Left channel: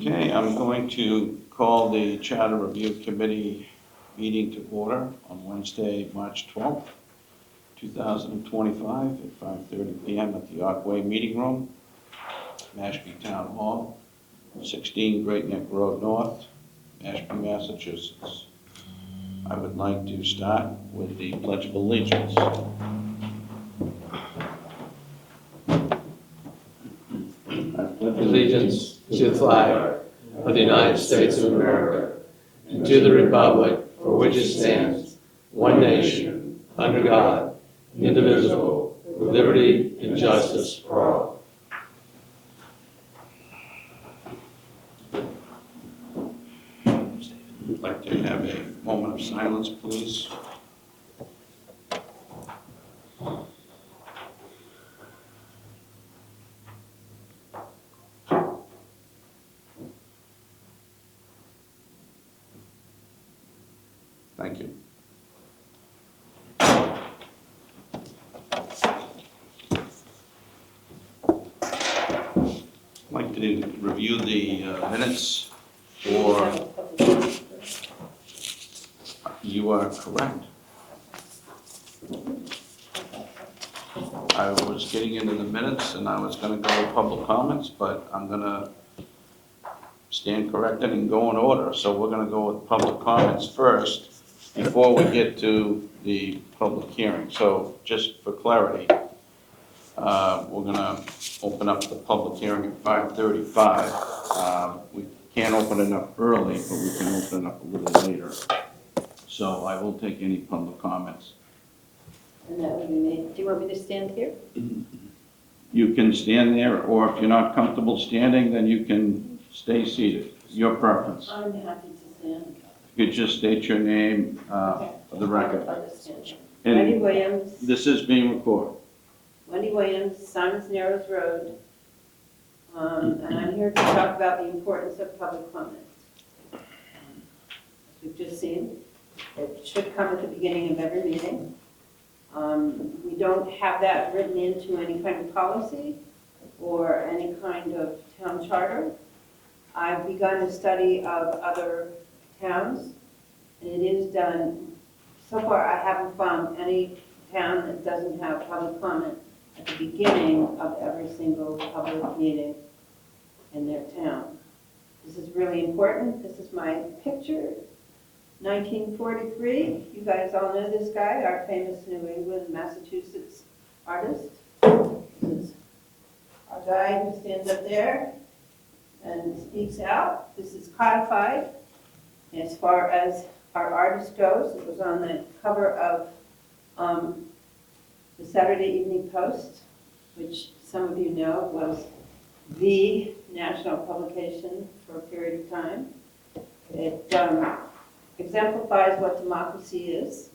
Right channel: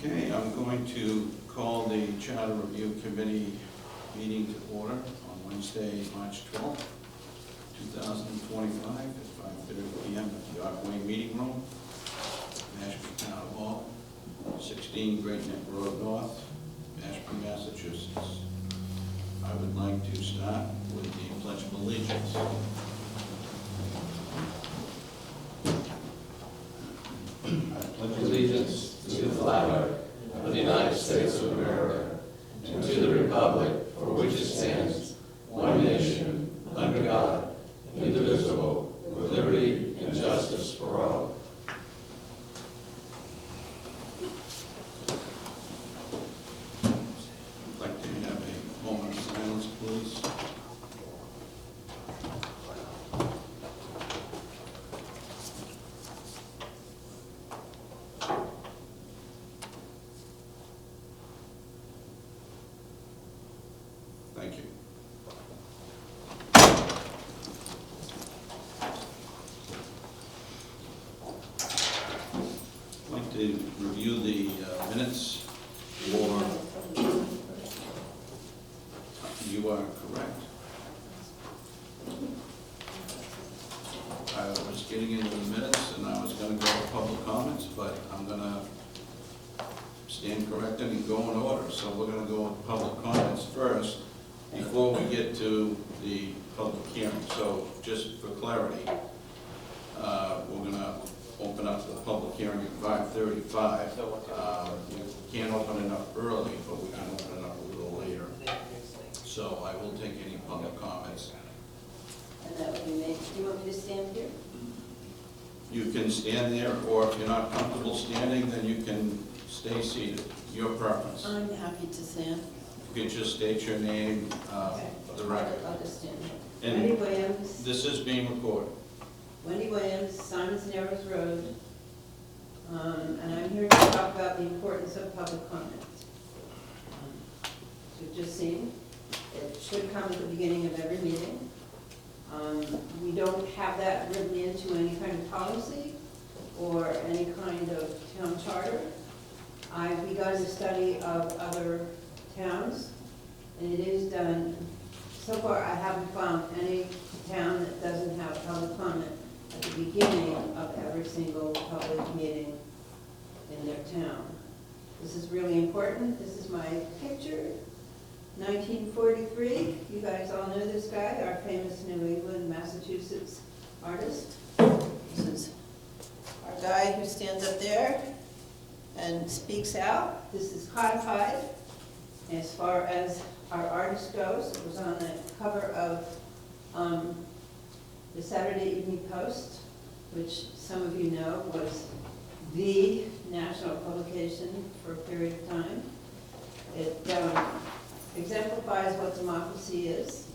Okay, I'm going to call the Charter Review Committee meeting to order on Wednesday, March 12th, 2025, at 5:30 p.m. at the Archway Meeting Room, Mashpee Town Hall, 16 Great Neck Road North, Mashpee, Massachusetts. I would like to start with the Pledge of Allegiance. Allegiance to the flag of the United States of America, and to the republic for which it stands, one nation, under God, indivisible, with liberty and justice for all. I'd like to have a moment of silence, please. Thank you. I'd like to review the minutes for, you are correct. I was getting into the minutes and I was going to go to public comments, but I'm going to stand corrected and go in order. So we're going to go with public comments first before we get to the public hearing. So just for clarity, we're going to open up the public hearing at 5:35. We can't open it up early, but we can open it up a little later. So I will take any public comments. And that would be me. Do you want me to stand here? You can stand there, or if you're not comfortable standing, then you can stay seated. Your preference. I'm happy to stand. You could just state your name for the record. I'll just stand here. And Wendy Williams, this is being recorded. Wendy Williams, Simons Narrows Road. And I'm here to talk about the importance of public comment. As you've just seen, it should come at the beginning of every meeting. We don't have that written into any kind of policy or any kind of town charter. I've begun a study of other towns, and it is done. So far, I haven't found any town that doesn't have public comment at the beginning of every single public meeting in their town. This is really important. This is my picture. 1943, you guys all know this guy, our famous New England, Massachusetts artist. This is our guy who stands up there and speaks out. This is codified. As far as our artist goes, it was on the cover of the Saturday Evening Post, which some of you know was the national publication for a period of time. It exemplifies what democracy is.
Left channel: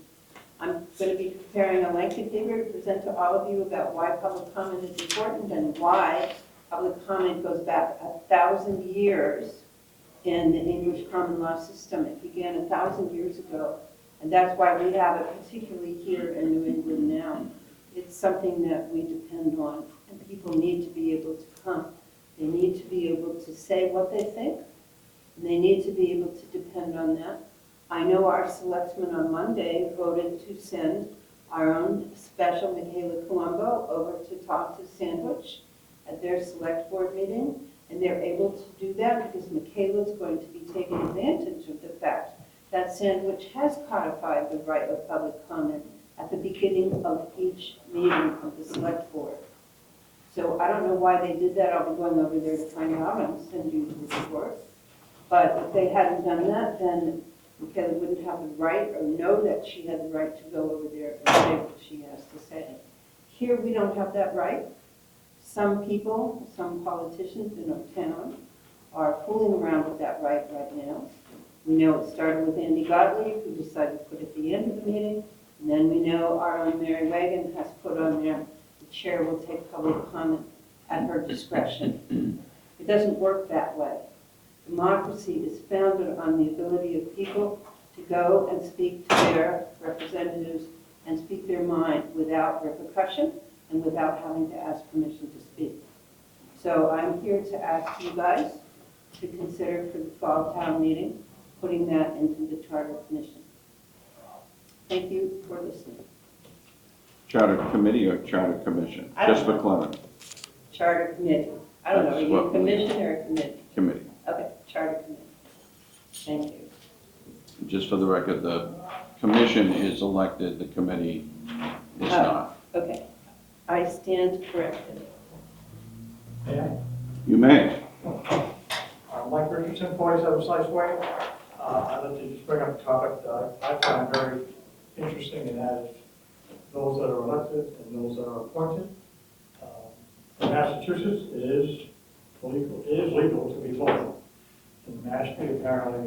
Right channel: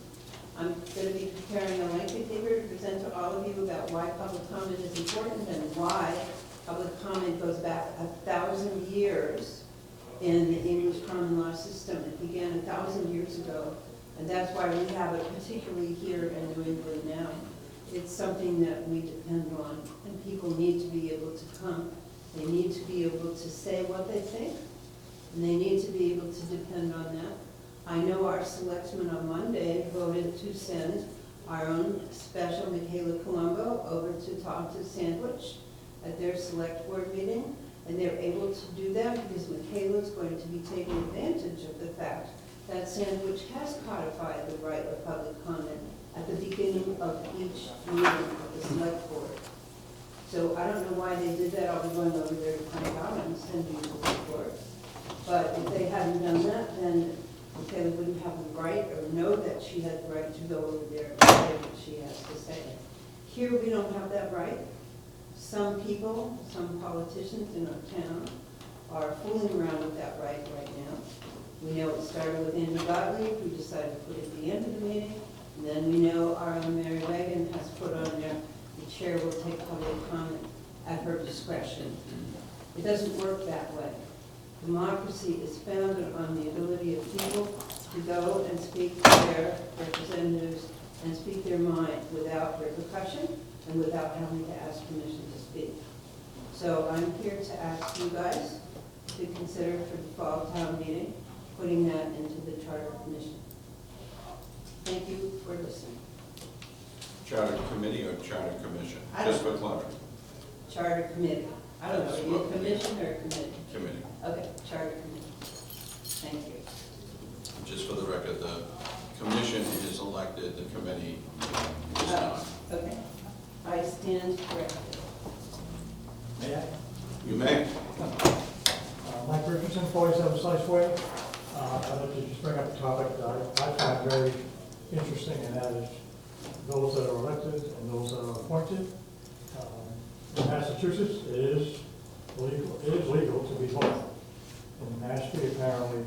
I'm going to be preparing a lengthy paper to present to all of you about why public comment is important and why public comment goes back 1,000 years in the English common law system. It began 1,000 years ago, and that's why we have it particularly here in New England now. It's something that we depend on, and people need to be able to come. They need to be able to say what they think, and they need to be able to depend on that. I know our selectmen on Monday voted to send our own special Michaela Colombo over to talk to Sandwich at their select board meeting, and they're able to do that because Michaela's going to be taking advantage of the fact that Sandwich has codified the right of public comment at the beginning of each meeting of the select board. So I don't know why they did that. I'll be going over there to find out. I'm sending you the report. But if they hadn't done that, then Michaela wouldn't have the right or know that she had the right to go over there and say what she has to say. Here we don't have that right. Some people, some politicians in our town are fooling around with that right now. We know it started with Andy Gottlieb, who decided to put it at the end of the meeting. And then we know our own Mary Reagan has put on there, the chair will take public comment at her discretion. It doesn't work that way. Democracy is founded on the ability of people to go and speak to their representatives and speak their mind without repercussion and without having to ask permission to speak. So I'm here to ask you guys to consider for the fall town meeting, putting that into the Charter Commission. Thank you for listening. Charter Committee or Charter Commission? Just for clarity. Charter Committee. I don't know, That's are you what- commission or committee? Committee. Okay, Charter Committee. Thank you. Just for the record, the commission is elected, the committee is not. Okay, I stand corrected. May I? You may. Mike Richardson, 47 Slice Way. I'd like to just bring up a topic that I find very interesting, and that is those that are elected and those that are appointed. In Massachusetts, it is legal to be both. In Mashpee, apparently,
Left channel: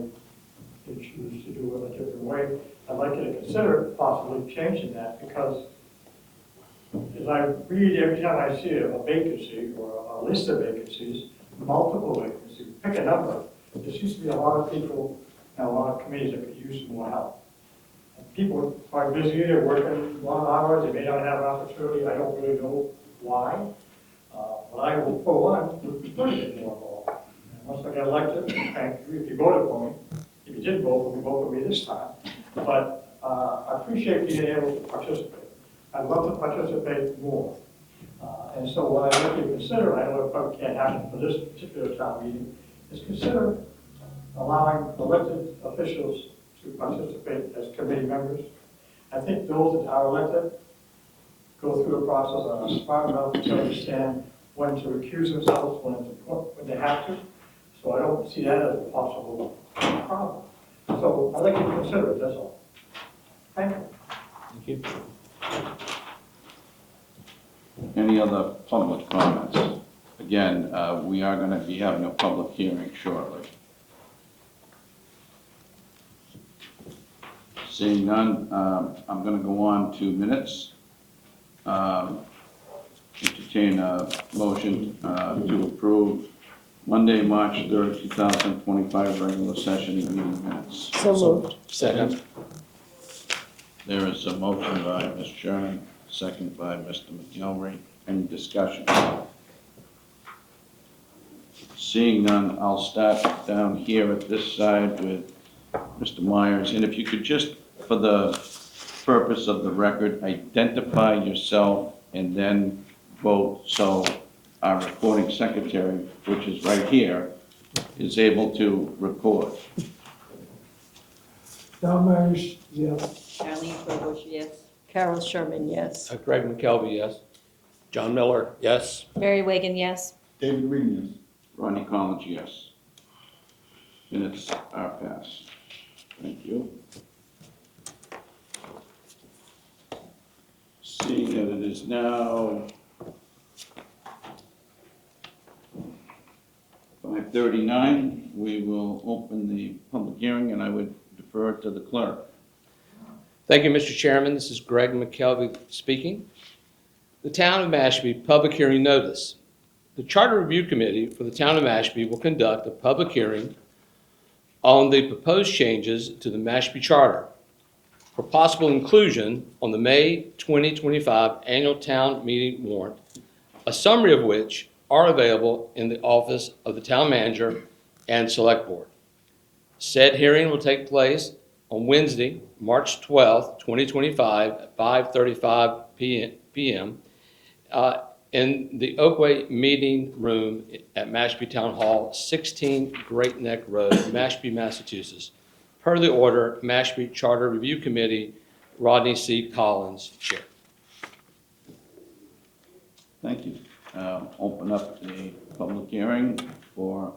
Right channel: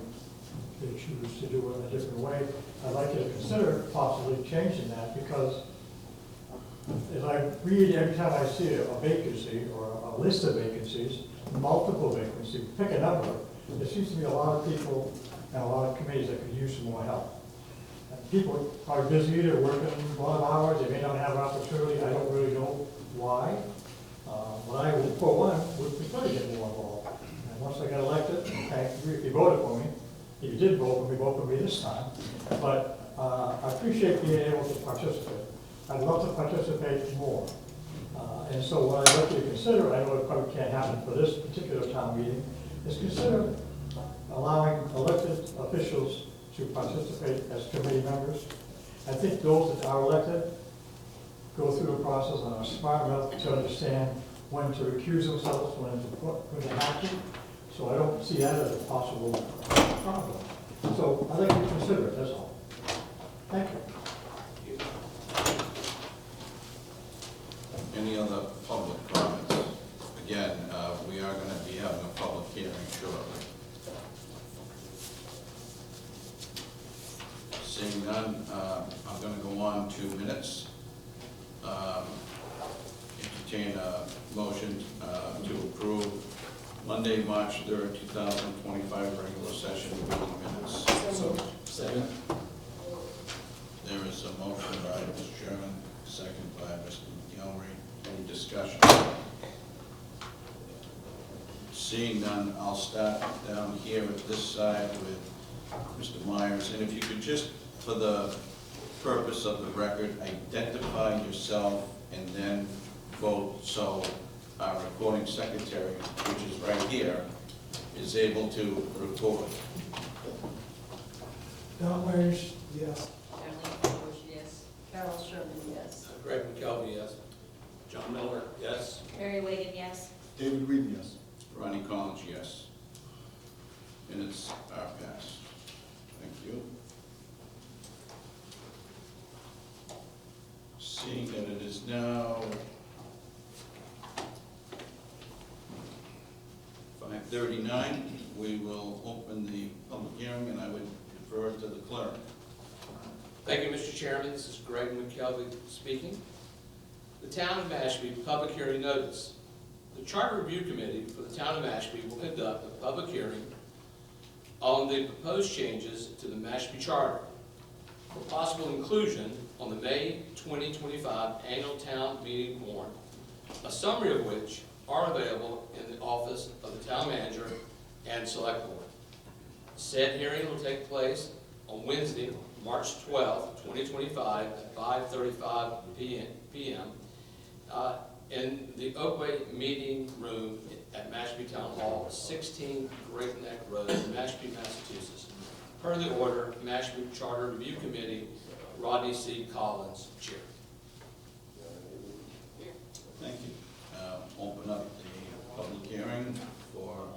they choose to do it a different way. I'd like to consider possibly changing that, because as I read every time I see a vacancy or a list of vacancies, multiple vacancies, pick a number, there seems to be a lot of people and a lot of committees that could use some more help. People are busy, they're working long hours, they may not have an opportunity, I don't really know why. But I will, for one, would prefer to get more involved. And once I get elected, thank you if you voted for me. If you did vote for me this time. But I appreciate being able to participate. I'd love to participate more. And so what I'd like to consider, I know it probably can't happen for this particular town meeting, is consider allowing elected officials to participate as committee members. I think those that are elected go through the process and are smart enough to understand when to recuse themselves, when they have to. So I don't see that as a possible problem. So I'd like to consider it, that's all. Thank you. Any other public comments? Again, we are going to be having a public hearing shortly. Seeing none, I'm going to go on to minutes. Entertain a motion to approve Monday, March 3rd, 2025 regular session meeting minutes. So moved. Second. There is a motion by Ms. Sherman, second by Mr. McElroy. Any discussion? Seeing none, I'll start down here at this side with Mr. Myers. And if you could just, for the purpose of the record, identify yourself and then vote, so our recording secretary, which is right here, is able to record. Don Myers, yes. Charlene Bush, yes. Carol Sherman, yes. Greg McKelvey, yes. John Miller, yes. Mary Wagon, yes. David Green, yes. Ronnie Collins, yes. Minutes are passed. Thank you. Seeing that it is now 5:39, we will open the public hearing, and I would defer to the clerk. Thank you, Mr. Chairman. This is Greg McKelvey speaking. The Town of Mashpee Public Hearing Notice. The Charter Review Committee for the Town of Mashpee will conduct a public hearing on the proposed changes to the Mashpee Charter for possible inclusion on the May 2025 annual town meeting warrant, a summary of which are available in the office of the town manager and select board. Said hearing will take place on Wednesday, March 12, 2025, at 5:35 p.m. In the Oakway Meeting Room at Mashpee Town Hall, 16 Great Neck Road, Mashpee, Massachusetts. Per the order, Mashpee Charter Review Committee, Rodney C. Collins, Chair. Thank you. Open up the public hearing for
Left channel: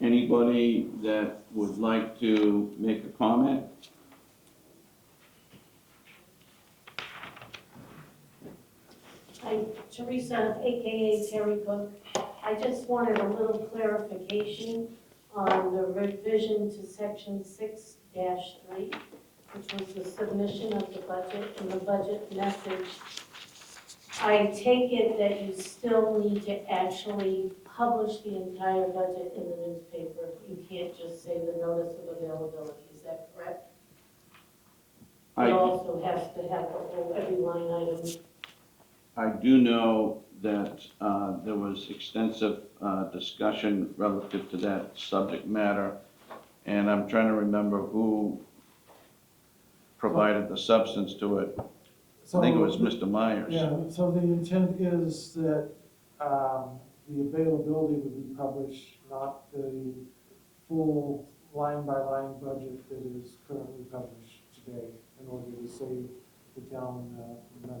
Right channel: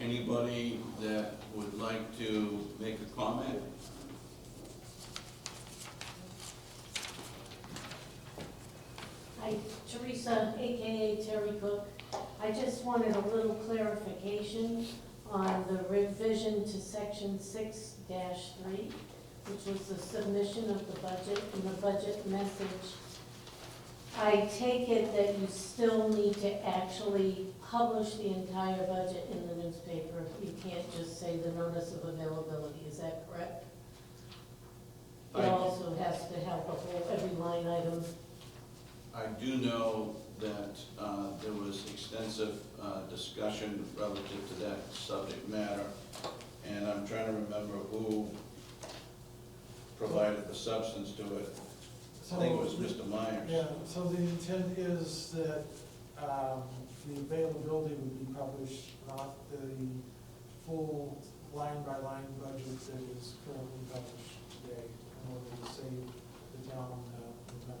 anybody that would like to make a comment. Hi, Teresa, AKA Terry Cook. I just wanted a little clarification on the revision to section 6-3, which was the submission of the budget and the budget message. I take it that you still need to actually publish the entire budget in the newspaper. You can't just say the notice of availability, is that correct? I- It also has to have every line item. I do know that there was extensive discussion relative to that subject matter, and I'm trying to remember who provided the substance to it. I think it was Mr. Myers. Yeah, so the intent is that the availability would be published, not the full line-by-line budget that is currently published today, in order to save the town money.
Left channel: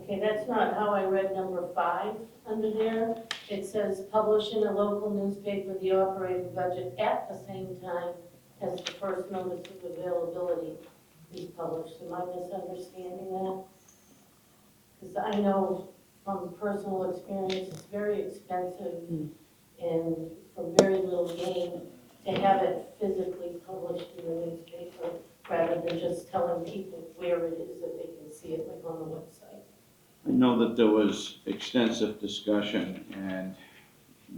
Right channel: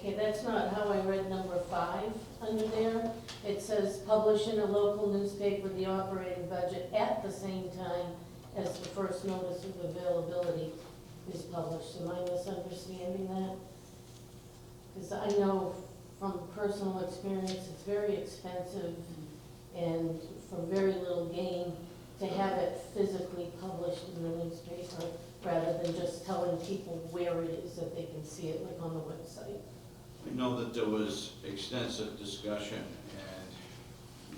Okay, that's not how I read number 5 under there. It says publish in a local newspaper the operating budget at the same time as the first notice of availability is published. Am I misunderstanding that? Because I know from personal experience, it's very expensive and for very little gain to have it physically published in the newspaper rather than just telling people where it is that they can see it on the website. I know that there was extensive discussion, and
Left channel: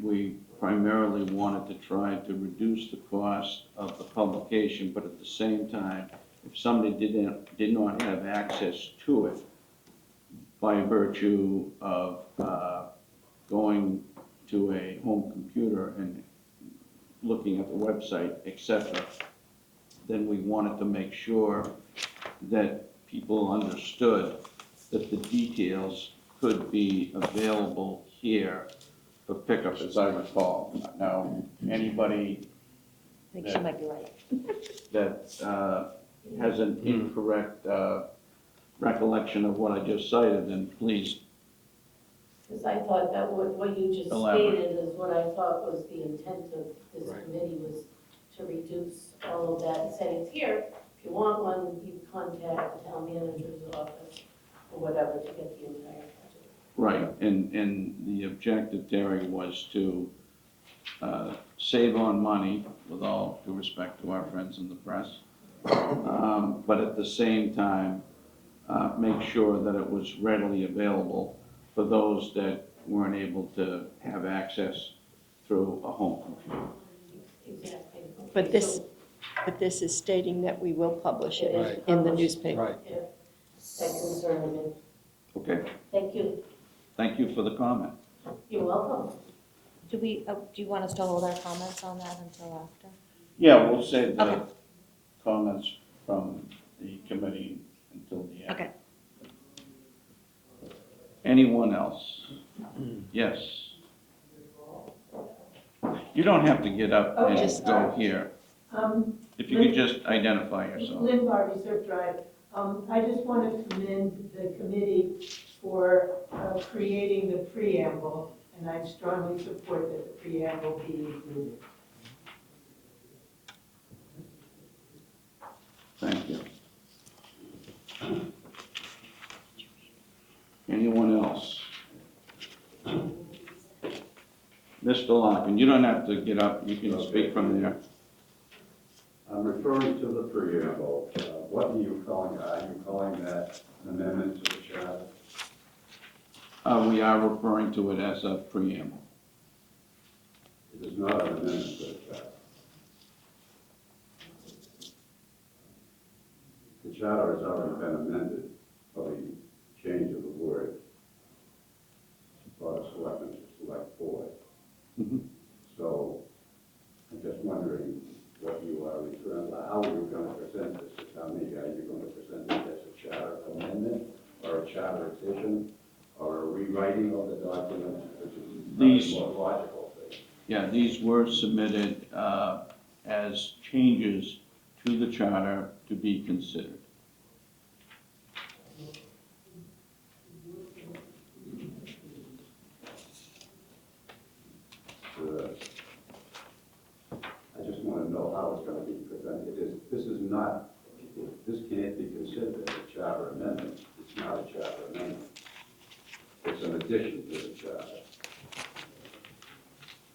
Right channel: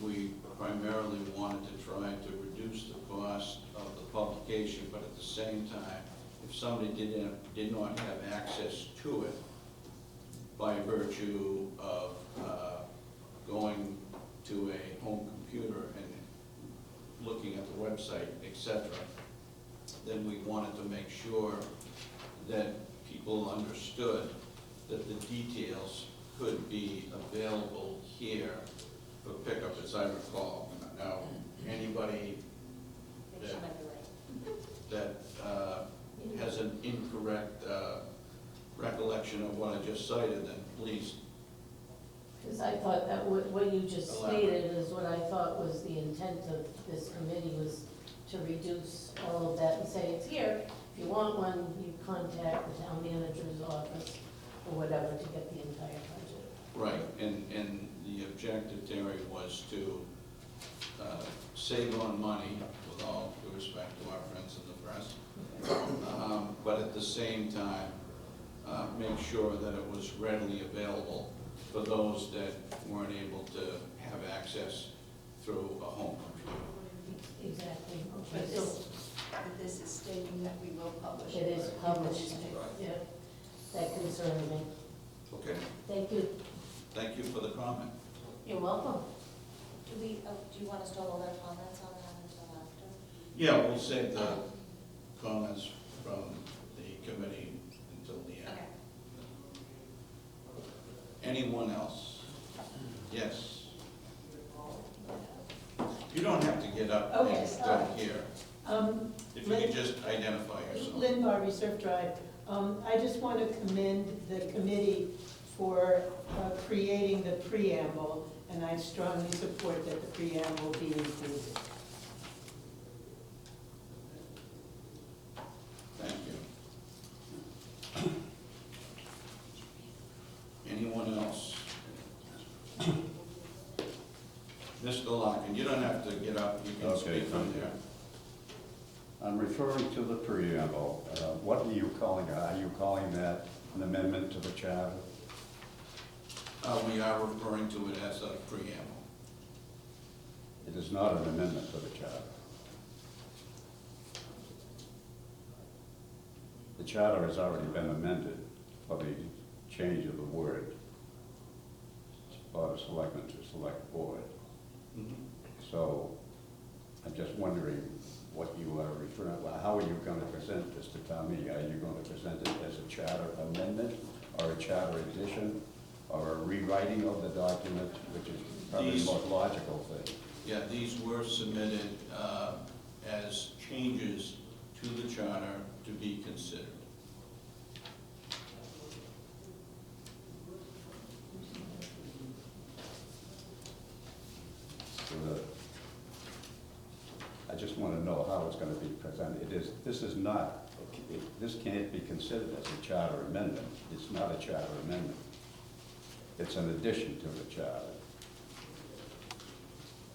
we primarily wanted to try to reduce the cost of the publication, but at the same time, if somebody did not have access to it by virtue of going to a home computer and looking at the website, etc., then we wanted to make sure that people understood that the details could be available here for pickup, as I recall. Now, anybody I think she might be right. that has an incorrect recollection of what I just cited, then please. Because I thought that what you just Elaborate. stated is what I thought was the intent of this committee, was to reduce all of that and say, it's here. If you want one, you contact the town manager's office or whatever to get the entire budget. Right, and the objective, Terry, was to save on money, with all due respect to our friends in the press, but at the same time, make sure that it was readily available for those that weren't able to have access through a home computer. Exactly. But this is stating that we will publish it in the newspaper. Yeah, that concerned me. Okay, Thank you. thank you for the comment. You're welcome. Do you want us to hold our comments on that until after? Yeah, we'll save the Okay. comments from the committee until the end. Okay. Anyone else? Yes. You don't have to get up and Just- go here. If you could just identify yourself. Lynn Barry, Surf Drive. I just want to commend the committee for creating the preamble, and I strongly support that the preamble be included. Thank you. Anyone else? Mr. Larkin, you don't have to get up, you can speak from there. I'm referring to the preamble. What are you calling it? Are you calling that an amendment to the charter? We are referring to it as a preamble. It is not an amendment to the charter. The charter has already been amended for the change of the word Board of Selectmen to Select Board. Mhm. So I'm just wondering what you are referring to. How are you going to present this to town meeting? Are you going to present it as a charter amendment or a charter addition or a rewriting of the document, which is probably These- the more logical thing? Yeah, these were submitted as changes to the charter to be considered. I just want to know how it's going to be presented. This can't be considered as a charter amendment. It's not a charter amendment. It's an addition to the charter.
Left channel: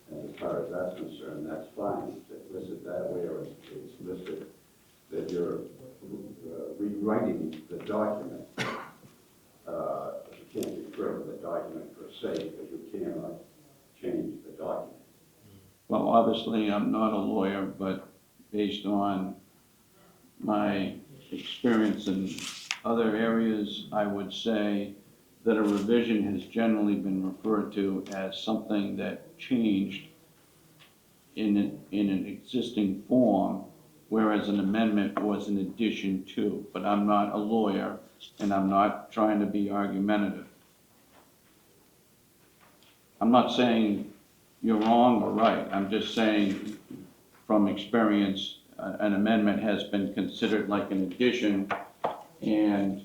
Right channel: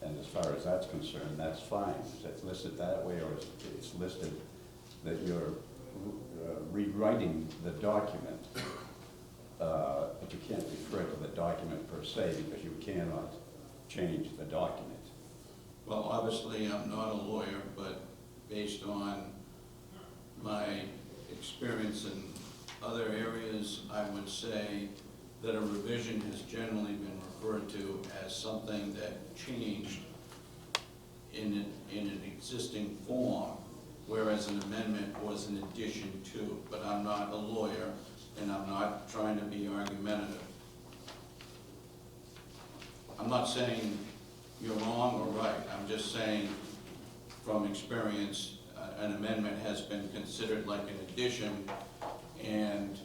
And as far as that's concerned, that's fine. It's listed that way, or it's listed that you're rewriting the document. But you can't refer to the document per se, because you cannot change the document. Well, obviously, I'm not a lawyer, but based on my experience in other areas, I would say that a revision has generally been referred to as something that changed in an existing form, whereas an amendment was an addition to. But I'm not a lawyer, and I'm not trying to be argumentative. I'm not saying you're wrong or right. I'm just saying, from experience, an amendment has been considered like an addition, and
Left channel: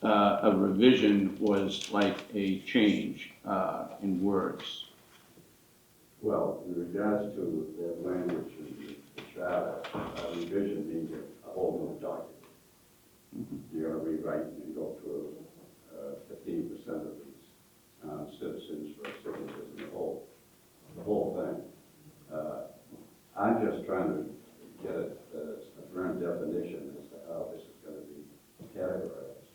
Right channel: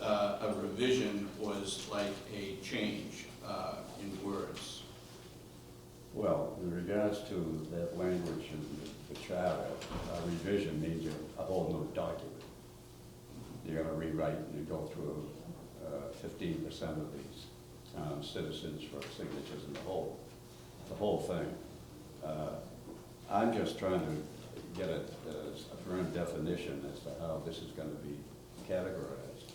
a revision was like a change in words. Well, in regards to that language in the charter, a revision means a whole new document. You're gonna rewrite and go through 15% of these citizens for signatures in the whole thing. I'm just trying to get a firm definition as to how this is gonna be categorized,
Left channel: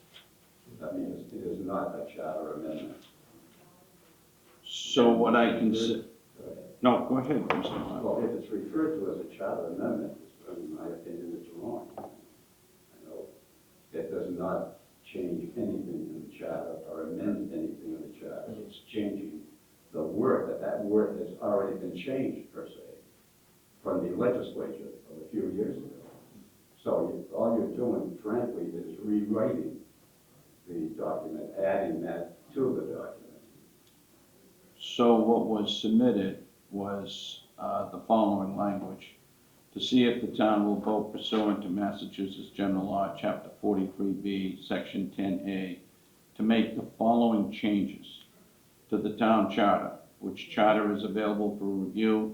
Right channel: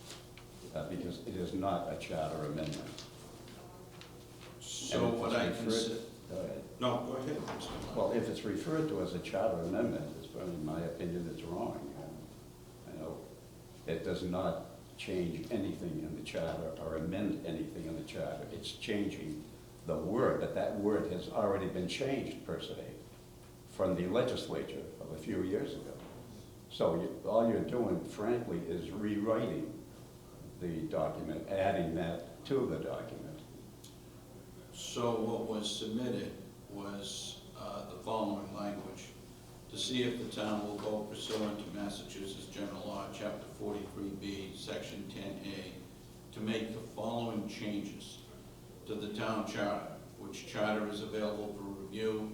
because it is not a charter amendment. So what I consider, Go ahead. no, go ahead, Mr. Well, Locke. if it's referred to as a charter amendment, it's, in my opinion, it's wrong. You know, it does not change anything in the charter or amend anything in the charter. It's changing the word, but that word has already been changed per se from the legislature of a few years ago. So all you're doing, frankly, is rewriting the document, adding that to the document. So what was submitted was the following language: to see if the town will vote pursuant to Massachusetts General Law, Chapter 43B, Section 10A, to make the following changes to the town charter, which charter is available for review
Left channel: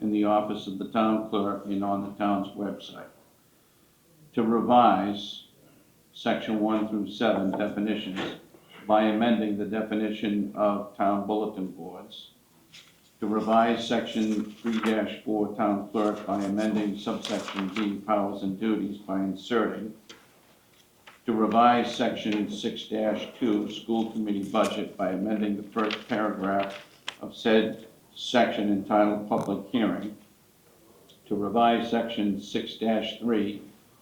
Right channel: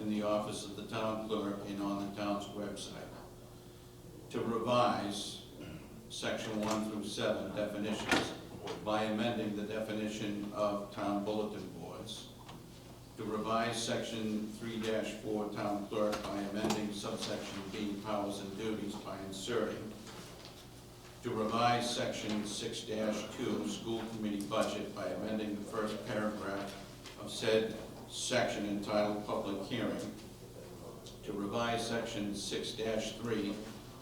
in the office of the town clerk and on the town's website. To revise Section 1 through 7 definitions by amending the definition of town bulletin boards. To revise Section 3-4 town clerk by amending subsection B, powers and duties, by inserting. To revise Section 6-2 school committee budget by amending the first paragraph of said section entitled public hearing. To revise Section 6-3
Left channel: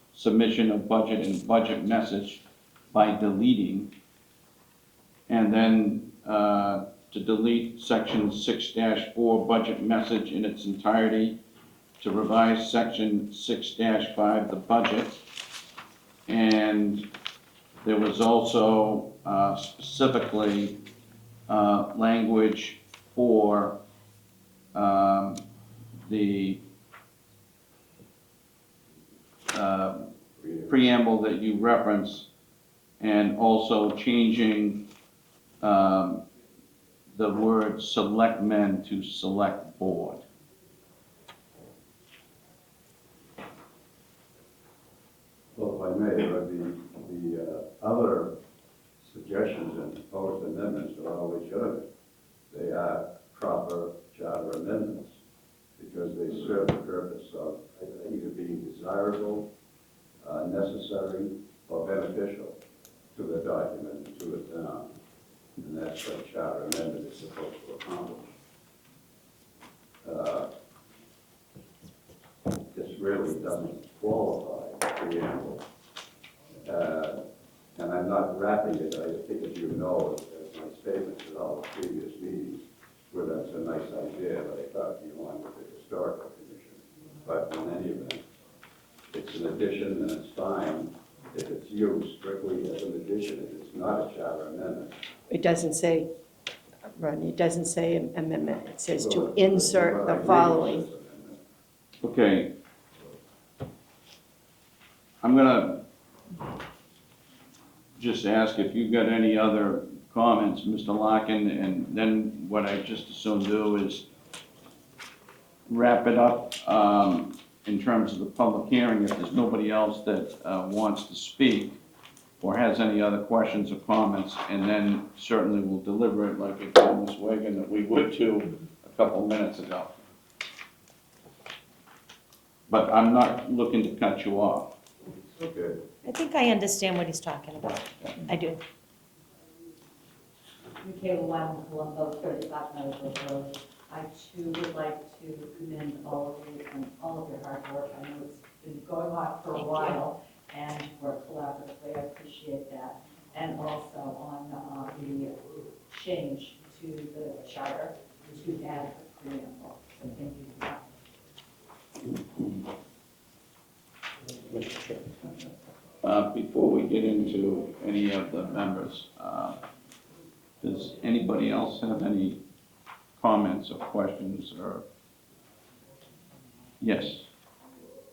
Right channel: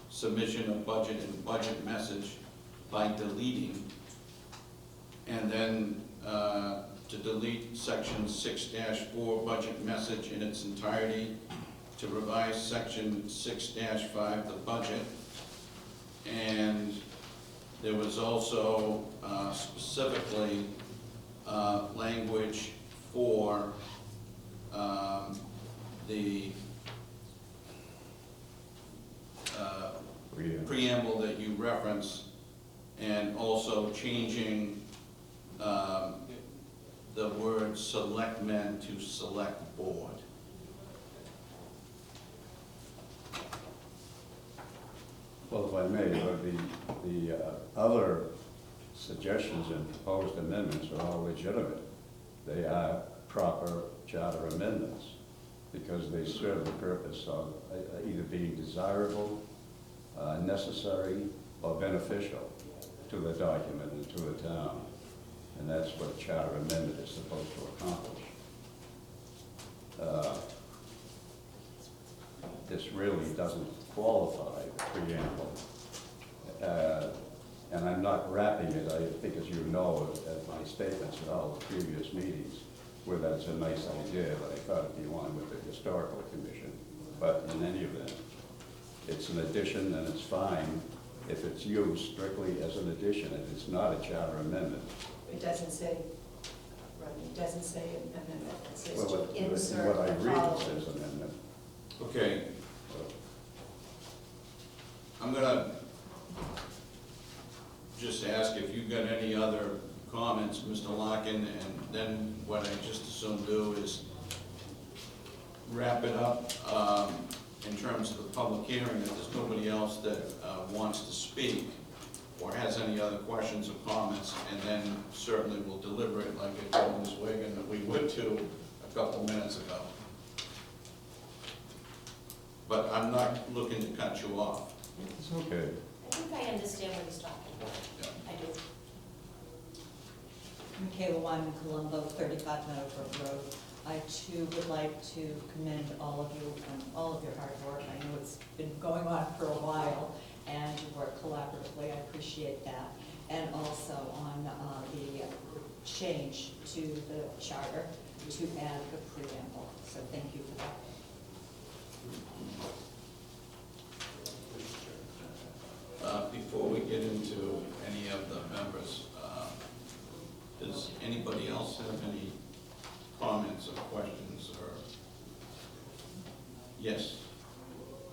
submission of budget and budget message by deleting, and then to delete Section 6-4 budget message in its entirety, to revise Section 6-5, the budget, and there was also specifically language for the preamble that you referenced, and also changing the word selectmen to select board. Well, if I may, the other suggestions and proposed amendments are all legitimate. They are proper charter amendments because they serve the purpose of either being desirable, necessary, or beneficial to the document and to the town. And that's what a charter amendment is supposed to accomplish. This really doesn't qualify preamble. And I'm not wrapping it, I think, as you know, my statements in all previous meetings, where that's a nice idea. I thought it'd be one with the historical commission. But in any event, it's an addition and it's fine. If it's used strictly as an addition, it's not a charter amendment. It doesn't say, Rodney, it doesn't say amendment. It says to insert the following. Okay. I'm gonna just ask if you've got any other comments, Mr. Larkin, and then what I just assume do is wrap it up in terms of the public hearing. If there's nobody else that wants to speak or has any other questions or comments, and then certainly we'll deliver it like we did in this wagon that we would do a couple minutes ago. But I'm not looking to cut you off. It's okay. I think I understand what he's talking about. I do. Michaela Lyon, Colombo, 35 Meadowbrook Road. I too would like to commend all of you and all of your hard work. I know it's been going on for a while, and for a collaborative way, I appreciate that. And also Before we get into any of the members, does anybody else have any comments or questions or? Yes.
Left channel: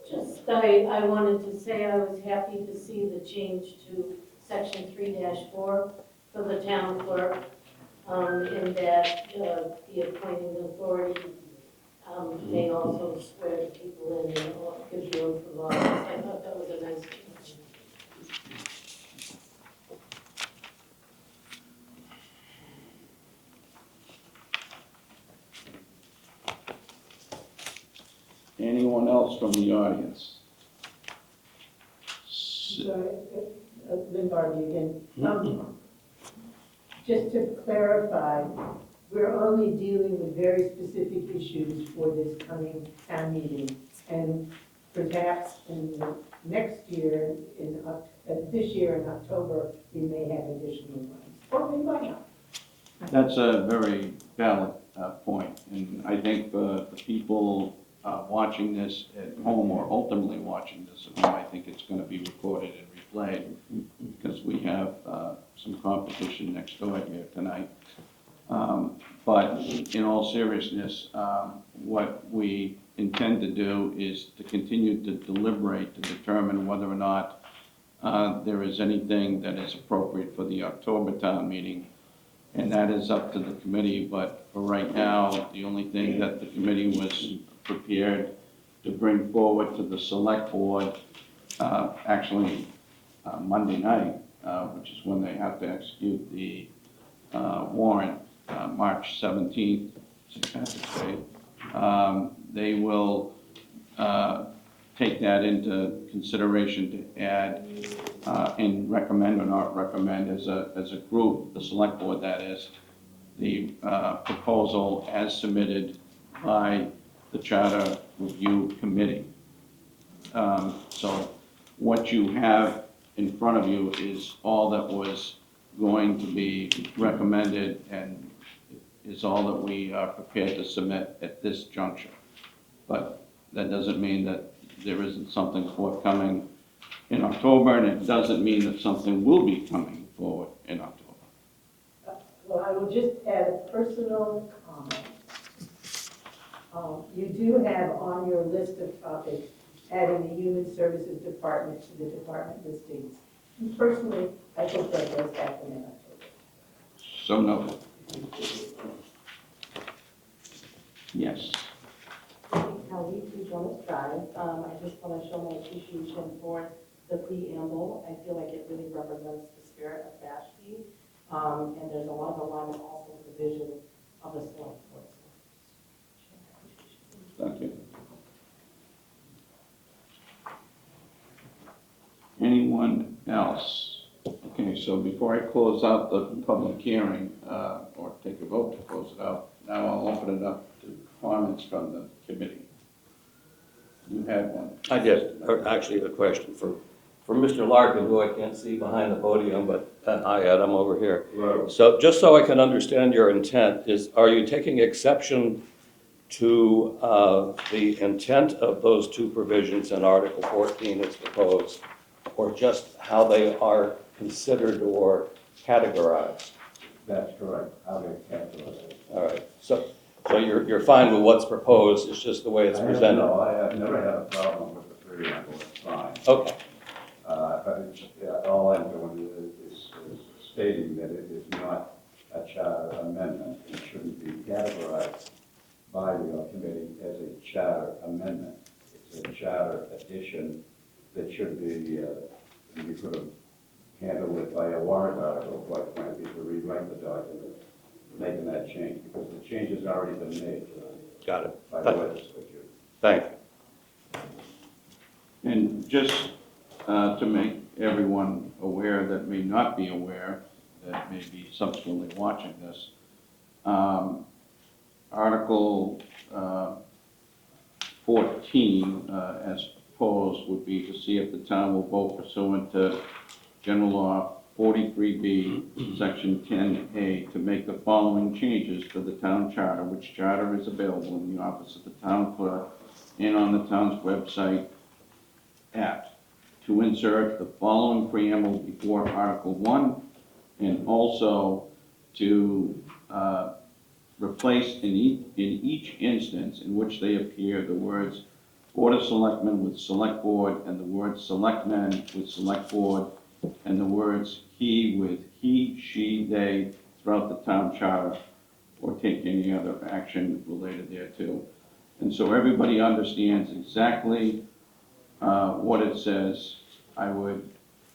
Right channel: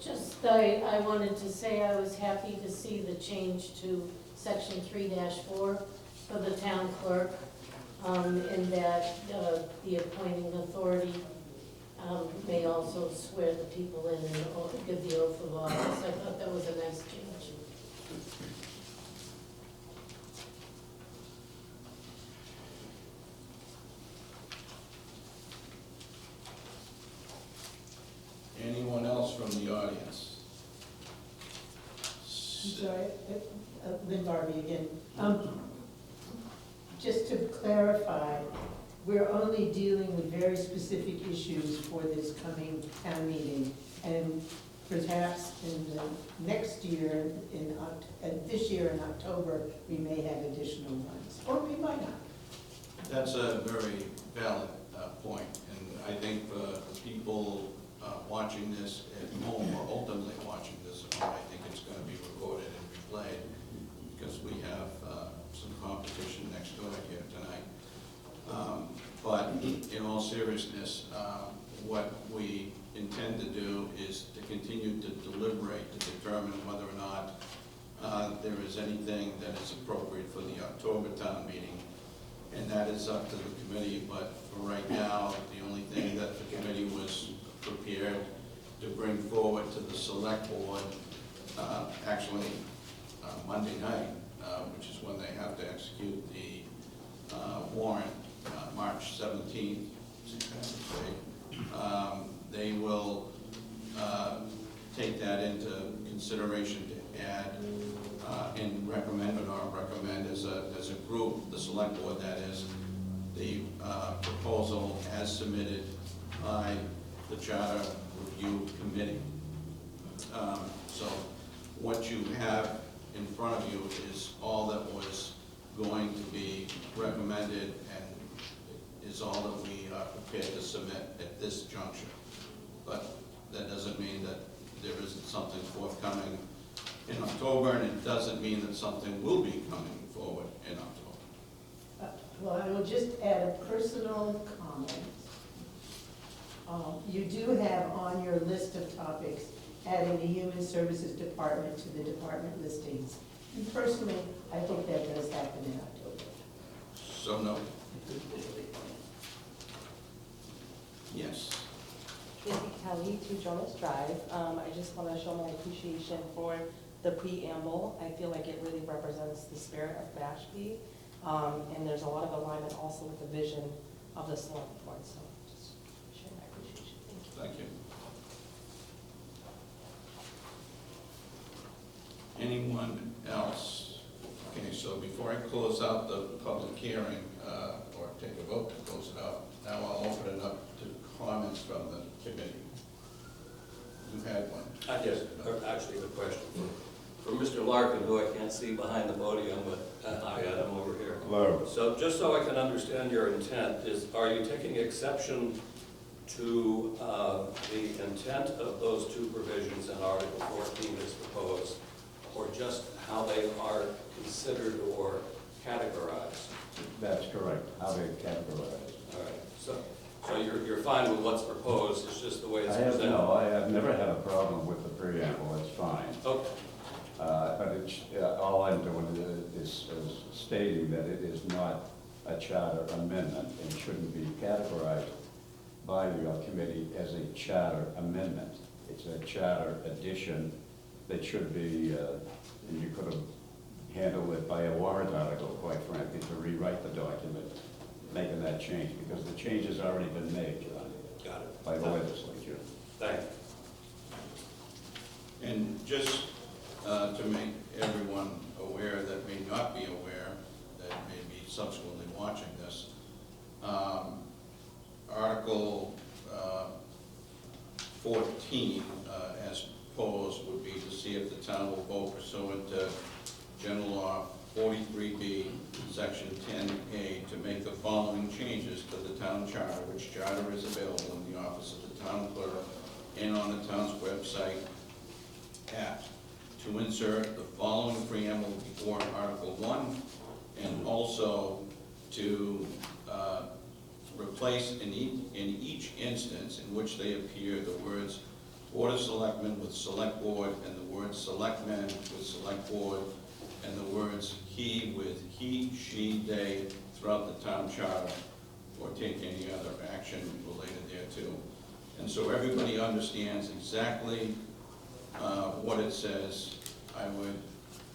Just, I wanted to say I was happy to see the change to section 3-4 for the town clerk, in that the appointing authority may also swear the people in or give the oath of office. I thought that was a nice change. Anyone else from the audience? Sorry, Lynn Barbie again. Just to clarify, we're only dealing with very specific issues for this coming town meeting. And perhaps in the next year, this year in October, we may have additional ones, or we might not. That's a very valid point, and I think the people watching this at home or ultimately watching this at home, I think it's going to be recorded and replayed because we have some competition next door here tonight. But in all seriousness, what we intend to do is to continue to deliberate to determine whether or not there is anything that is appropriate for the October town meeting. And that is up to the committee, but for right now, the only thing that the committee was prepared to bring forward to the select board, actually Monday night, which is when they have to execute the warrant, March 17th, St. Patrick's Day, they will take that into consideration to add and recommend or not recommend as a group, the select board that is, the proposal as submitted by the Charter Review Committee. So what you have in front of you is all that was going to be recommended and is all that we are prepared to submit at this juncture. But that doesn't mean that there isn't something forthcoming in October, and it doesn't mean that something will be coming forward in October. Well, I will just add a personal comment. You do have on your list of topics adding the Human Services Department to the department listings. And personally, I think that does happen in October. So noted. Yes. Kelly, 2 Jonas Drive. I just want to show my appreciation for the preamble. I feel like it really represents the spirit of Mashpee. And there's a lot of alignment also with the vision of the select board. So just share my appreciation. Thank you. Anyone else? Okay, so before I close out the public hearing, or take a vote to close it out, now I'll open it up to comments from the committee. You had one. I did, actually, the question for Mr. Larkin, who I can't see behind the podium, but hi, Ed, I'm over here. Hello. So just so I can understand your intent, are you taking exception to the intent of those 2 provisions in Article 14 as proposed, or just how they are considered or categorized? That's correct, how they categorize it. All right, so you're fine with what's proposed, it's just the way it's presented? No, I have never had a problem with the preamble, it's fine. Okay. All I'm doing is stating that it is not a charter amendment, and it shouldn't be categorized by your committee as a charter amendment. It's a charter addition that should be, you could have handled it by a warrant article, quite frankly, to rewrite the document, making that change, because the change has already been made. Got it. By the legislature. Thank you. And just to make everyone aware that may not be aware, that may be subsequently watching this, Article 14, as proposed, would be to see if the town will vote pursuant to General Law 43B, Section 10A, to make the following changes to the town charter, which charter is available in the office of the town clerk and on the town's website at to insert the following preamble before Article 1, and also to replace in each instance in which they appear the words Board of Selectmen with Select Board, and the words Selectmen with Select Board, and the words he with he, she, they throughout the town charter, or take any other action related thereto. And so everybody understands exactly what it says. I would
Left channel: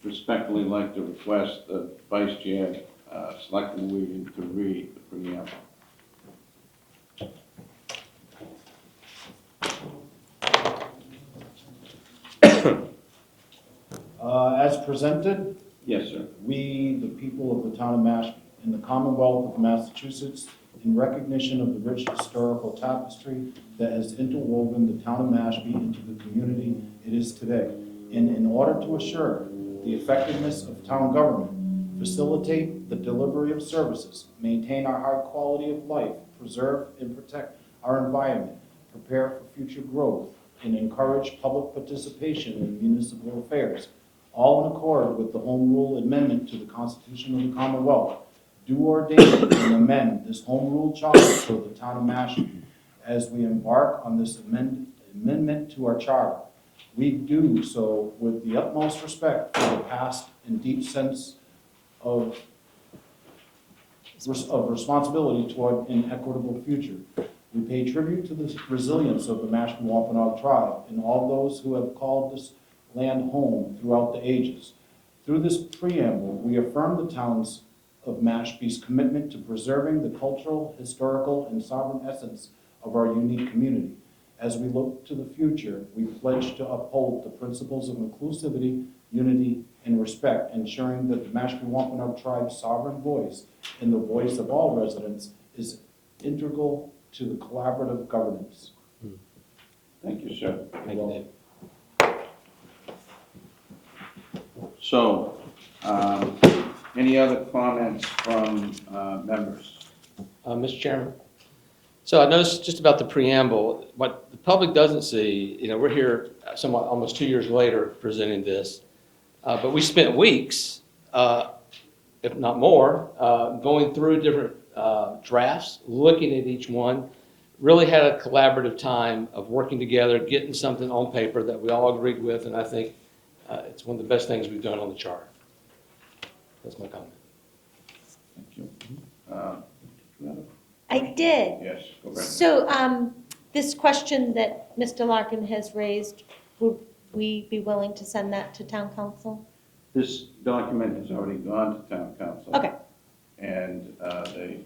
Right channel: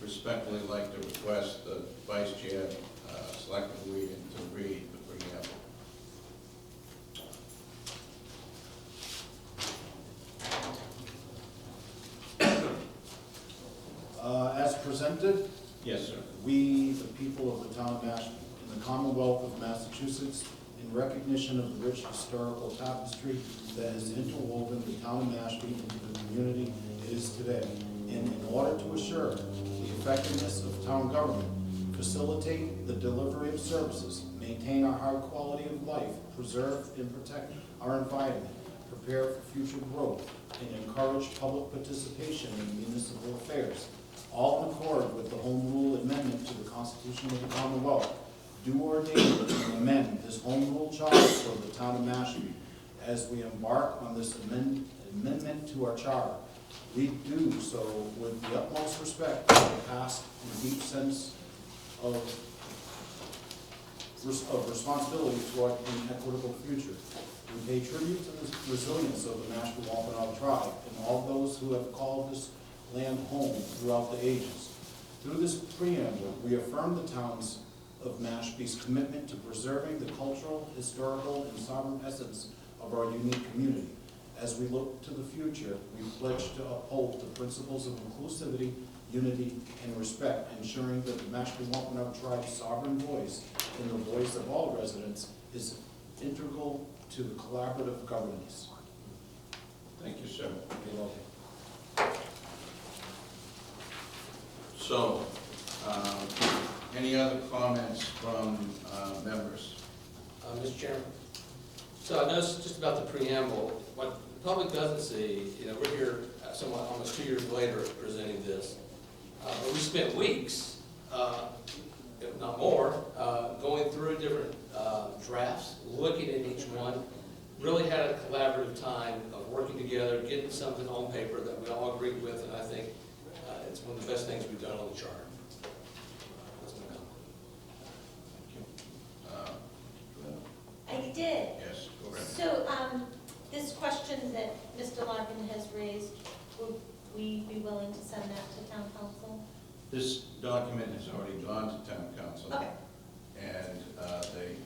respectfully like to request the Vice Chair, Selectman Wiegand, to read the preamble. As presented, Yes, sir. we, the people of the town of Mashpee, in the Commonwealth of Massachusetts, in recognition of the rich historical tapestry that has interwoven the town of Mashpee into the community it is today, and in order to assure the effectiveness of town government, facilitate the delivery of services, maintain our high quality of life, preserve and protect our environment, prepare for future growth, and encourage public participation in municipal affairs, all in accord with the Home Rule Amendment to the Constitution of the Commonwealth, do ordain and amend this Home Rule Charter for the town of Mashpee. As we embark on this amendment to our charter, we do so with the utmost respect for the past and deep sense of responsibility toward an equitable future. We pay tribute to the resilience of the Mashpee Wampanoag tribe and all those who have called this land home throughout the ages. Through this preamble, we affirm the towns of Mashpee's commitment to preserving the cultural, historical, and sovereign essence of our unique community. As we look to the future, we pledge to uphold the principles of inclusivity, unity, and respect, ensuring that the Mashpee Wampanoag tribe's sovereign voice and the voice of all residents is integral to the collaborative governance. Thank you, sir. Thank you. So, any other comments from members? Mr. Chairman? So I noticed just about the preamble, what the public doesn't see, we're here somewhat almost 2 years later presenting this, but we spent weeks, if not more, going through different drafts, looking at each one, really had a collaborative time of working together, getting something on paper that we all agreed with, and I think it's one of the best things we've done on the charter. That's my comment. Thank you. I did. Yes, go ahead. So, this question that Mr. Larkin has raised, would we be willing to send that to town council? This document has already gone to town council. Okay, And they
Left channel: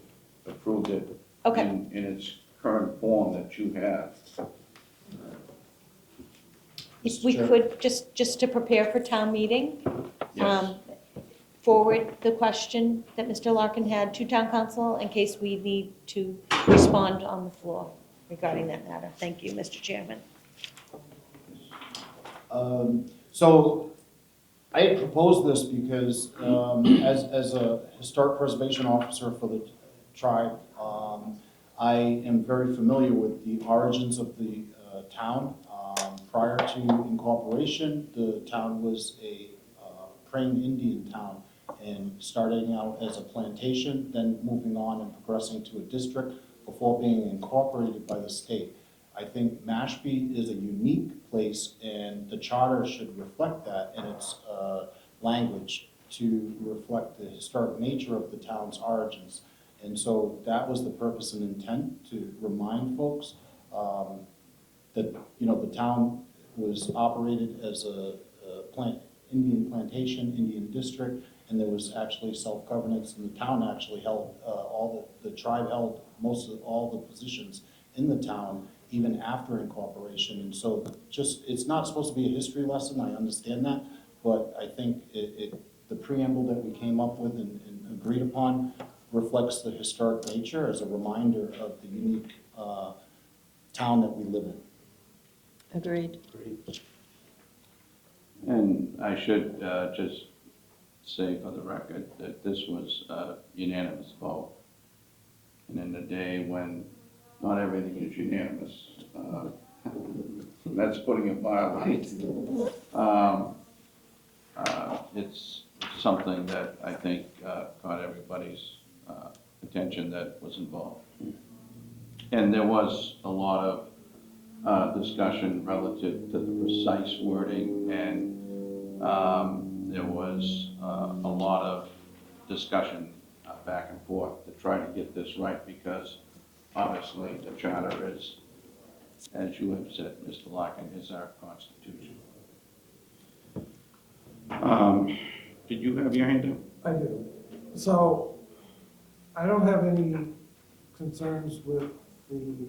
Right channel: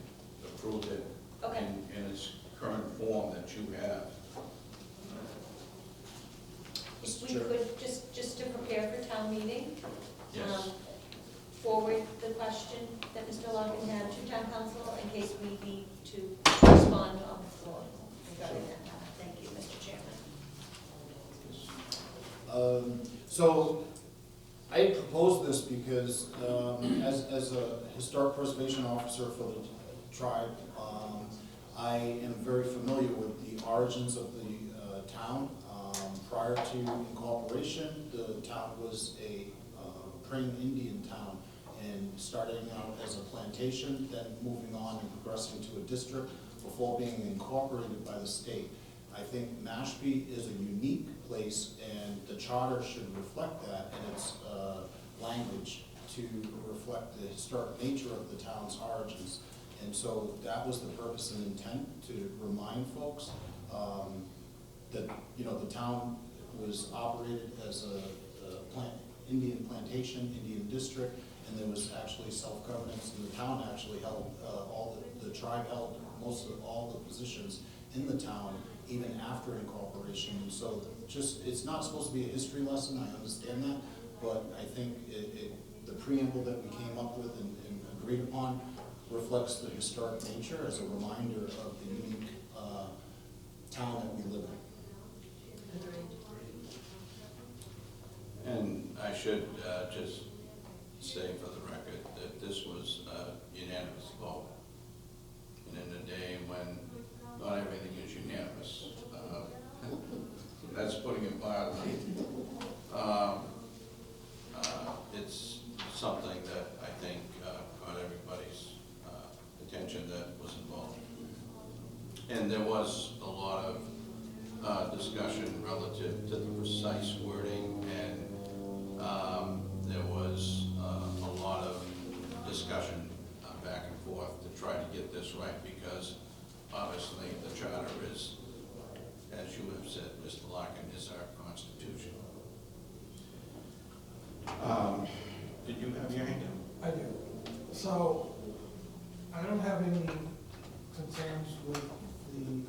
approved it okay. in its current form that you have. If we could, just to prepare for town meeting, Yes. forward the question that Mr. Larkin had to town council in case we need to respond on the floor regarding that matter. Thank you, Mr. Chairman. So I proposed this because as a historic preservation officer for the tribe, I am very familiar with the origins of the town. Prior to incorporation, the town was a praying Indian town, and starting out as a plantation, then moving on and progressing to a district before being incorporated by the state. I think Mashpee is a unique place, and the charter should reflect that in its language to reflect the historic nature of the town's origins. And so that was the purpose and intent, to remind folks that, the town was operated as a Indian plantation, Indian district, and there was actually self-governance, and the town actually held, the tribe held most of all the positions in the town, even after incorporation. And so it's not supposed to be a history lesson, I understand that, but I think the preamble that we came up with and agreed upon reflects the historic nature as a reminder of the unique town that we live in. Agreed. And I should just say for the record that this was a unanimous vote. And in a day when not everything is unanimous, that's putting it mildly. it's something that I think caught everybody's attention that was involved. And there was a lot of discussion relative to the precise wording, and there was a lot of discussion back and forth to try to get this right, because obviously the charter is, as you have said, Mr. Larkin, is our constitution. Did you have your hand up? I do. So, I don't have any concerns with the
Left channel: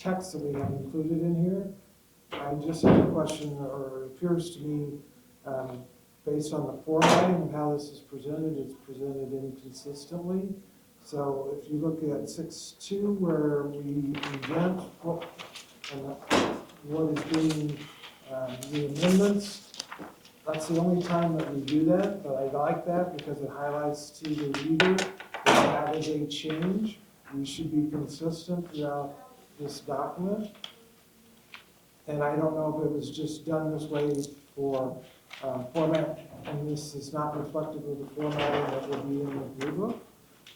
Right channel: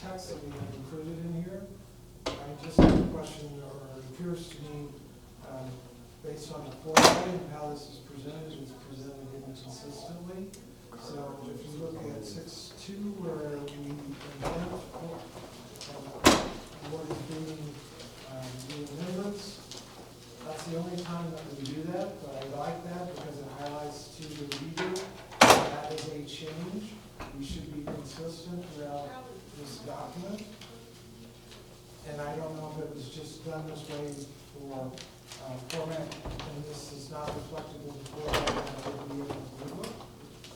text that we have included in here. I just have a question, or it appears to me, based on the formatting of how this is presented, it's presented inconsistently. So if you look at 6.2, where we invent what is being the amendments, that's the only time that we do that, but I like that because it highlights to the reader that is a change. We should be consistent throughout this document. And I don't know if it was just done this way for format, and this is not reflective of the formatting that will be in the blue book,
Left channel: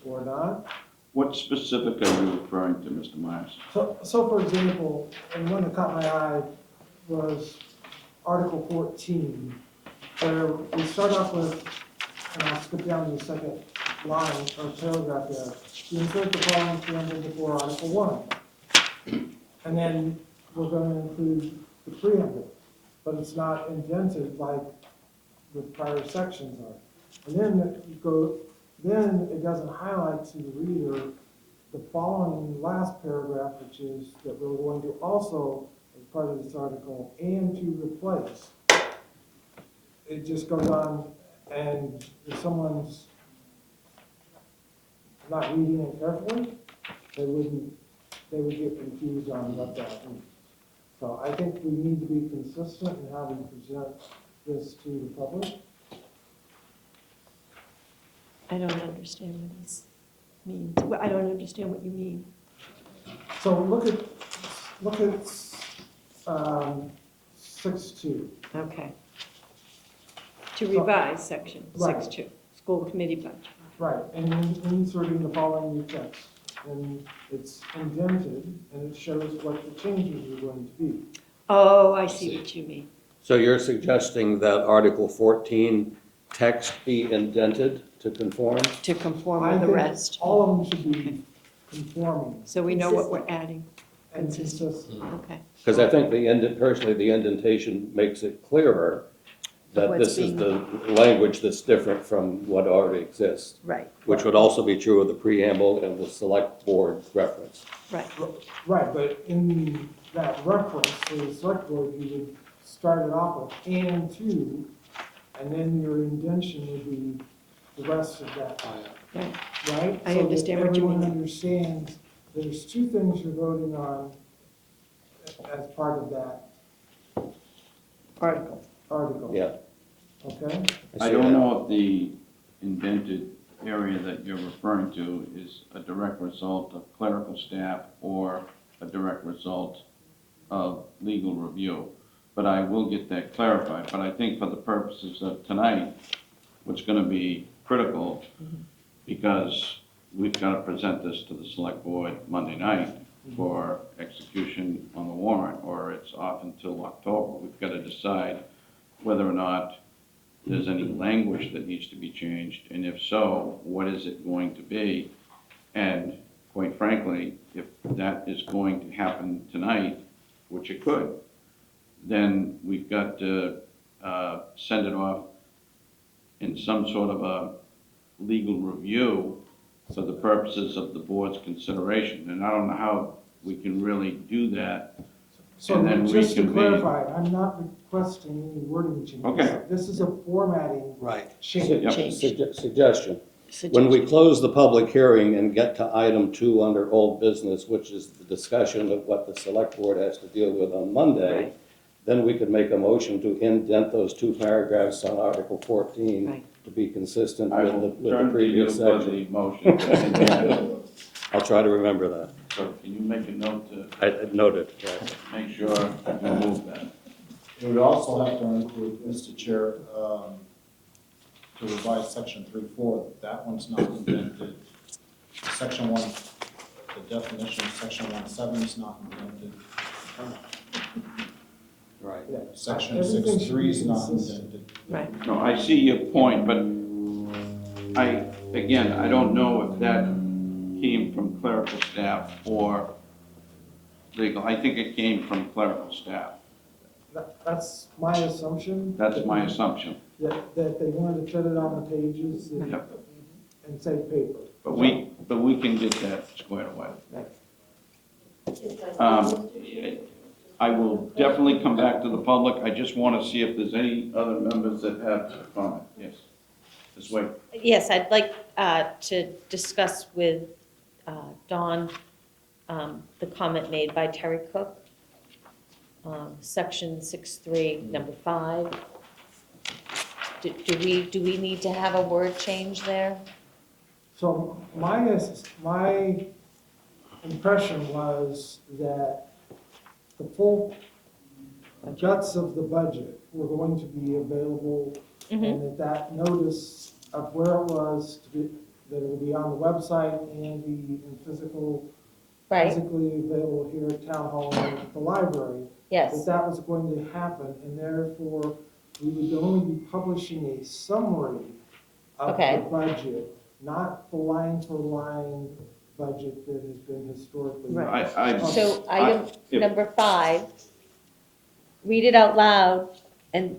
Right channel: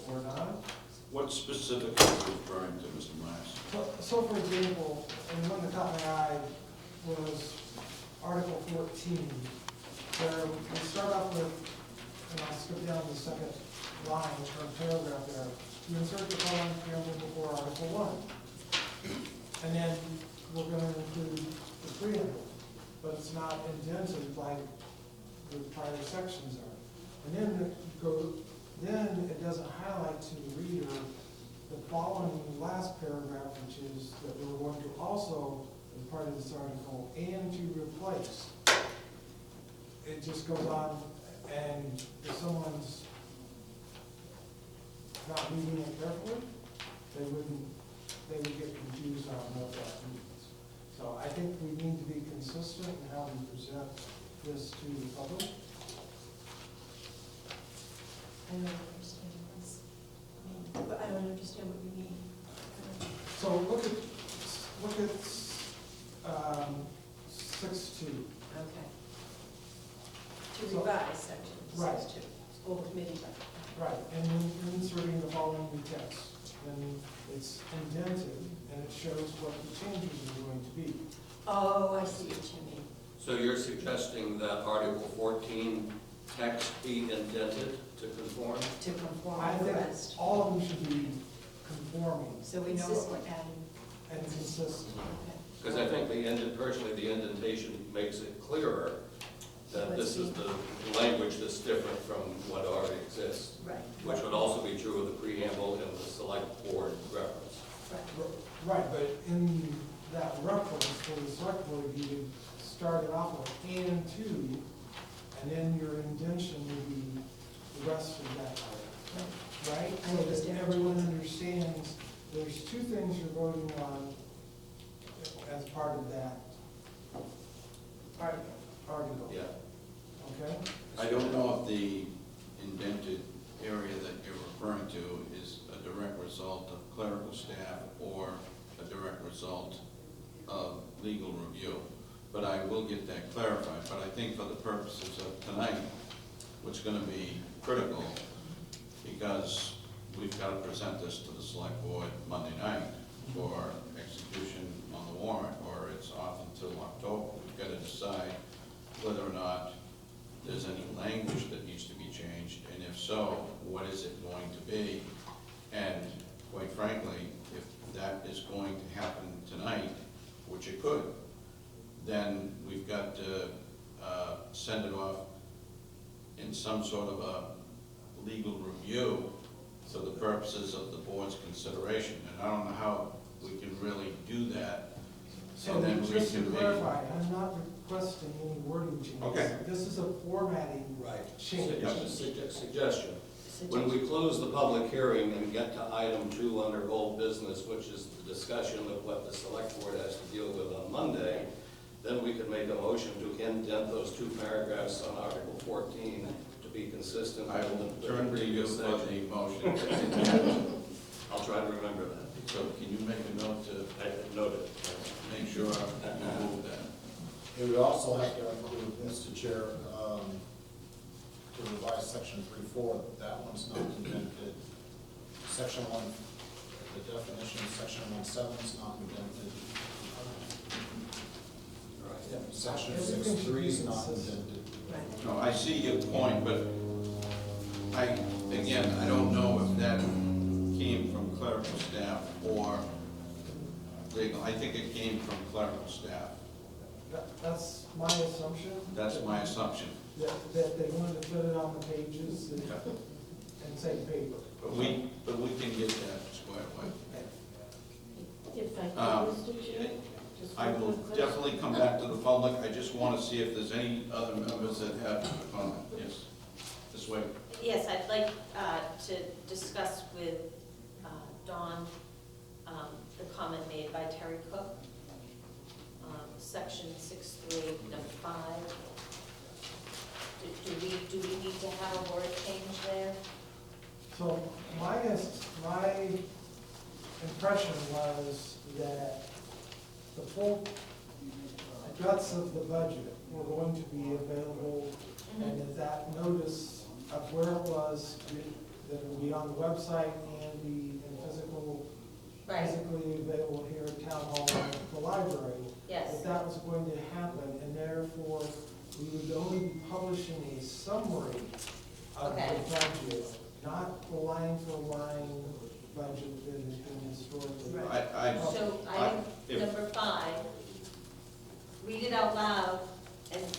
or not. What specifically are you referring to, Mr. Myers? So for example, and one that caught my eye was Article 14, where we start off with, and I'll skip down to the second line or paragraph there. You insert the following preamble before Article 1. And then we're going to include the preamble, but it's not indented like the prior sections are. And then then it doesn't highlight to the reader the following last paragraph, which is that we're going to also, as part of this article, and to replace. It just goes on, and if someone's not reading it carefully, they would get confused on what that means. So I think we need to be consistent in how we present this to the public. I don't understand what this means. I don't understand what you mean. So look at 6.2. Okay. To revise section Right. 6.2, school committee budget. Right, and then inserting the following new text. And it's indented, and it shows what the changes are going to be. Oh, I see what you mean. So you're suggesting that Article 14 text be indented to conform? To conform I with the think rest. all of them should be conforming So we know what we're adding. and consistent. Okay. Because I think personally, the indentation makes it clearer that What's this is the language that's different from what already exists, Right, which would also be true of the preamble and the select board reference. right. Right, but in that reference to the select board, you would start it off with and to, and then your indentation would be the rest of that Right. item, right? I understand what you So that everyone mean. understands there's two things you're voting on as part of that Article. article. Yeah. Okay? I don't know if the indented area that you're referring to is a direct result of clerical staff or a direct result of legal review, but I will get that clarified. But I think for the purposes of tonight, what's going to be critical, because we've got to present this to the select board Monday night for execution on the warrant, or it's off until October. We've got to decide whether or not there's any language that needs to be changed, and if so, what is it going to be? And quite frankly, if that is going to happen tonight, which it could, then we've got to send it off in some sort of a legal review for the purposes of the board's consideration. And I don't know how we can really do that. So And then just to reconvene. clarify, I'm not requesting any wording changes. Okay. This is a formatting change. Suggestion. When we close the public hearing and get to item 2 under old business, which is the discussion of what the select board has to deal with on Monday, then we could make a motion to indent those 2 paragraphs on Article 14 Right. to be consistent I with will the turn to you previous for section. the motion. I'll try to remember that. So can you make a note to I noted. make sure that you move that? It would also have to include, Mr. Chair, to revise section 3.4, that one's not amended. Section 1, the definition of section 1.7 is not amended. Right. Section Everything should 6.3 be is not consistent. amended. Right. No, I see your point, but I don't know if that came from clerical staff or legal. I think it came from clerical staff. That's my assumption. That's my assumption. That they wanted to put it on the pages and Yep. save paper. But we can get that squared away. Is that Um, Mr. Chair? Just I will one question. definitely come back to the public. I just want to see if there's any other members that have a comment. Yes, this way. Yes, I'd like to discuss with Dawn the comment made by Terry Cook, section 6.3, number 5. Do we need to have a word change there? So my impression was that the full guts of the budget were going to be available, and that notice of where it was, that it would be on the website and be in physically available here at Town Hall and the library. Yes. That was going to happen, and therefore, we would only be publishing a summary of Okay. the budget, not the line-for-line budget that has been historically. So item if- number 5, read it out loud, and do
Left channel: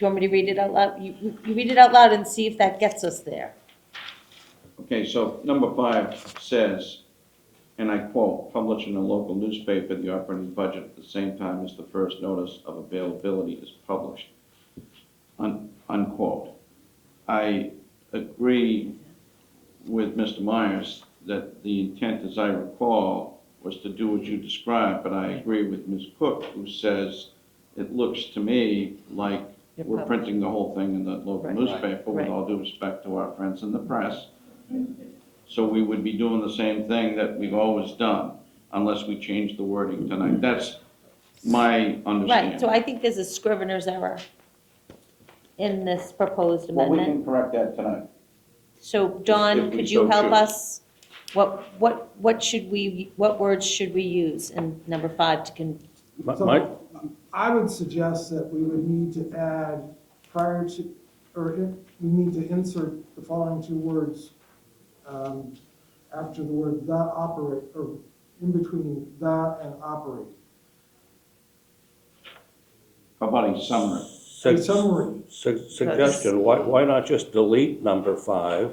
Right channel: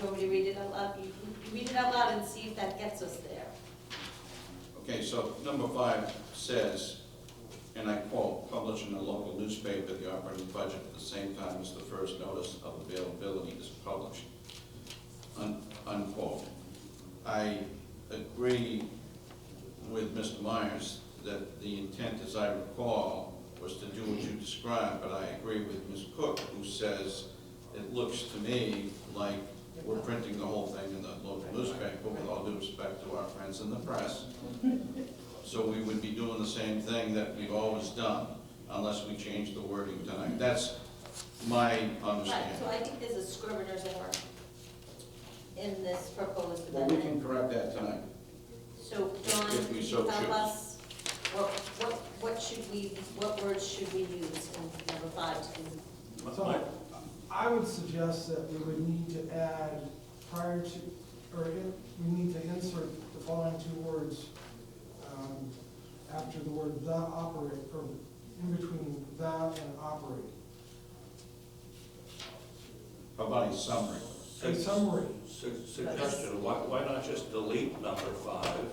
you want me to read it out loud? You read it out loud and see if that gets us there. Okay, so number 5 says, and I quote, "Publish in a local newspaper the operating budget at the same time as the first notice of availability is published." Unquote. I agree with Mr. Myers that the intent, as I recall, was to do what you described, but I agree with Ms. Cook, who says, it looks to me like we're printing the whole thing in the local newspaper, with all due respect to our friends in the press. So we would be doing the same thing that we've always done, unless we change the wording tonight. That's my understanding. Right, so I think there's a scrivener's error in this proposed Well, we can amendment. correct that tonight. So Dawn, If we could so you help choose. us? What words should we use in number 5 to So I would suggest that we would need to add prior to, we need to insert the following 2 words after the word "the operate," or in between "the" and "operate." How about a summary? A summary. Suggestion, why not just delete number 5?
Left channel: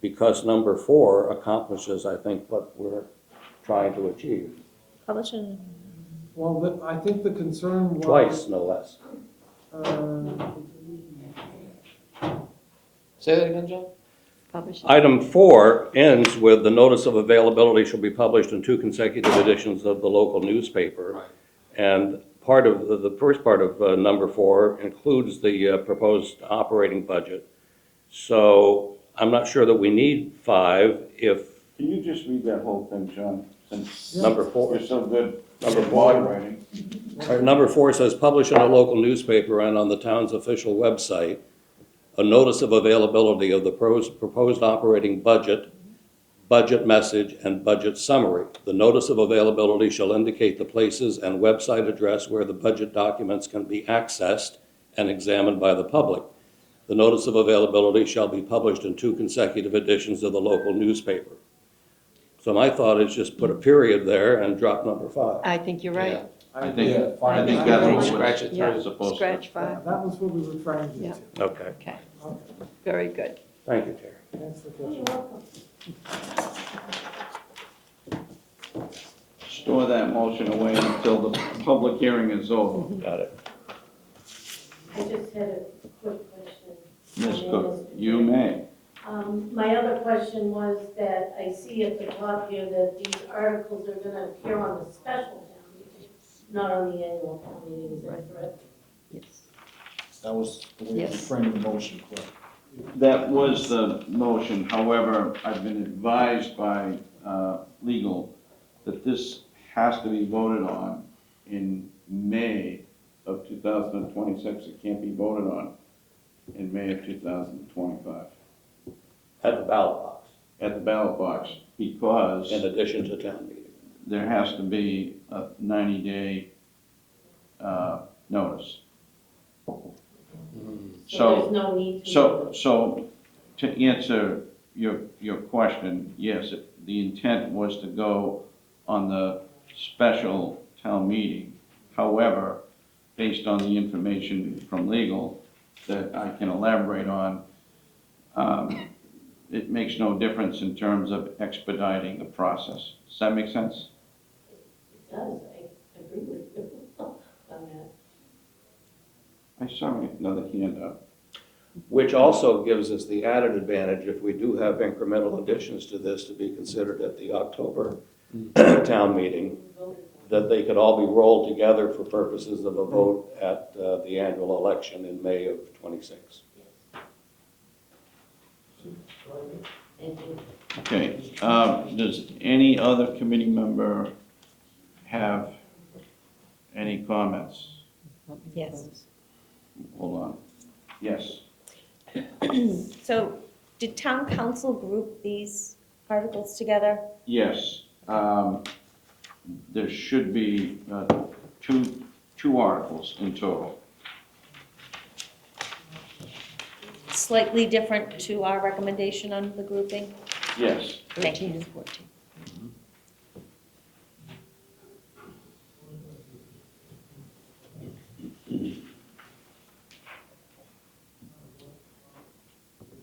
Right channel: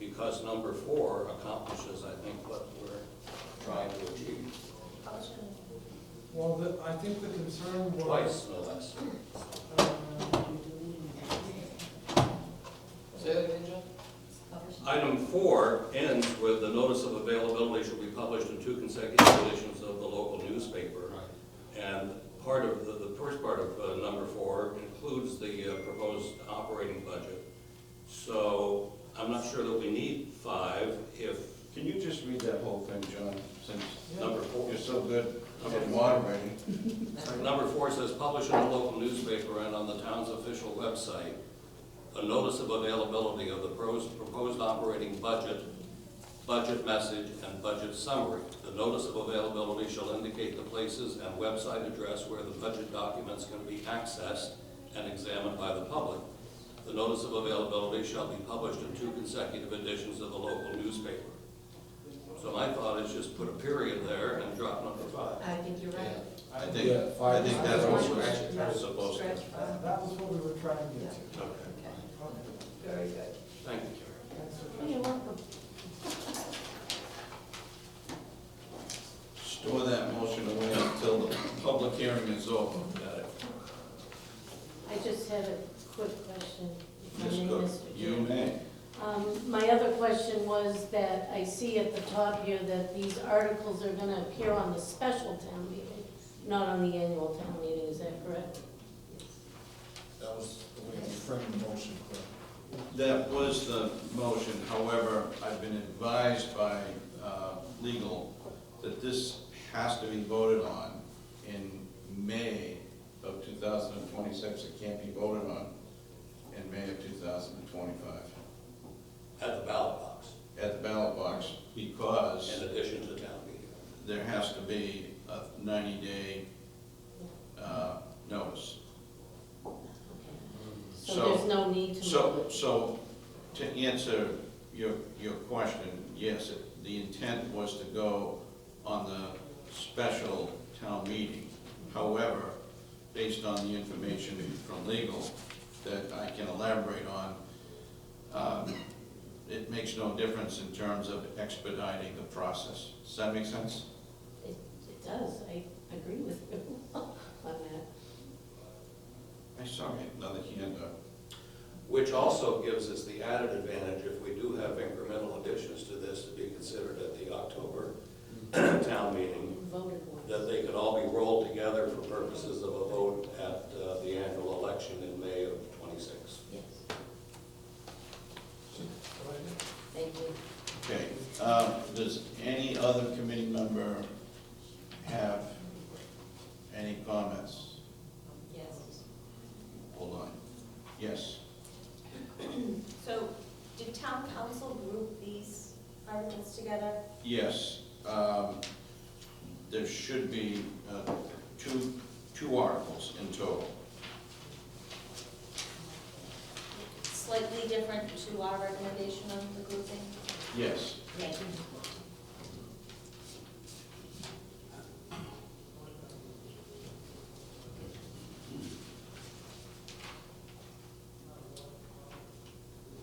Because number 4 accomplishes, I think, what we're trying to achieve. publish in? Well, I think the concern was. Twice, no less. Say that again, Joe? Publish. Item 4 ends with the notice of availability shall be published in 2 consecutive editions of the local newspaper. And part of the first part of number 4 includes the proposed operating budget. So I'm not sure that we need 5 if Can you just read that whole thing, John, since number 4. you're so good Number at 4. moderating? Number 4 says, publish in a local newspaper and on the town's official website a notice of availability of the proposed operating budget, budget message, and budget summary. The notice of availability shall indicate the places and website address where the budget documents can be accessed and examined by the public. The notice of availability shall be published in 2 consecutive editions of the local newspaper. So my thought is just put a period there and drop number 5. I think you're right. I think that's what Scratch it Yeah, we're supposed to. scratch 5. That was what we were trying to do. Yeah. Okay, Okay, very good. thank you, Terry. Thanks for You're catching welcome. Store that motion away until the public hearing is over. Got it. I just had a quick question. Ms. Cook, you may. My other question was that I see at the top here that these articles are gonna appear on the special town meeting, not on the annual town meeting, is that correct? That was the way you Yes. framed the motion, correct? That was the motion. However, I've been advised by legal that this has to be voted on in May of 2026, it can't be voted on in May of 2025 At the ballot box, at the ballot box, because in addition to town meeting. there has to be a 90-day notice. So there's no need to. So to answer your question, yes, the intent was to go on the special town meeting. However, based on the information from legal that I can elaborate on, it makes no difference in terms of expediting the process. Does that make sense? It does, I agree with you on that. I saw another hand up. Which also gives us the added advantage, if we do have incremental additions to this to be considered at the October town meeting, that they could all be rolled together for purposes of a vote at the annual election in May of '26. Yes. Thank you. Okay, does any other committee member have any comments? Yes. Hold on. Yes. So did town council group these articles together? Yes. There should be two articles in total. Slightly different to our recommendation on the grouping? Yes. Thank you.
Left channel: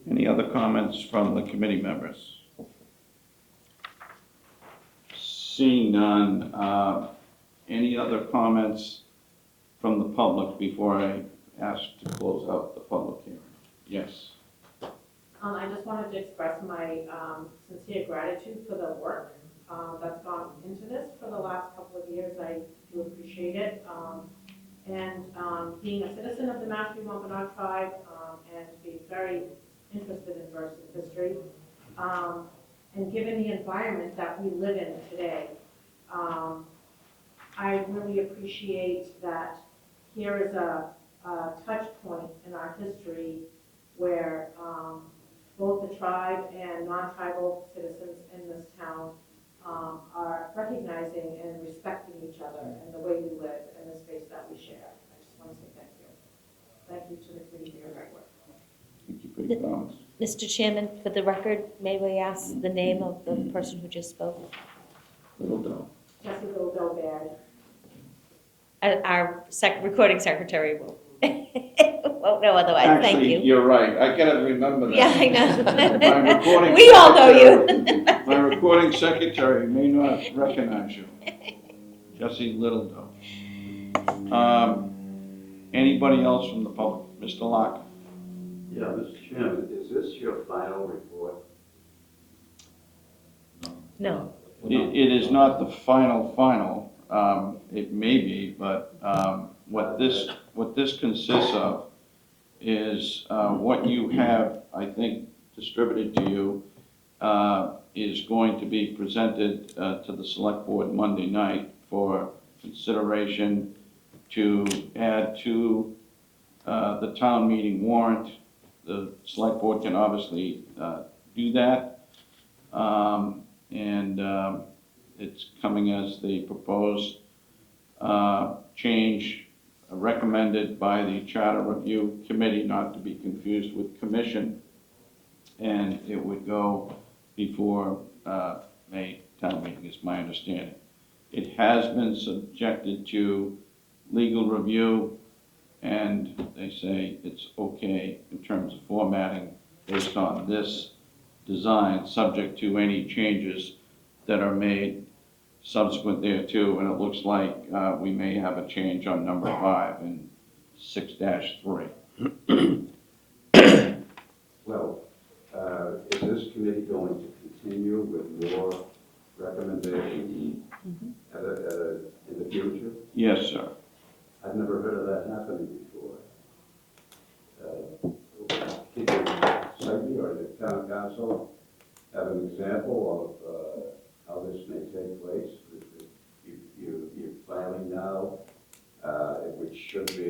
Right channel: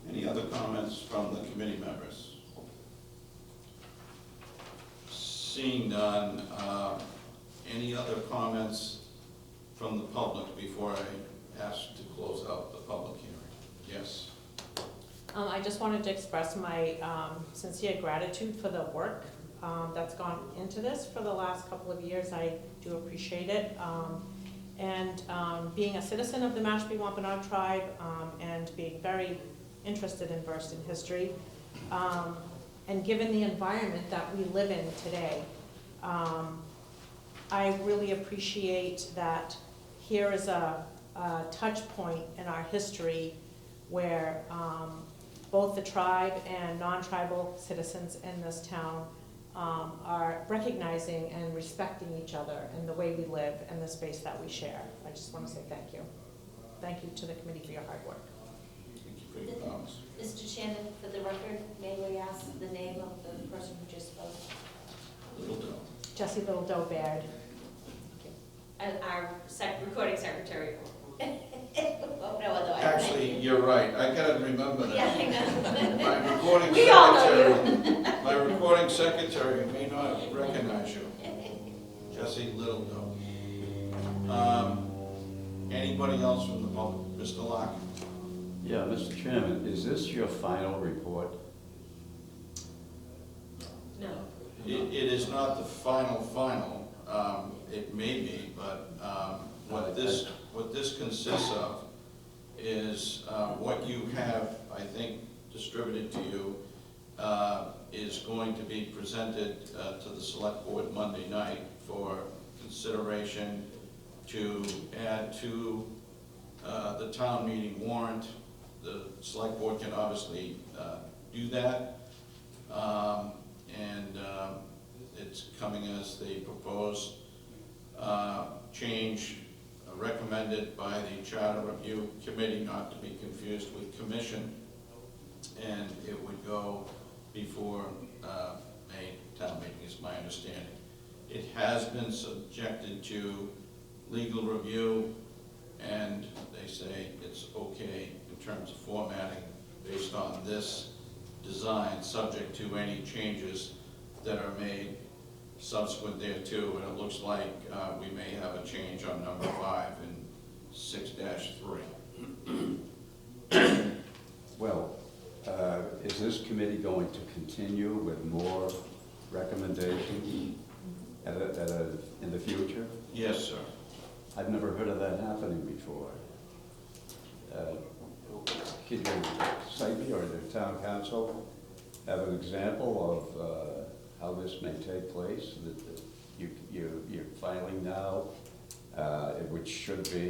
Any other comments from the committee members? Seeing none, any other comments from the public before I ask to close out the public hearing? Yes. I just wanted to express my sincere gratitude for the work that's gone into this for the last couple of years. I do appreciate it. Being a citizen of the Mashpee Wampanoag tribe and being very interested and versed in history, and given the environment that we live in today, I really appreciate that here is a touch point in our history where both the tribe and non-tribal citizens in this town are recognizing and respecting each other in the way we live and the space that we share. I just want to say thank you. Thank you to the committee for your hard work. Thank you for your comments. Mr. Chairman, for the record, may we ask the name of the person who just spoke? Littledoe. Jessie Little Baird. Our recording secretary will no otherwise, thank Actually, you. you're right. I gotta remember that. Yeah, I know. My recording We all know secretary- you. My recording secretary may not recognize you. Jesse Littledoe. Anybody else from the public? Mr. Locke? Yeah, Mr. Chairman, is this your final report? No. It is not the final. It may be, but what this consists of is what you have, I think, distributed to you is going to be presented to the select board Monday night for consideration to add to the town meeting warrant. The select board can obviously do that. It's coming as the proposed change recommended by the Charter Review Committee, not to be confused with commission, and it would go before a town meeting, is my understanding. It has been subjected to legal review, and they say it's okay in terms of formatting based on this design, subject to any changes that are made subsequent thereto, and it looks like we may have a change on number 5 in 6-3. Well, is this committee going to continue with more recommendations in the future? Yes, sir. I've never heard of that happening before. Can you, Sophie or the town council, have an example of how this may take place? You're filing now, which should be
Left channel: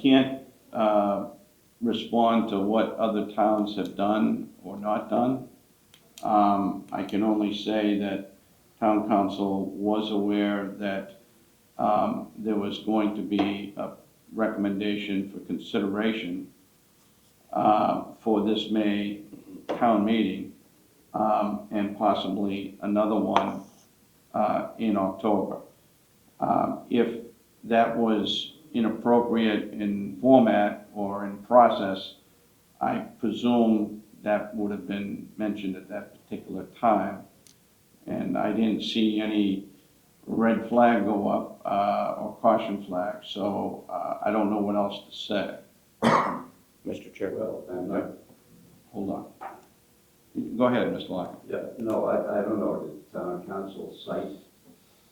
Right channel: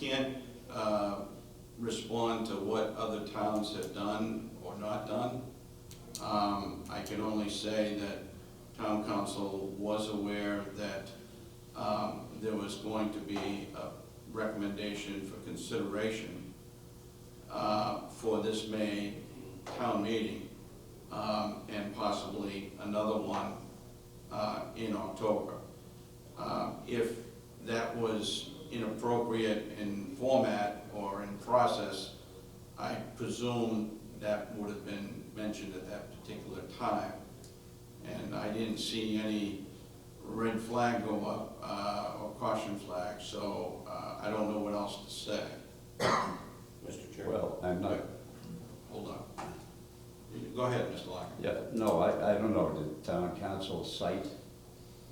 can't respond to what other towns have done or not done. I can only say that town council was aware that there was going to be a recommendation for consideration for this May town meeting, and possibly another one in October. If that was inappropriate in format or in process, I presume that would have been mentioned at that particular time. And I didn't see any red flag go up or caution flag, so I don't know what else to say. Mr. Chairman. Well, I'm not, Hold on. Go ahead, Mr. Lockett. yeah, no, I don't know, did town council cite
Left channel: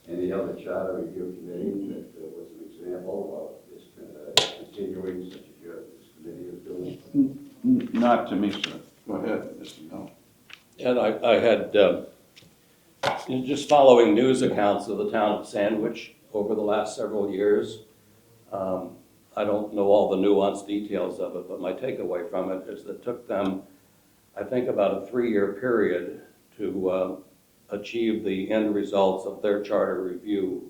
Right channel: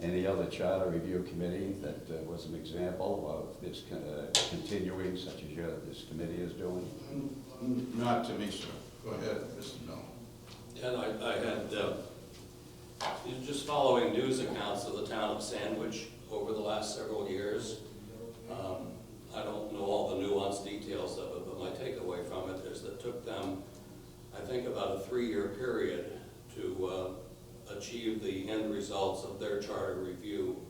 any other charter review committee that was an example of this continuing such as this committee is doing? Not to me, sir. Go ahead, Mr. Bell. And I had, just following news accounts of the town of Sandwich over the last several years. I don't know all the nuanced details of it, but my takeaway from it is that it took them, I think, about a 3-year period to achieve the end results of their charter review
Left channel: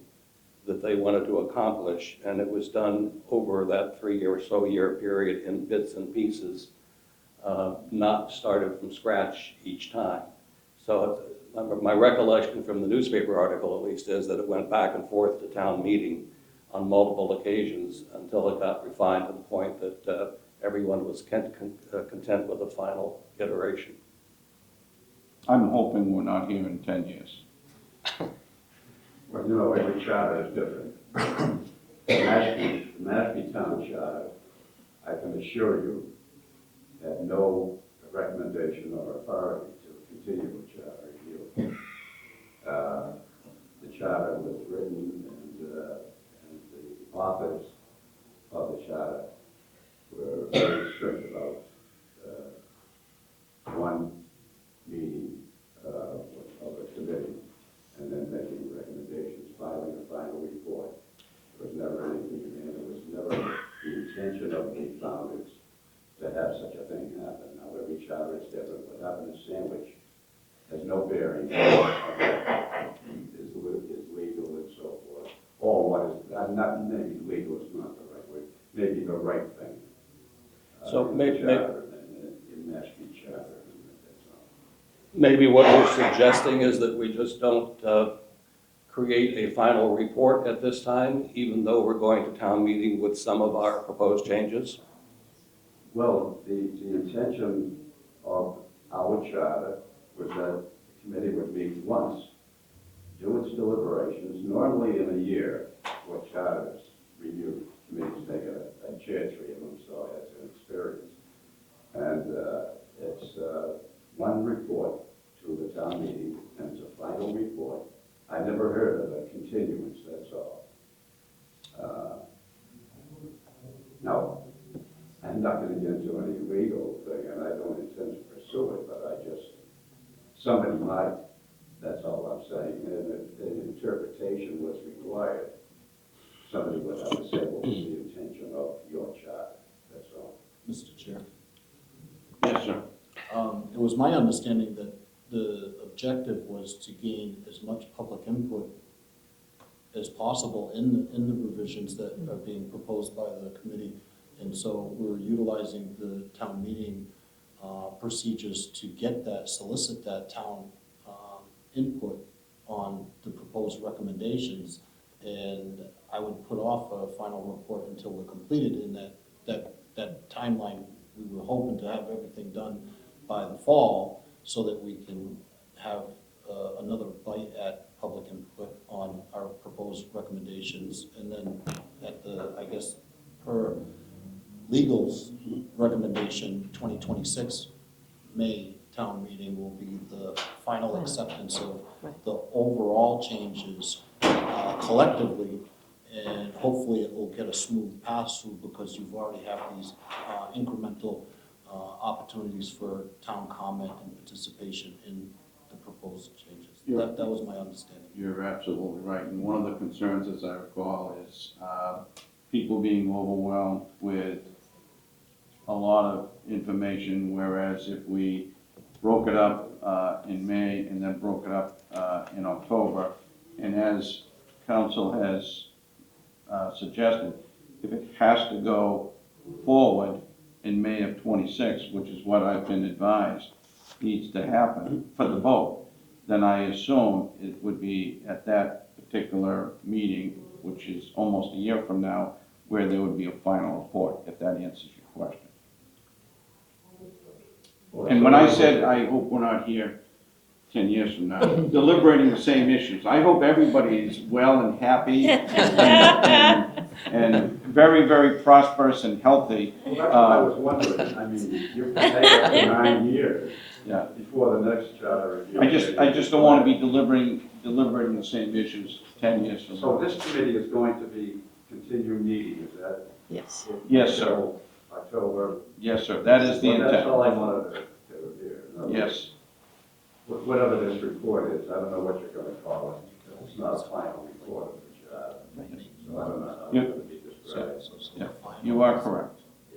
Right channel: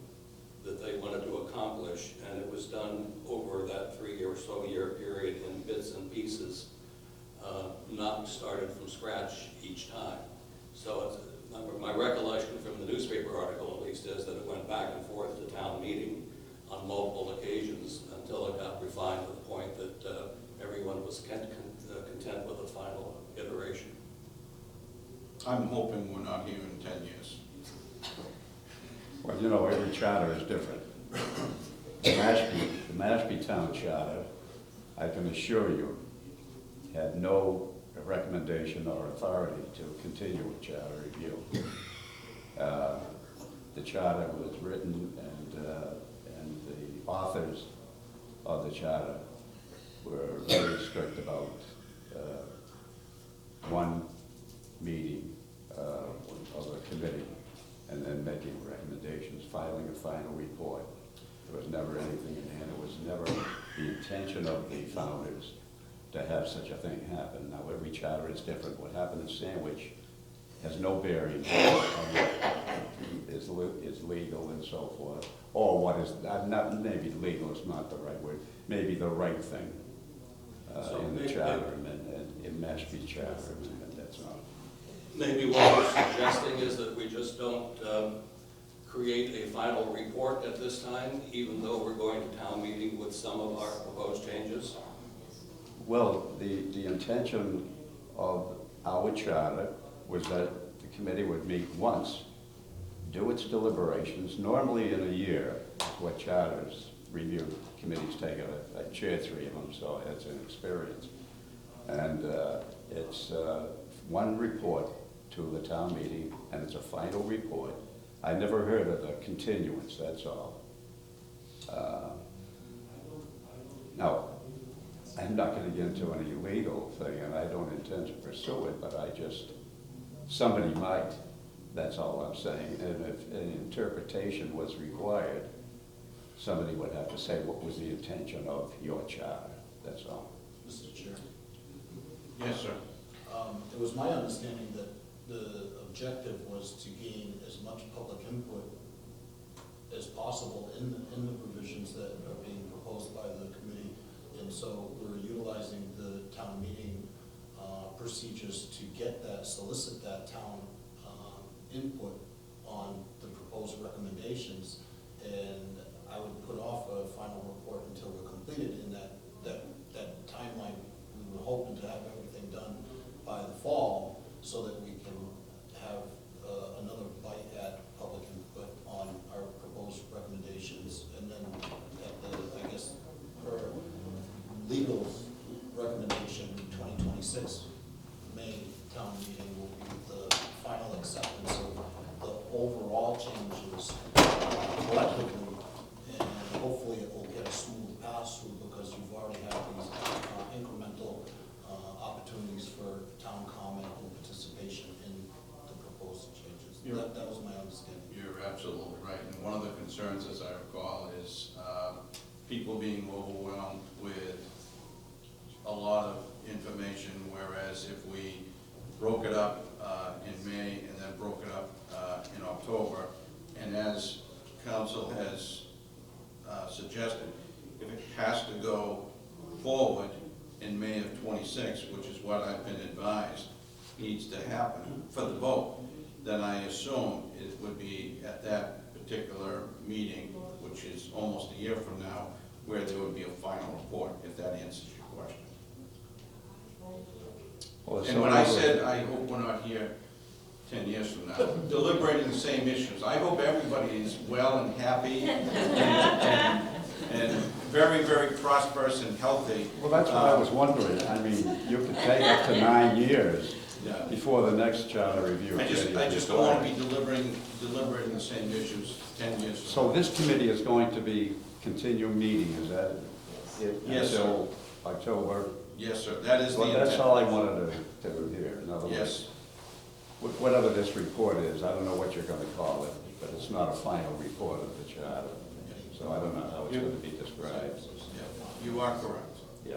that they wanted to accomplish, and it was done over that 3 or so year period in bits and pieces, not started from scratch each time. So my recollection from the newspaper article, at least, is that it went back and forth to town meeting on multiple occasions until it got refined to the point that everyone was content with the final iteration. I'm hoping we're not here in 10 years. Well, you know, every charter is different. The Mashpee Town Charter, I can assure you, had no recommendation or authority to continue the charter review. The charter was written and the authors of the charter were very strict about one meeting of the committee and then making recommendations, filing a final report. There was never anything, and it was never the intention of the founders to have such a thing happen. Now, every charter is different. What happened in Sandwich has no bearing. Is legal and so forth. Or what is, not maybe legal is not the right word, maybe the right thing. So in the charter and in Mashpee charter, and that's all. Maybe what we're suggesting is that we just don't create a final report at this time, even though we're going to town meeting with some of our proposed changes? Well, the intention of our charter was that the committee would meet once, do its deliberations, normally in a year, what charters review committees take. I chair 3 of them, so I had some experience. And it's one report to the town meeting, and it's a final report. I never heard of the continuance, that's all. Now, I'm not going to get into any legal thing, and I don't intend to pursue it, but somebody might, that's all I'm saying. And if an interpretation was required, somebody would have to say what was the intention of your charter, that's all. Mr. Chair. Yes, sir. It was my understanding that the objective was to gain as much public input as possible in the revisions that are being proposed by the committee. And so we're utilizing the town meeting procedures to get that, solicit that town input on the proposed recommendations. And I would put off a final report until we're completed in that timeline. We were hoping to have everything done by the fall so that we can have another bite at public input on our proposed recommendations. And then at the, I guess, per legal's recommendation, 2026 May town meeting will be the final acceptance of the overall changes collectively, and hopefully it will get a smooth pass-through because you've already had these incremental opportunities for town comment and participation in the proposed changes. That was my understanding. You're absolutely right. And one of the concerns, as I recall, is people being overwhelmed with a lot of information, whereas if we broke it up in May and then broke it up in October, and as council has suggested, if it has to go forward in May of '26, which is what I've been advised needs to happen for the vote, then I assume it would be at that particular meeting, which is almost a year from now, where there would be a final report, if that answers your question. And when I said, I hope we're not here 10 years from now, deliberating the same issues, I hope everybody's well and happy and very, very prosperous and healthy. Well, that's what I was wondering. I mean, you could say after 9 years, Yeah. before the next charter review. I just don't want to be deliberating the same issues 10 years from So now. this committee is going to be continuing meeting, is that? Yes. it? Yes, sir. Until October? Yes, sir, that is the Well, that's all I intent. wanted to hear. In other words, Yes, whatever this report is, I don't know what you're gonna call it, but it's not a final report of the charter. So I don't know how it's gonna be described. yeah, you are correct. Yeah.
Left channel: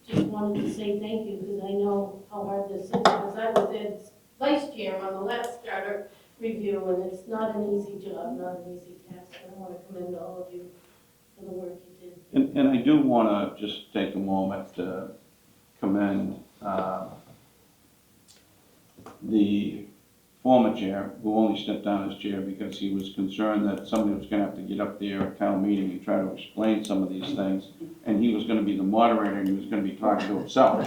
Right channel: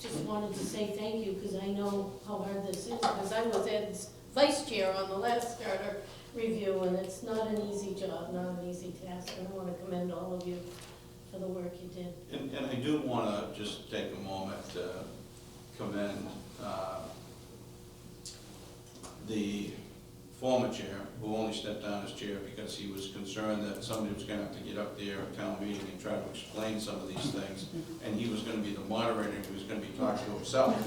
Just wanted to say thank you, because I know how hard this is, because I was Ed's vice chair on the last charter review, and it's not an easy job, not an easy task. I want to commend all of you for the work you did. And I do want to just take a moment to commend the former chair, who only stepped down as chair because he was concerned that somebody was going to have to get up there at town meeting and try to explain some of these things, and he was going to be the moderator, and he was going to be talking to himself.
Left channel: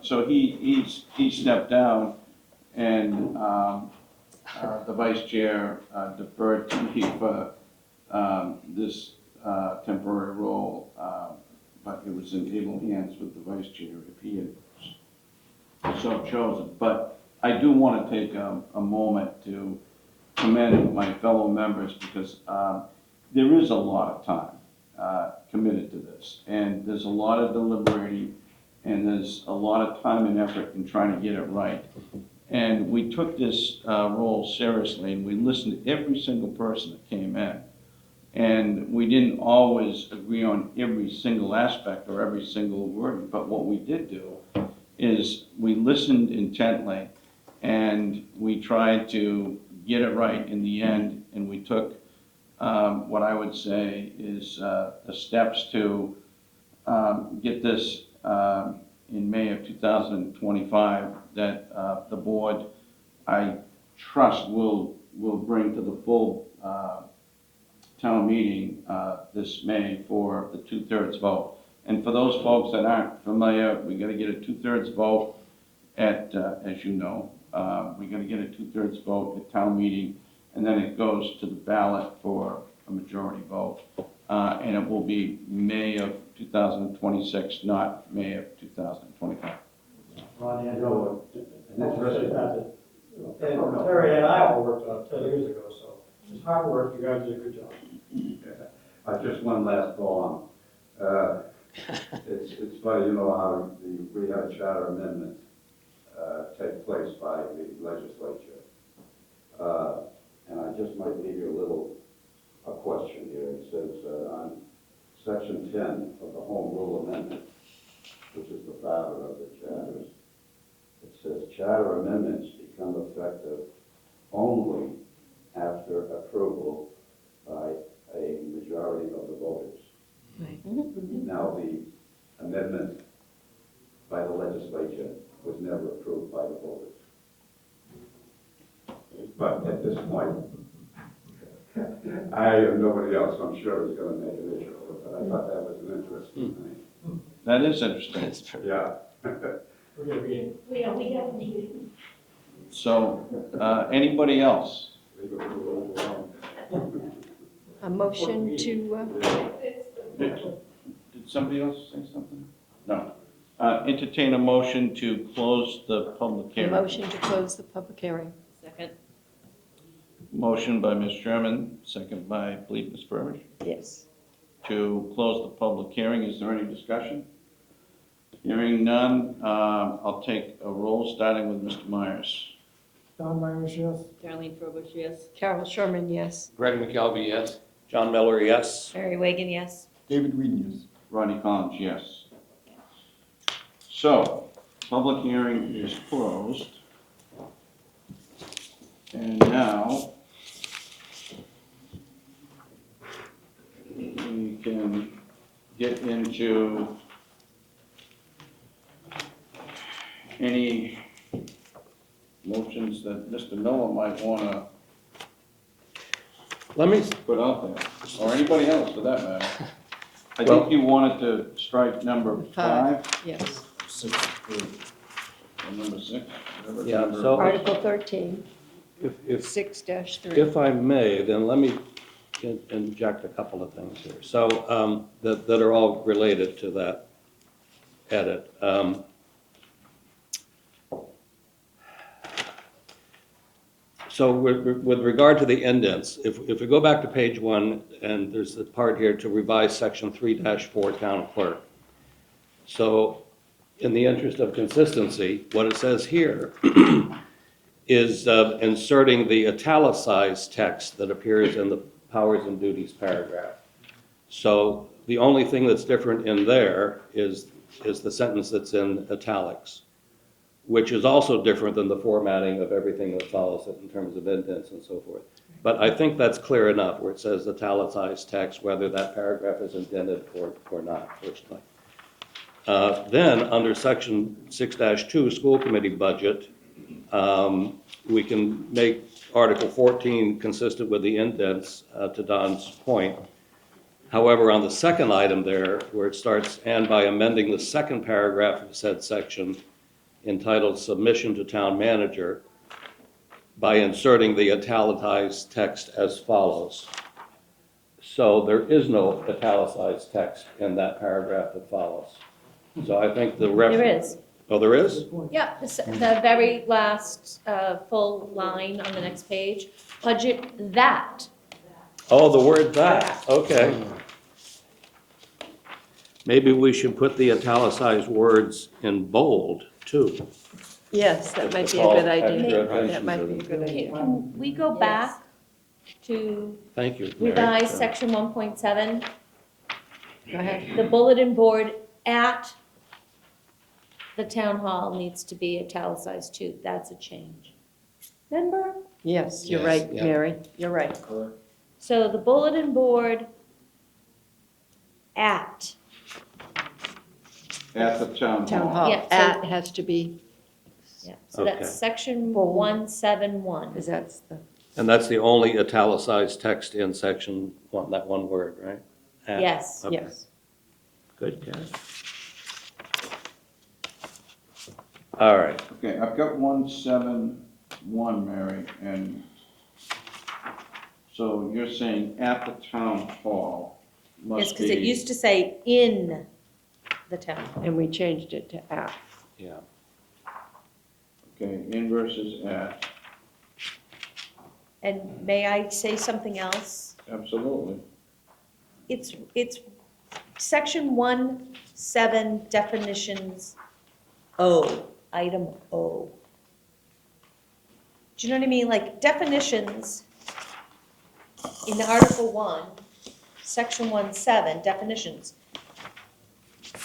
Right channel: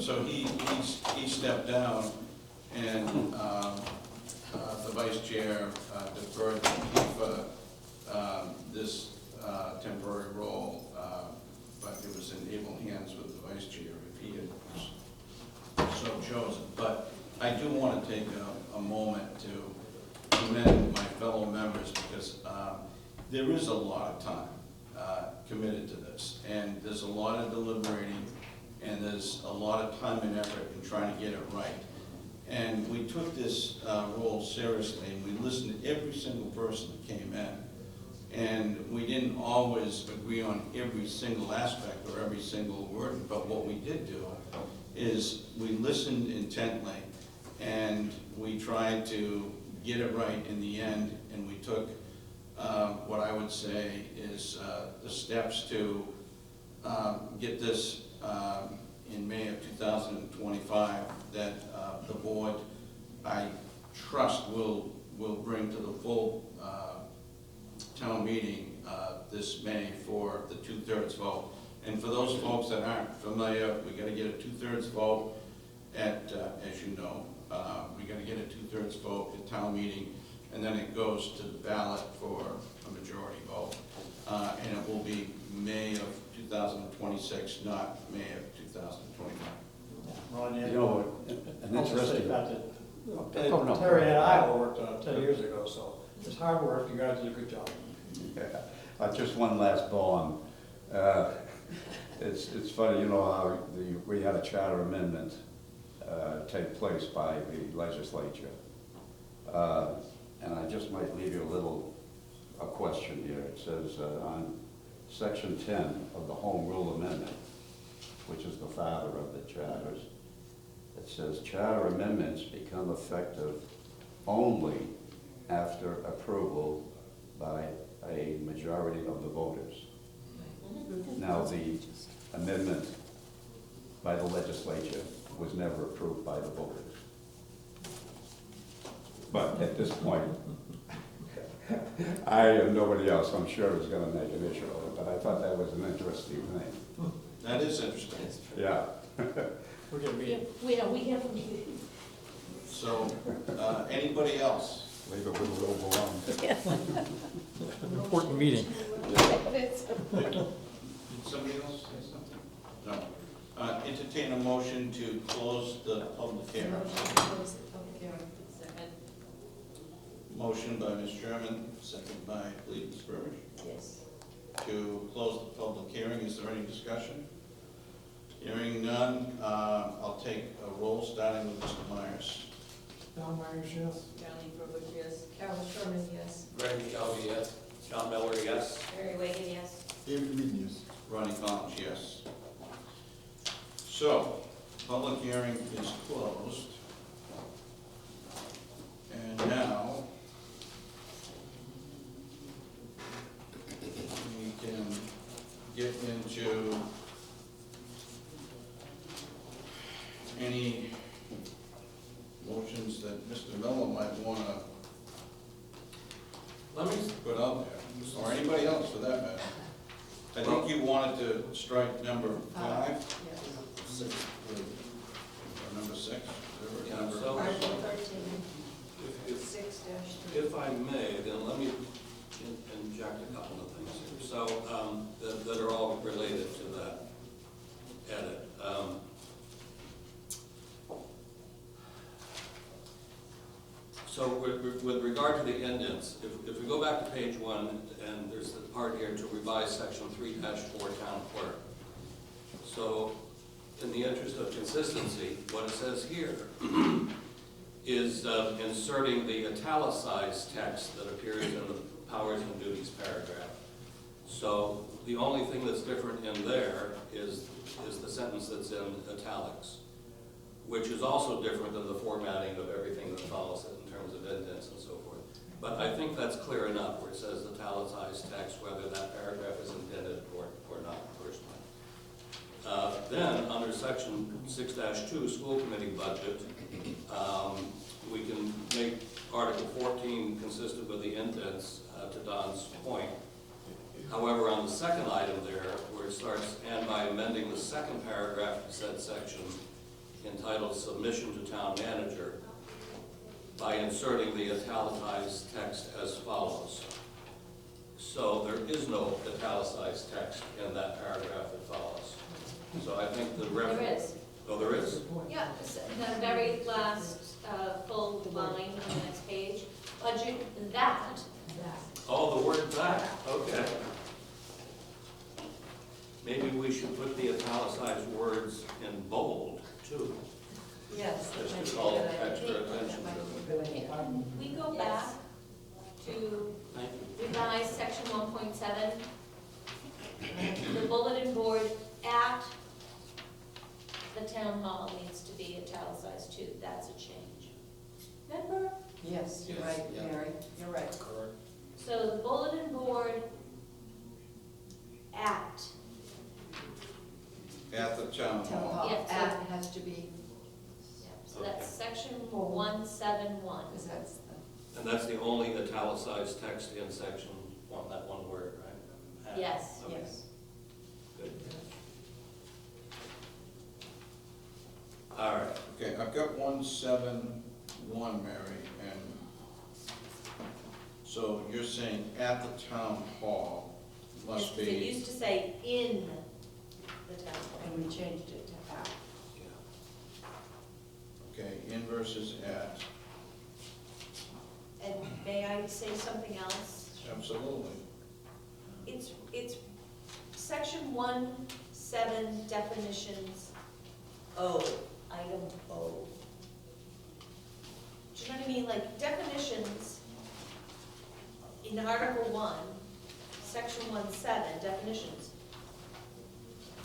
So he stepped down, and the vice chair deferred to me for this temporary role, but it was in able hands with the vice chair if he had so chosen. But I do want to take a moment to commend my fellow members, because there is a lot of time committed to this, and there's a lot of deliberating, and there's a lot of time and effort in trying to get it right. And we took this role seriously, and we listened to every single person that came in. And we didn't always agree on every single aspect or every single word, but what we did do is we listened intently, and we tried to get it right in the end, and we took what I would say is the steps to get this in May of 2025 that the board, I trust, will bring to the full town meeting this May for the 2/3 vote. And for those folks that aren't familiar, we're gonna get a 2/3 vote at, as you know, we're gonna get a 2/3 vote at town meeting, and then it goes to the ballot for a majority vote. And it will be May of 2026, not May of 2025. Ron, You know, an interesting, Terry and I all worked on it 10 years ago, so it's hard work, you guys did a good job. just one last poem. It's funny, you know, how we had a charter amendment take place by the legislature. And I just might leave you a question here. It says on section 10 of the Home Rule Amendment, which is the father of the charters, it says charter amendments become effective only after approval by a majority of the voters. Now, the amendment by the legislature was never approved by the voters. But at this point, I and nobody else, I'm sure, is going to make an issue of it, but I thought that was an interesting thing. That is interesting. Yeah. We're gonna be, We have So, anybody else? Leave it with a little more. A motion to, Did somebody else say something? No. Entertain a motion to close the public a hearing. motion to close the public hearing. Second. Motion by Ms. Sherman, second by, I believe, Ms. Burbidge, Yes. to close the public hearing. Is there any discussion? Hearing none, I'll take a roll, starting with Mr. Myers. Don Myers, yes. Darlene Frobisher, yes. Carol Sherman, yes. Greg McKelvey, yes. John Miller, yes. Mary Wagon, yes. David Green, yes. Ronnie Collins, yes. So, public hearing is closed. And now, we can get into any motions that Mr. Miller might want to Let me, put out there, or anybody else for that matter. I think you wanted to strike number 5, Yes. 6, or number 6, whatever Yeah, number. so- Article 13, if 6-3. If I may, then let me inject a couple of things here. So, that are all related to that edit. So with regard to the indents, if we go back to page 1, and there's the part here to revise section 3-4 town clerk. So in the interest of consistency, what it says here is inserting the italicized text that appears in the powers and duties paragraph. So the only thing that's different in there is the sentence that's in italics, which is also different than the formatting of everything that follows it in terms of indents and so forth. But I think that's clear enough where it says italicized text, whether that paragraph is indented or not, personally. Then, under section 6-2, school committee budget, we can make Article 14 consistent with the indents, to Don's point. However, on the second item there, where it starts, and by amending the second paragraph of said section entitled Submission to Town Manager, by inserting the italicized text as follows. So there is no italicized text in that paragraph that follows. So I think the There is. Oh, there is? Yeah, the very last full line on the next page, budget that. Oh, the word that, okay. Maybe we should put the italicized words in bold, too. Yes, that Just might to be a call good idea. extra attention That might to be a them. good idea. Can we go back to Thank you. Mary. revise section 1.7? Go ahead. The bulletin board at the town hall needs to be italicized too. That's a change. Remember? Yes, you're Yes, right, yeah. Mary, you're right. Correct. So the bulletin board at, At the town hall. Town hall, Yeah, so- at has to be, yeah, so Okay. that's section Forward. 171. because that's the, And that's the only italicized text in section 1, that one word, right? At. Yes. Okay. yes. Good catch. All right. Okay, I've got 171, Mary, and so you're saying at the town hall Yes, must because it be, used to say in the town hall. And we changed it to at. Yeah. okay, in versus at, And may I say something else? absolutely. It's section 1.7 definitions O, item O. Do you know what I mean? Like definitions in Article 1, section 1.7, definitions.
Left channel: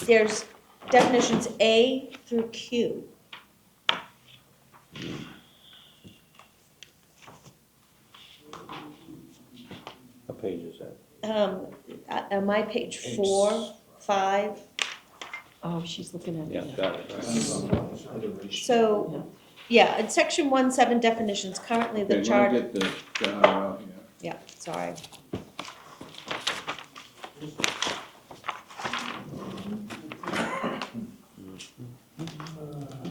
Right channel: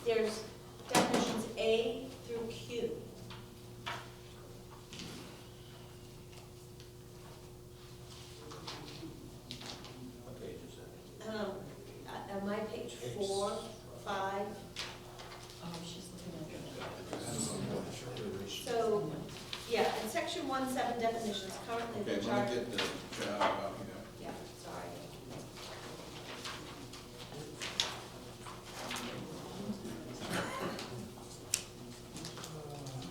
There's definitions A through Q. What page is that? On my page 4, 5. Oh, she's looking at Yeah, it. got it. So, yeah, in section 1.7 definitions, currently the Okay, chart. let me get the data out here. Yeah, sorry.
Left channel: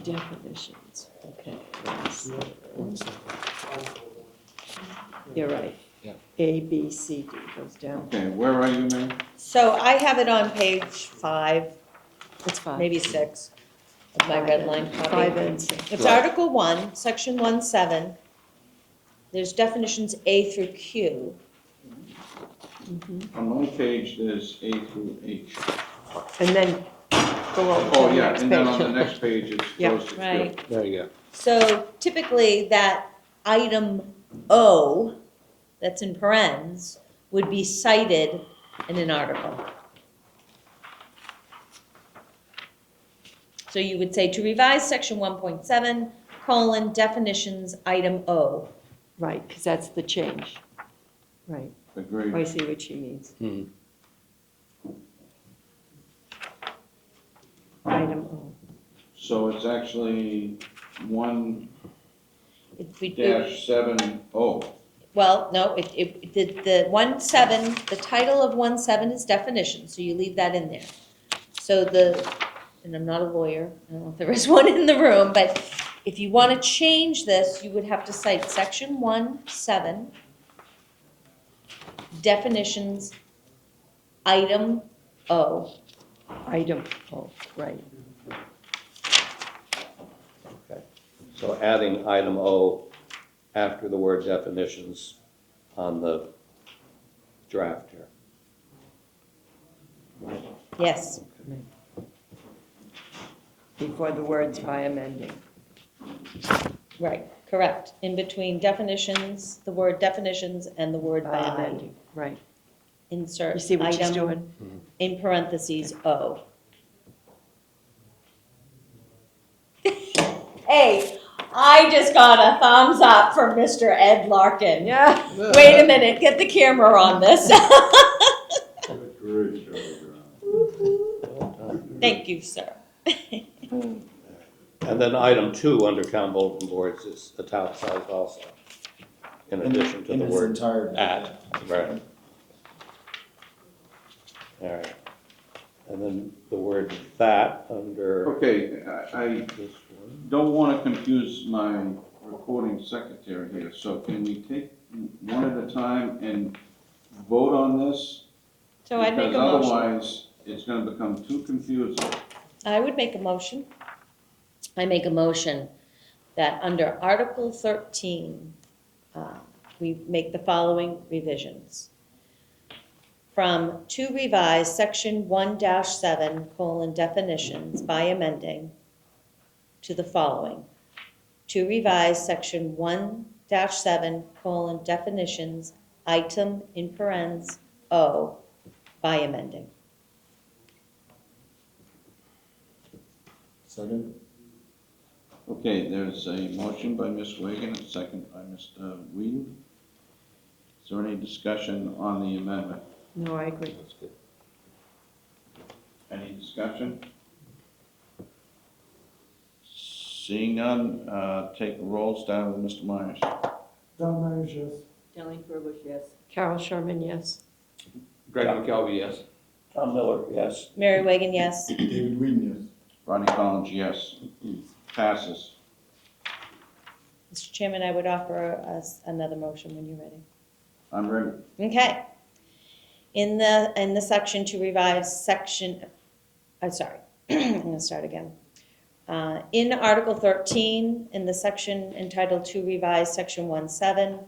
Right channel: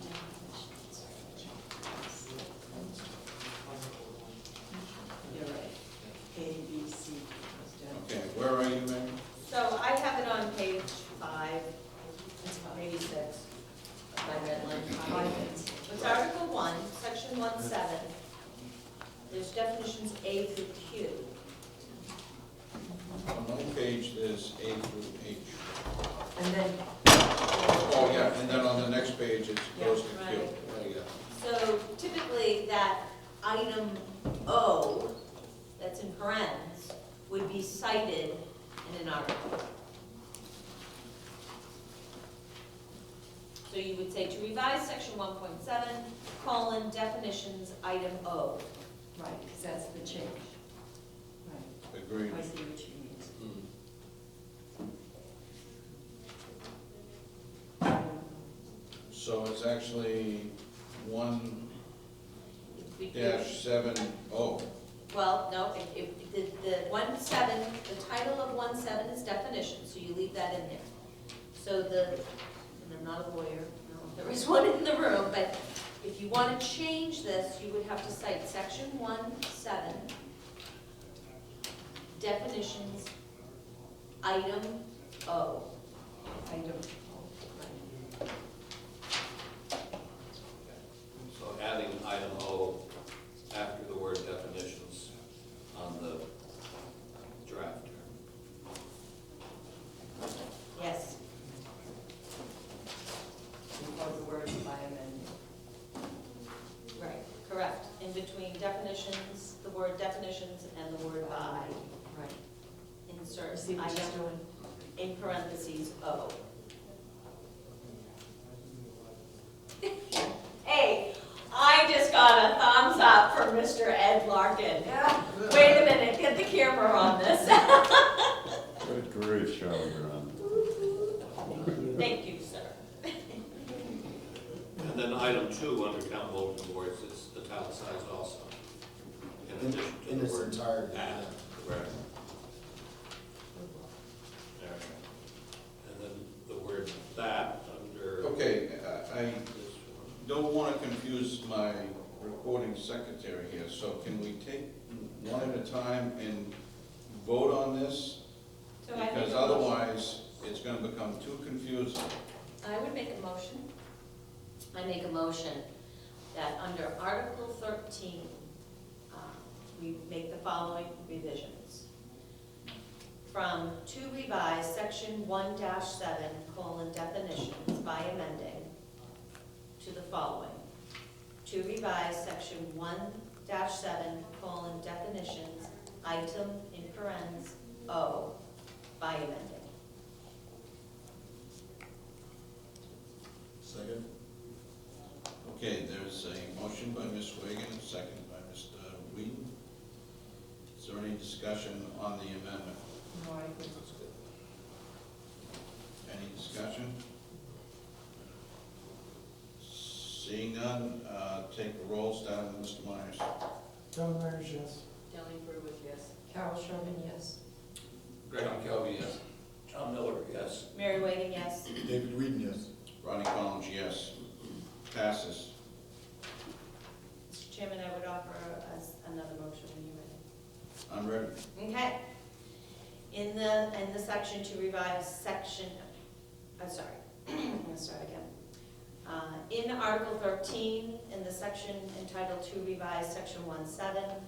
Definitions, okay. You're right. A, B, C, D goes down. Okay, where are you, Mary? So I have it on page 5, That's fine. maybe 6 of my red line copy. 5 and 6. It's Article 1, section 1.7. There's definitions A through Q. On one page is A through H. And then below. Oh, the yeah, next and then on page. the next page it Yeah. goes to Q. Right. There you go. So typically that item O, that's in parentheses, would be cited in an article. So you would say to revise section 1.7, colon, definitions, item O. Right, because that's the change. Right, Agreed. I see what she means. Item O. So it's actually 1-7-0. Well, no, the 1.7, the title of 1.7 is definition, so you leave that in there. So and I'm not a lawyer, I don't know if there is one in the room, but if you want to change this, you would have to cite section 1.7, definitions, item O. Item O, right. So adding item O after the word definitions on the draft here. Yes. Before the words by amending. Right, correct. In between definitions, the word definitions and the word By by, amending, right. insert You see what she's item doing? in parentheses O. Hey, I just got a thumbs up from Mr. Ed Larkin. Yeah. Wait a minute, get the camera on this. Great job, Ron. Thank you, sir. And then item 2 under town bulletin boards is italicized also, in addition to In the its word entirety. at. Right. All right. And then the word that under Okay, I this one. don't want to confuse my recording secretary here, so can we take one at a time and vote on this? So I'd make a Because motion. otherwise, it's going to become too confusing. I would make a motion. I make a motion that under Article 13, we make the following revisions. From to revise section 1-7, colon, definitions by amending to the following. To revise section 1-7, colon, definitions, item in parentheses O by amending. Second? Okay, there's a motion by Ms. Wigan, a second by Mr. Whedon. Is there any discussion on the amendment? No, I agree. Any discussion? Seeing none, take a roll, starting with Mr. Myers. John Myers, yes. Darlene Ferguson, yes. Carol Sherman, yes. Greg McKelvey, yes. Tom Miller, yes. Mary Wagon, yes. David Whedon, yes. Ronnie Collins, yes. Passes. Mr. Chairman, I would offer us another motion when you're ready. I'm ready. Okay. In the section to revise section, I'm sorry, I'm going to start again. In Article 13, in the section entitled to revise section 1.7,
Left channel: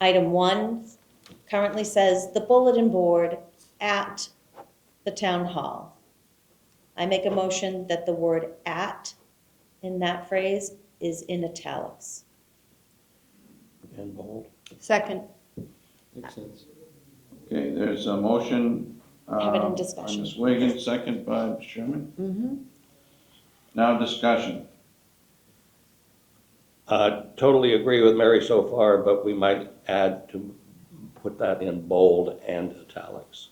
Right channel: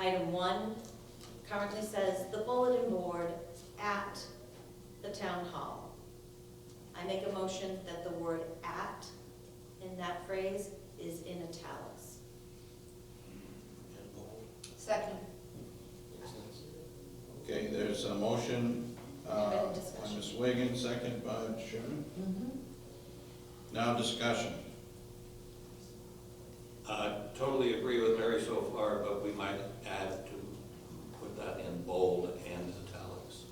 item 1 currently says the bulletin board at the town hall. I make a motion that the word at in that phrase is in italics. And bold. Second. Makes sense. Okay, there's a motion. Have it in By discussion. Ms. Wigan, second by Sherman. Mm-hmm. Now discussion. Totally agree with Mary so far, but we might add to put that in bold and italics.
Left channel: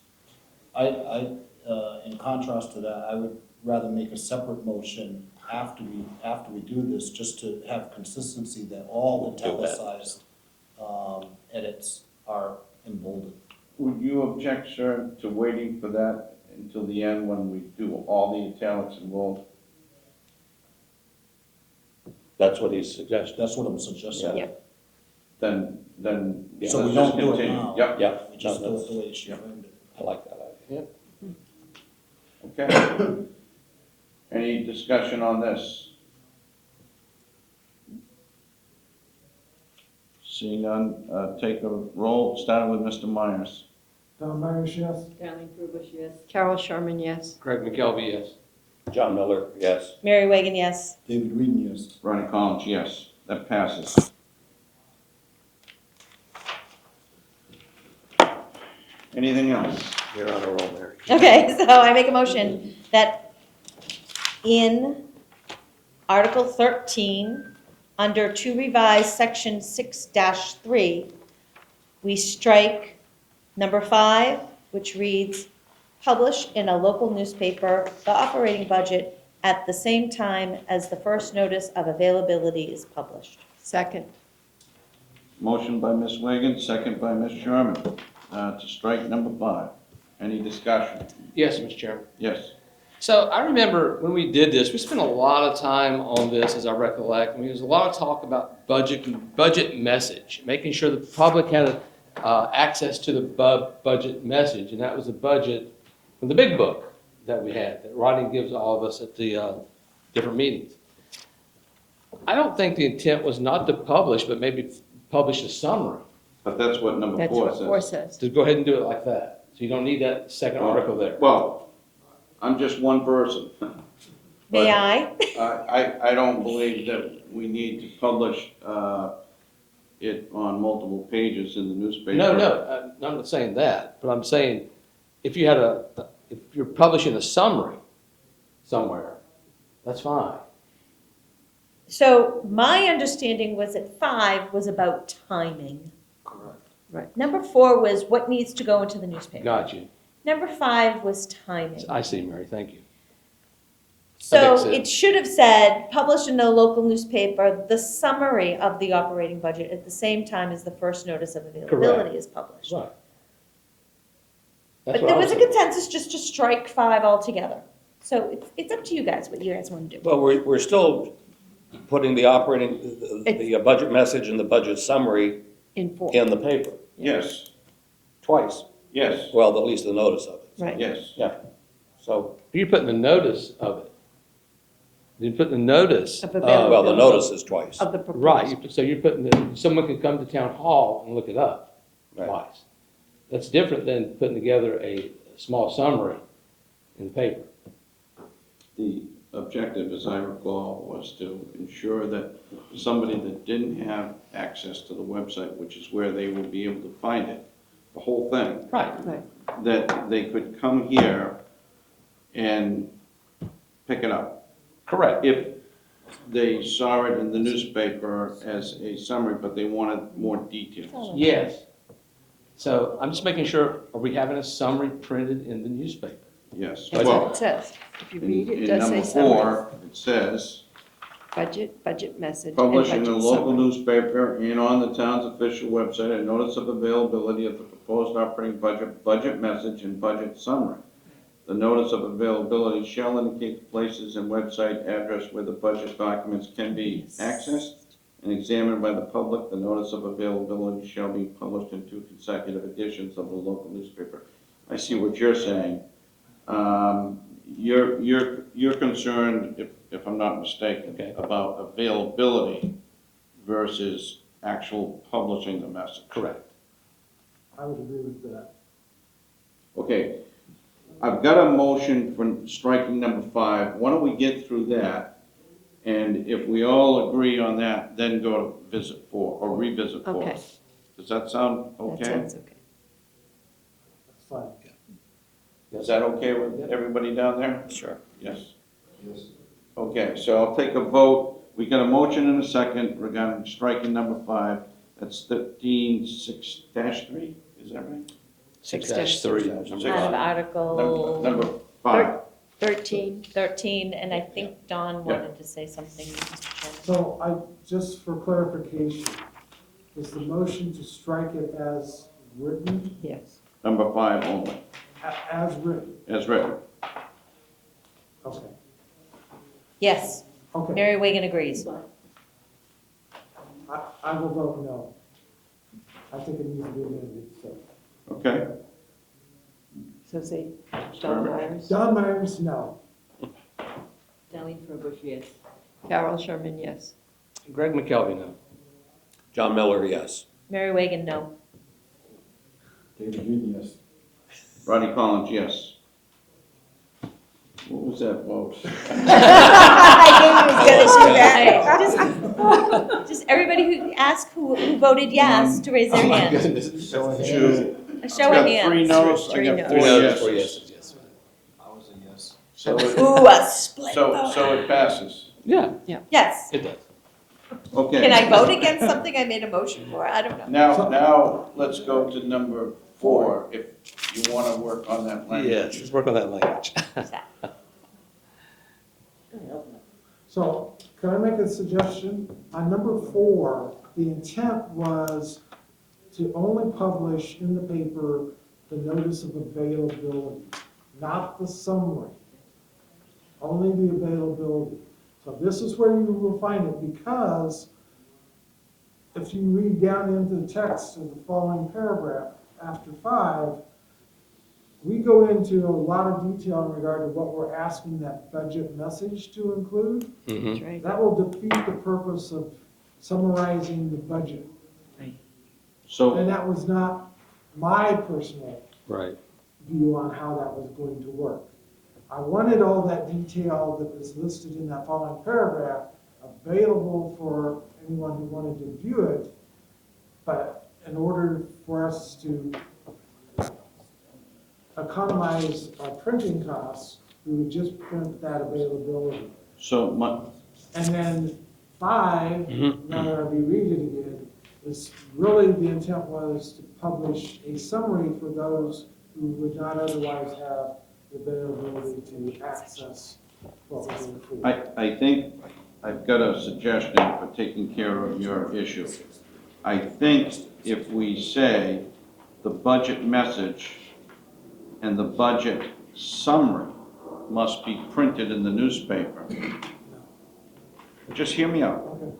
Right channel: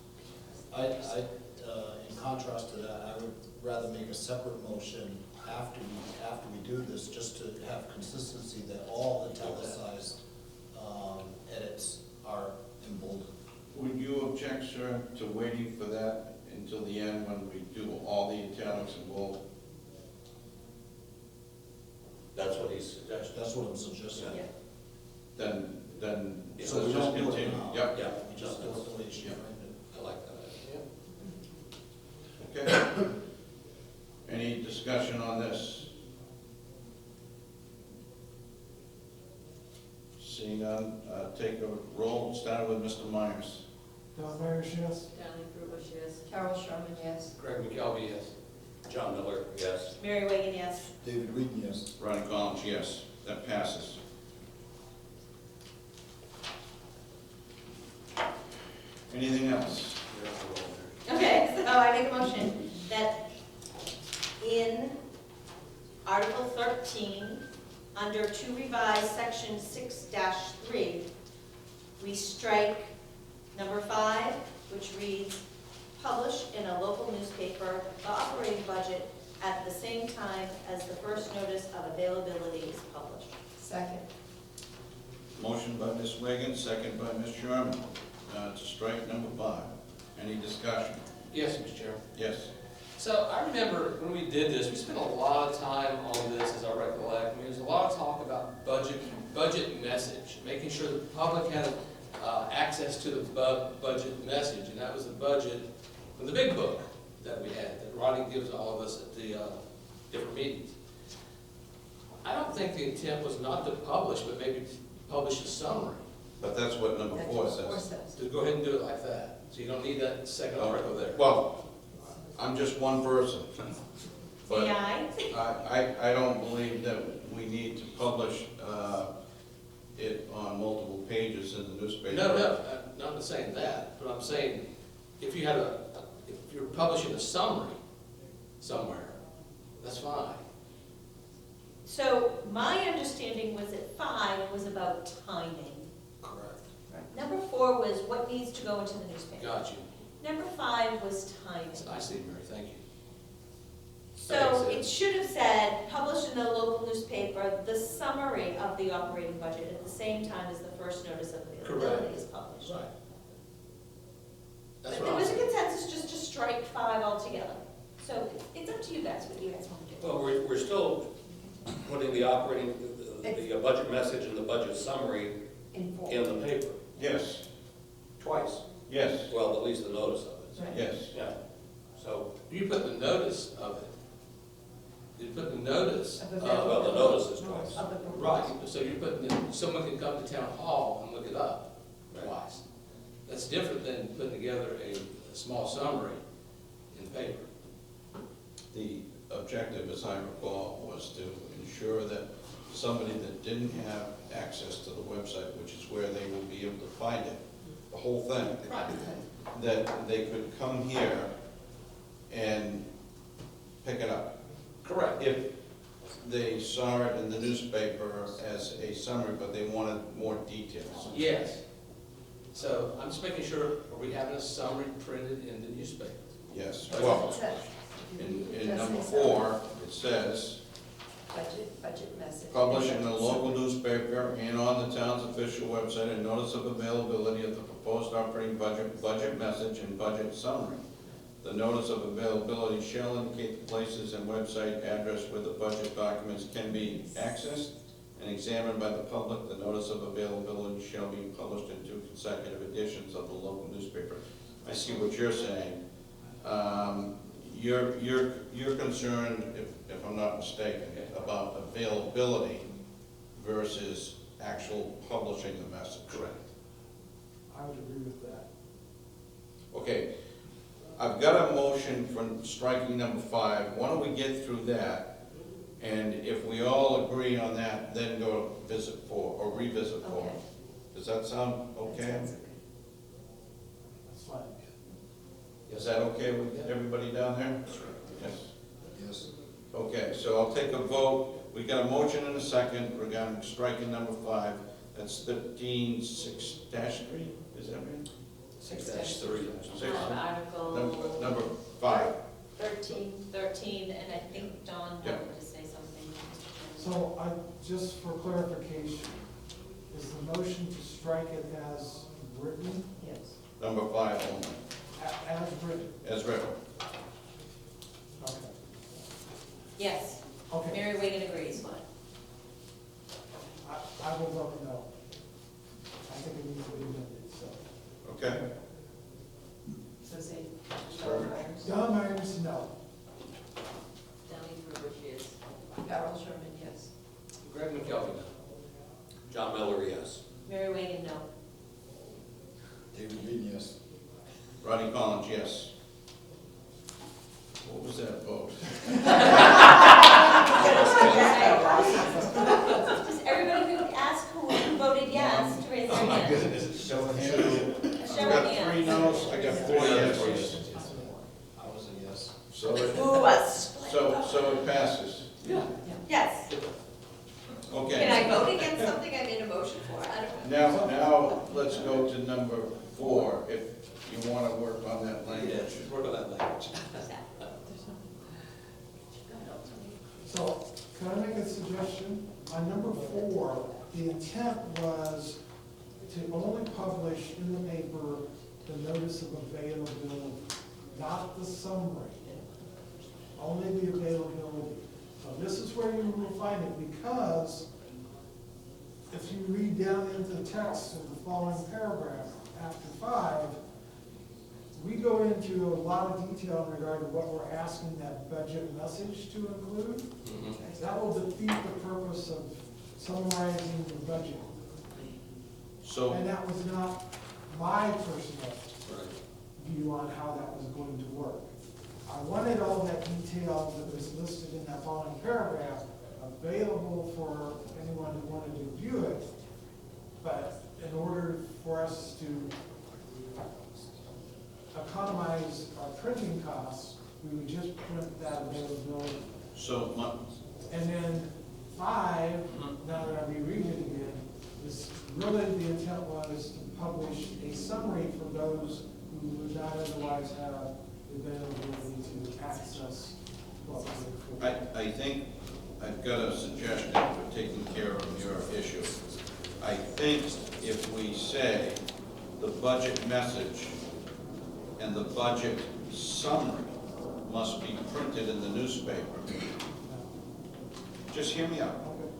In contrast to that, I would rather make a separate motion after we do this, just to have consistency that all italicized edits are in bold. Would you object, sir, to waiting for that until the end when we do all the italics in bold? That's what he's suggesting. That's what I'm suggesting. Yeah. Then, Yeah. So we let's don't just do it continue. now. Yep. Yeah. You just No, do that's- it the way she framed it. I like that idea. Okay. Any discussion on this? Seeing none, take a roll, starting with Mr. Myers. John Myers, yes. Darlene Ferguson, yes. Carol Sherman, yes. Greg McKelvey, yes. John Miller, yes. Mary Wagon, yes. David Whedon, yes. Ronnie Collins, yes. That passes. Anything else? You're on a roll, Mary. Okay, so I make a motion that in Article 13, under to revise section 6-3, we strike number 5, which reads, publish in a local newspaper the operating budget at the same time as the first notice of availability is published. Second. Motion by Ms. Reagan, second by Ms. Sherman, to strike number 5. Any discussion? Yes, Mr. Chairman. Yes. So I remember when we did this, we spent a lot of time on this, as I recollect. I mean, there was a lot of talk about budget message, making sure the public had access to the budget message, and that was the budget, the big book that we had, that Rodney gives all of us at the different meetings. I don't think the intent was not to publish, but maybe publish a summary. But that's what number That's 4 what says. 4 says. To go ahead and do it like that. So you don't need that second article there. Well, I'm just one person. But May I? I don't believe that we need to publish it on multiple pages in the newspaper. No, I'm not saying that, but I'm saying if you had if you're publishing a summary somewhere, that's fine. So my understanding was that 5 was about timing. Correct. Number 4 was what needs to go into the newspaper. Got you. Number 5 was timing. I see, Mary, thank you. So That makes it should have said, published in a local newspaper, the summary of the operating budget at the same time as the first notice of availability Correct. is published. Right. But That's what there I was a saying. consensus just to strike 5 altogether. So it's up to you guys, what you guys want to do. Well, we're still putting the operating, the budget message and the budget summary In 4. in the paper, Yes, twice. yes, Well, at least the notice of it. Right. yes. Yeah. So, You're putting the notice of it. You're putting the notice. Of well, the notice is twice. Of the proposal. Right, so you're putting, someone can come to town hall and look it up Right. twice. That's different than putting together a small summary in the paper. The objective, as I recall, was to ensure that somebody that didn't have access to the website, which is where they would be able to find it, the whole thing, Right. Right. that they could come here and pick it up. Correct. If they saw it in the newspaper as a summary, but they wanted more details. Yes. So I'm just making sure, are we having a summary printed in the newspaper? Yes. That's Well, what it says. If you read it, it in does say number summary. 4, it says, Budget message. and publish in budget the local summary. newspaper and on the town's official website a notice of availability of the proposed operating budget message, and budget summary. The notice of availability shall indicate the places and website address where the budget documents can be accessed and examined by the public. The notice of availability shall be published in 2 consecutive editions of the local newspaper. I see what you're saying. You're concerned, if I'm not mistaken, Okay. about availability versus actual publishing the message. Correct. I would agree with that. Okay, I've got a motion for striking number 5. Why don't we get through that? And if we all agree on that, then go to visit 4, or revisit 4. Okay. Does that sound That okay? sounds okay. That's fine. Is that okay with everybody down there? Sure. Yes. Okay, so I'll take a vote. We got a motion and a second regarding striking number 5. That's 13-6-3, is that right? 6-3. Out of Article Number 5. 13. 13, and I think Don Yeah. wanted to say something, Mr. Chairman. So just for clarification, is the motion to strike it as written, Yes. Number 5 only, as written? as written. Okay. Yes, Okay, Mary Wagan agrees. I will vote no. I think it needs to be amended, so. Okay? So say Don Myers. Don Myers, no. Sally Krueger, yes. Carol Sherman, yes. Greg McKelvey, no. John Miller, yes. Mary Wagan, no. David Mead, yes. Rodney Collins, yes. What was that vote? I knew he was gonna do that. Just everybody who asked who voted yes to raise their hand. Two. A show of I got hands. 3 no's, I got 4 yeses. I was a yes. So it- Ooh, a split So vote. it passes. Yeah, Yes. it does. Okay. Can I vote against something I made a motion for? I don't know. Now, let's go to number 4, if you want to work on that language. Yes, let's work on that language. So, can I make a suggestion? On number 4, the intent was to only publish in the paper the notice of availability, not the summary. Only the availability. So this is where you will find it, because if you read down into the text of the following paragraph, after 5, we go into a lot of detail in regard to what we're asking that budget message to include. Mhm. That will defeat the purpose of summarizing the budget. So, And that was not my personal Right. view on how that was going to work. I wanted all that detail that was listed in that following paragraph available for anyone who wanted to view it, but in order for us to economize our printing costs, we would just print that availability. so And then 5, now that I reread it again, is really the intent was to publish a summary for those who would not otherwise have the availability to access what was included. I think I've got a suggestion for taking care of your issue. I think if we say the budget message and the budget summary must be printed in the newspaper. Just hear me out. Okay.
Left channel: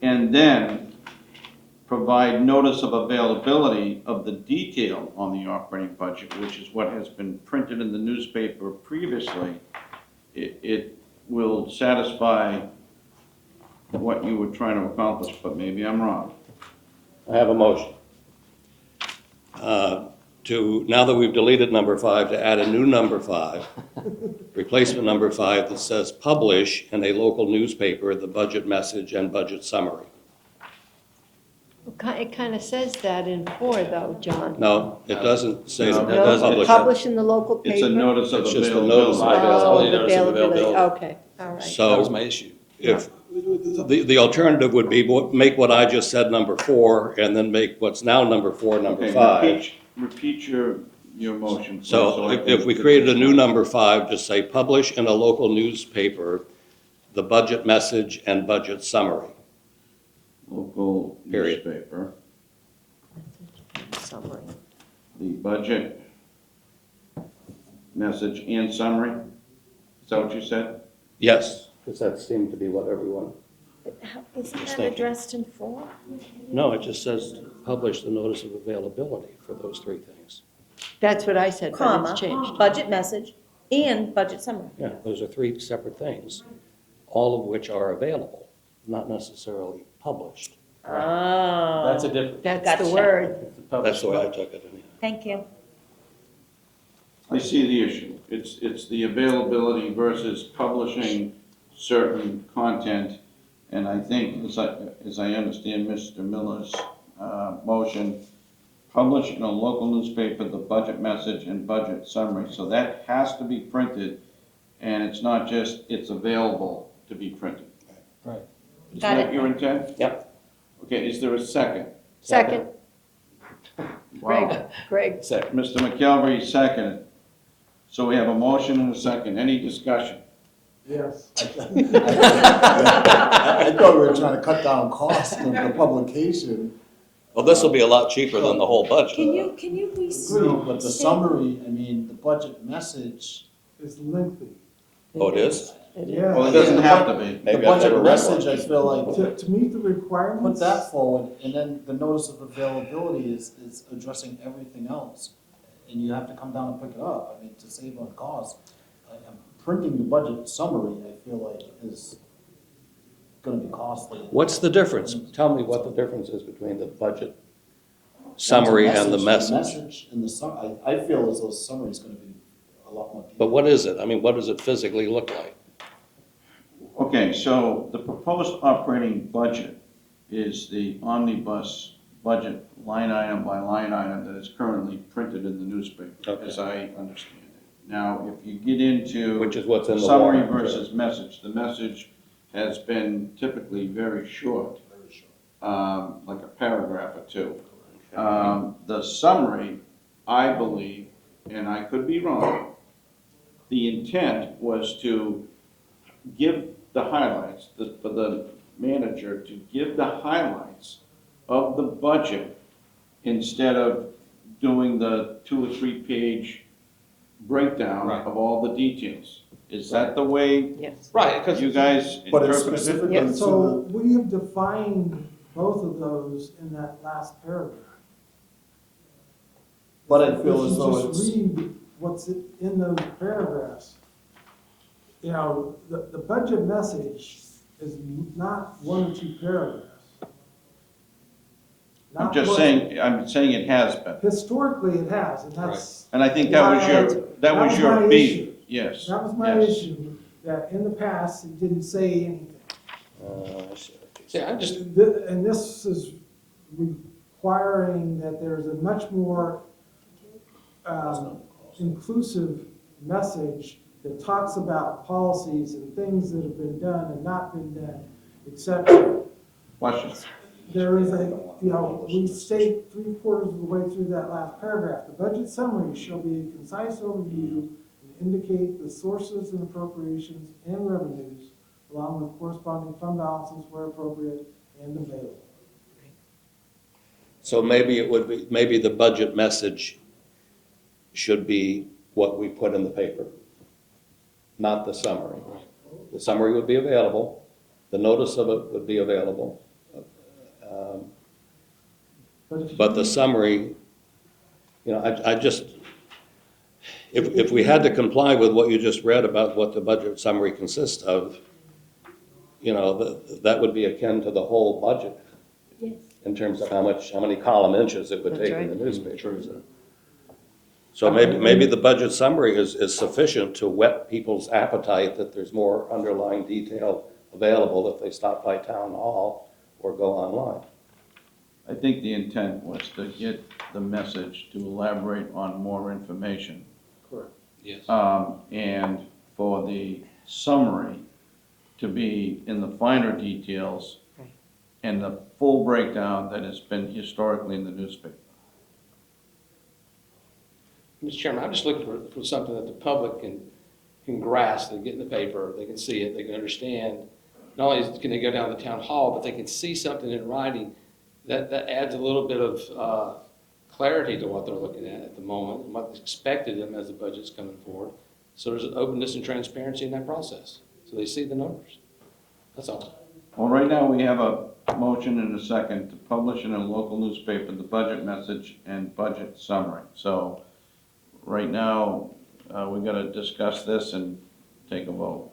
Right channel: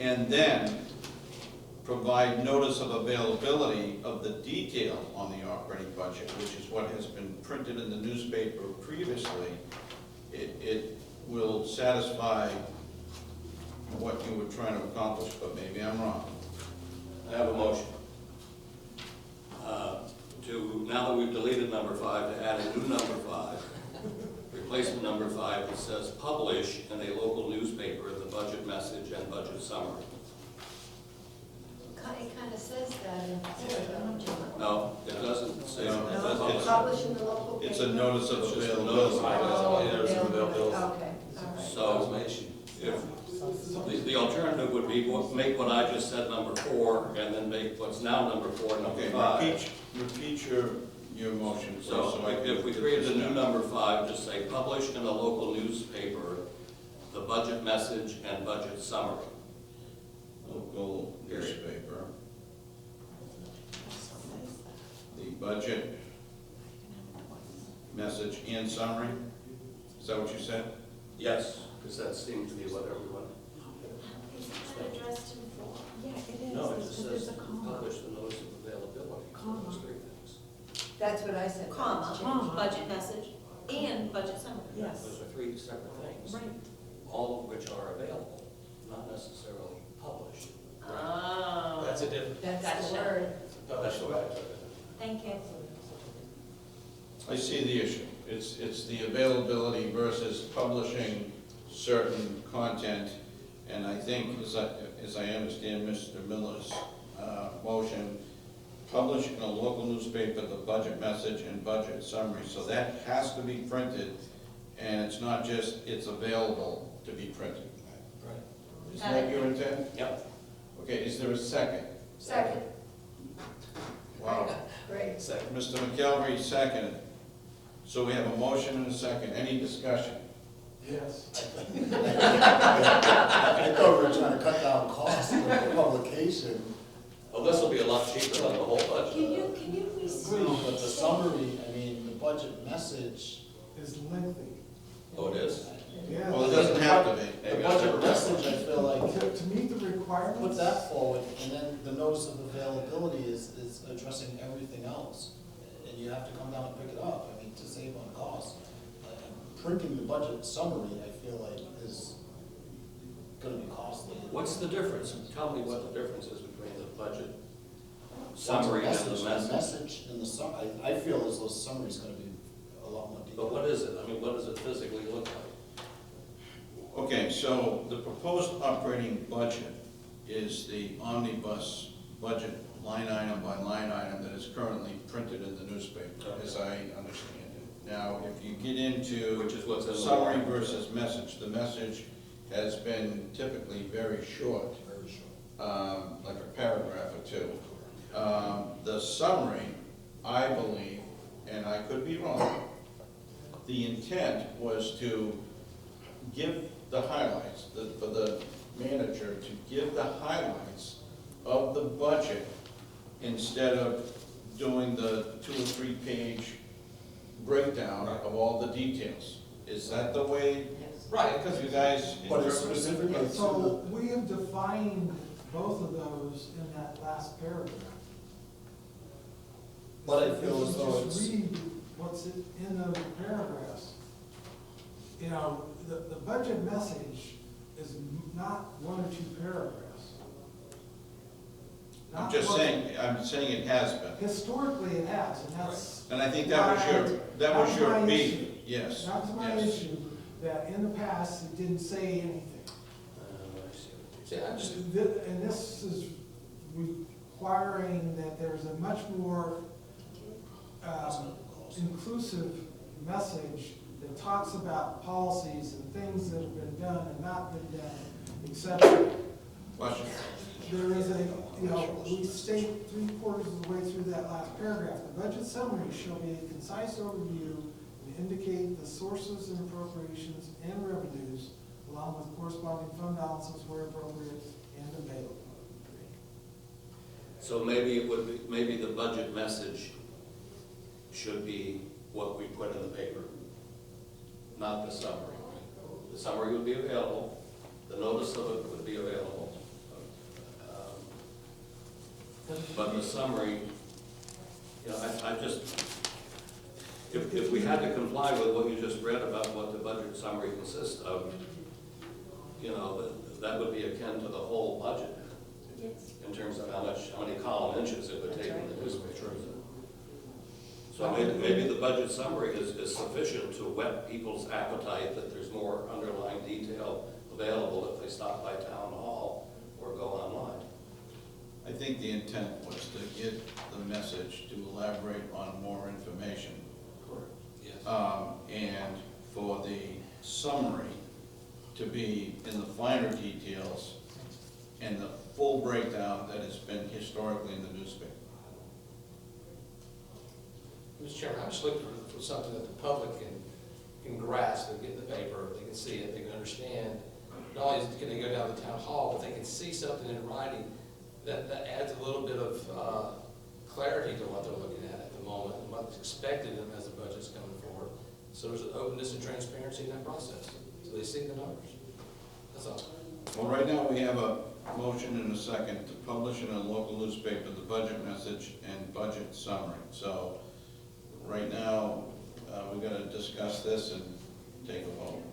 And then provide notice of availability of the detail on the operating budget, which is what has been printed in the newspaper previously. It will satisfy what you were trying to accomplish, but maybe I'm wrong. I have a motion. Now that we've deleted number 5, to add a new number 5, replacement number 5 that says publish in a local newspaper the budget message and budget summary. It kind of says that in 4, though, John. No, it doesn't say No. that. No, Publish. publish in the local paper. It's a notice of It's just a notice of availability. Oh, availability. availability, okay, all right. So, That was my issue. if, the alternative would be make what I just said number 4, and then make what's now number 4, number Okay, 5. repeat your motion. So I if can we fit created a this new in. number 5, just say publish in a local newspaper the budget message and budget summary. Local Period. newspaper, Summary. the budget message and summary? Is that what you said? Yes, because that seems to be what everyone, Isn't that Thank you. addressed in 4? no, it just says publish the notice of availability for those 3 things. That's what I said, but Comma, it's changed. budget message and budget summary. Yeah, those are 3 separate things, all of which are available, not necessarily published. Oh. That's a difference. That's Gotcha. the word. That's the way I took it. Thank you. I see the issue. It's the availability versus publishing certain content. And I think, as I understand Mr. Miller's motion, publish in a local newspaper the budget message and budget summary. So that has to be printed, and it's not just, it's available to be printed. Right. Is Got that it. your intent? Yep. Okay, is there a second? Second, Wow. Greg. Mr. McKelvey seconded. So we have a motion and a second. Any discussion? Yes. I thought we were trying to cut down costs of the publication. Well, this will be a lot cheaper than the whole budget. Can you please? No, but the summary, I mean, the budget message. Is lengthy. Oh, it is? Yeah. Well, it doesn't have to be. Maybe The I've never budget read message, I one. feel like, To meet the put requirements. that forward, and then the notice of availability is addressing everything else. And you have to come down and pick it up, I mean, to save on cost. Printing the budget summary, I feel like, is gonna be costly. What's the difference? Tell me what the difference is between the budget summary and the The message. message and the I feel as though the summary's gonna be a lot more detailed. But what is it? I mean, what does it physically look like? Okay, so the proposed operating budget is the omnibus budget line item by line item that is currently printed in the newspaper, as I understand it. Now, if you get into Which is what's in the summary warrant. versus message, the message has been typically very short, like a paragraph or two. The summary, I believe, and I could be wrong, the intent was to give the highlights, for the manager to give the highlights of the budget instead of doing the 2 or 3 page breakdown of all the details. Is that the way Yes. Right, because you guys But it's interpret it? specific Yeah. to So we have defined both of those in that last paragraph. But I feel as If though you it's, just read what's in those paragraphs, you know, the budget message is not 1 or 2 paragraphs. I'm Not just what- saying, I'm saying it has been. Historically, it has, and that's. And I think that was your my beef, issue. yes. That was my yes. issue, that in the past, it didn't say anything. Yeah, I'm just, And this is requiring that there's a much more inclusive message that talks about policies and things that have been done and not been done, etc. Question. There is a, you know, we state 3/4 of the way through that last paragraph. The budget summary shall be a concise overview and indicate the sources and appropriations and revenues, along with corresponding fund balances where appropriate and available. So maybe it would be, maybe the budget message should be what we put in the paper, not the summary. The summary would be available, the notice of it would be available. But the summary, you know, I just, if we had to comply with what you just read about what the budget summary consists of, you know, that would be akin to the whole budget in terms of how many column inches it would That's take in the right. newspaper. So maybe the budget summary is sufficient to whet people's appetite that there's more underlying detail available if they stop by town hall or go online. I think the intent was to get the message to elaborate on more information. Correct. yes. And for the summary to be in the finer details and the full breakdown that has been historically in the newspaper. Mr. Chairman, I'm just looking for something that the public can grasp, they get in the paper, they can see it, they can understand. Not only can they go down to the town hall, but they can see something in writing that adds a little bit of clarity to what they're looking at the moment, and what's expected of them as the budget's coming forward. So there's openness and transparency in that process, so they see the numbers. That's all. Well, right now, we have a motion and a second to publish in a local newspaper the budget message and budget summary. So, right now, we gotta discuss this and take a vote.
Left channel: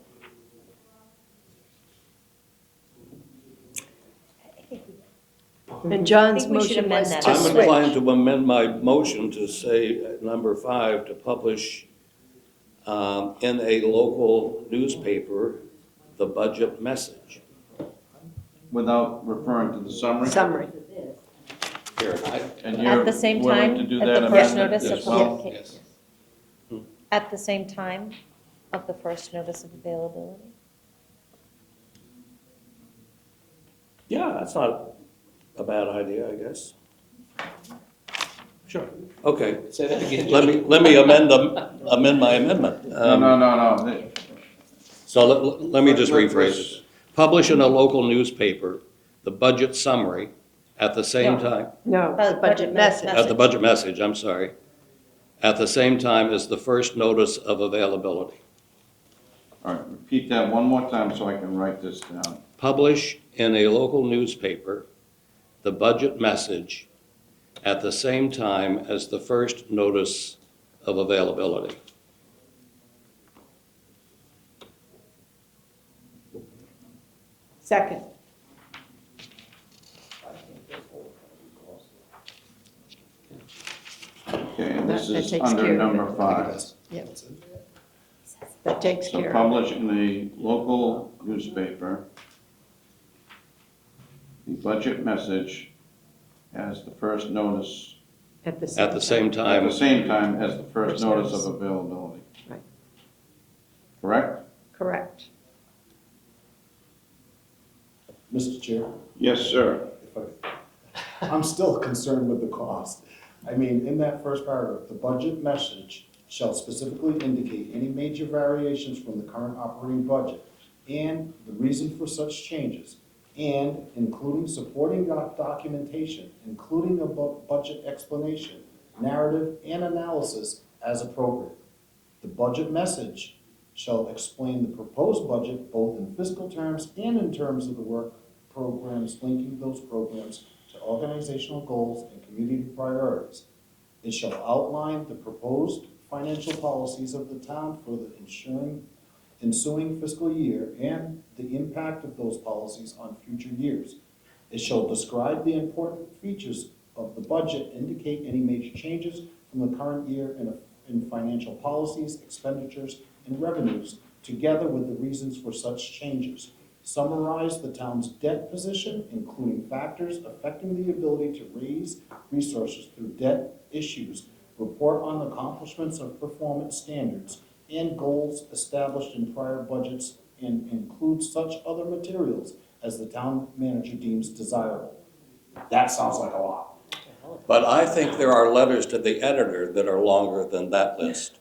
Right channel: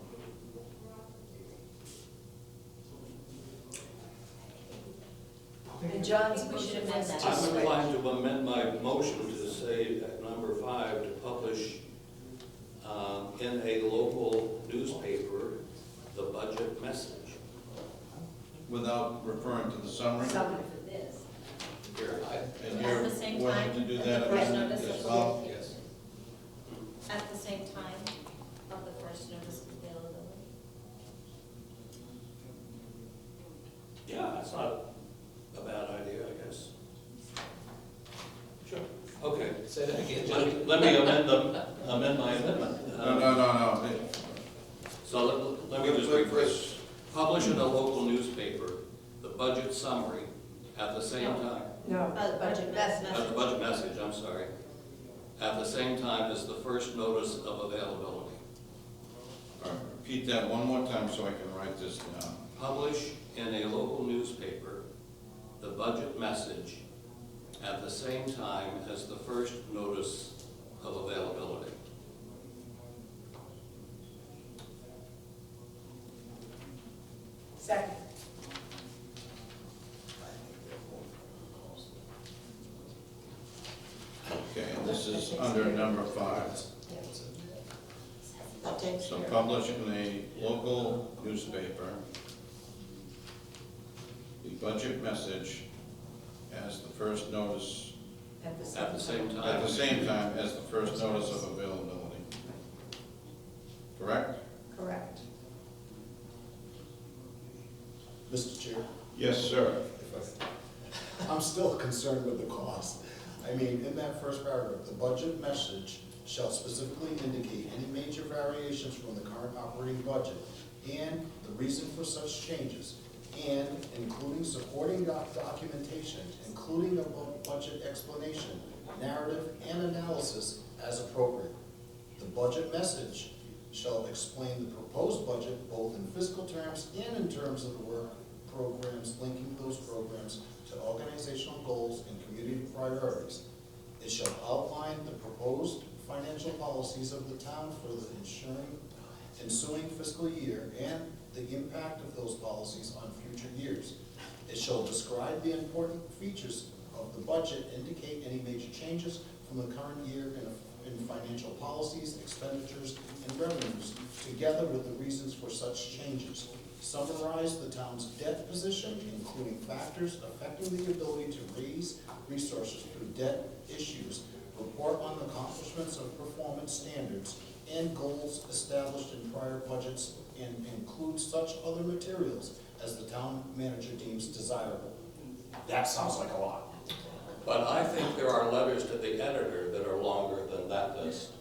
And John's I think we should motion amend was that. to I'm switch. inclined to amend my motion to say at number 5, to publish in a local newspaper the budget message. Without referring to the summary? Summary. Here, And you're At the same willing time, to do at that the first amendment notice as of well? publication. yes. At the same time of the first notice of availability. Yeah, that's not a bad idea, I guess. Sure. Okay, Say that again. let me amend my amendment. No. So let me just rephrase it. Publish in a local newspaper the budget summary at the same time, No, the budget message. at the budget message, I'm sorry, at the same time as the first notice of availability. All right, repeat that one more time so I can write this down. Publish in a local newspaper the budget message at the same time as the first notice of availability. Second. Okay, and this That is takes under care of number it. 5. Yes. That takes So care of publish in the local newspaper the budget message as the first notice, at the At the same at time, the same time as the first notice of availability. Right. Correct? Correct. Mr. Chair, Yes, sir. I'm still concerned with the cost. I mean, in that first paragraph, the budget message shall specifically indicate any major variations from the current operating budget and the reason for such changes, and including supporting documentation, including a budget explanation, narrative, and analysis as appropriate. The budget message shall explain the proposed budget both in fiscal terms and in terms of the work programs, linking those programs to organizational goals and community priorities. It shall outline the proposed financial policies of the town for the ensuing fiscal year and the impact of those policies on future years. It shall describe the important features of the budget, indicate any major changes from the current year in financial policies, expenditures, and revenues, together with the reasons for such changes. Summarize the town's debt position, including factors affecting the ability to raise resources through debt issues, report on the accomplishments of performance standards and goals established in prior budgets, and include such other materials as the town manager deems desirable. That sounds like a lot. but I think there are letters to the editor that are longer than that list.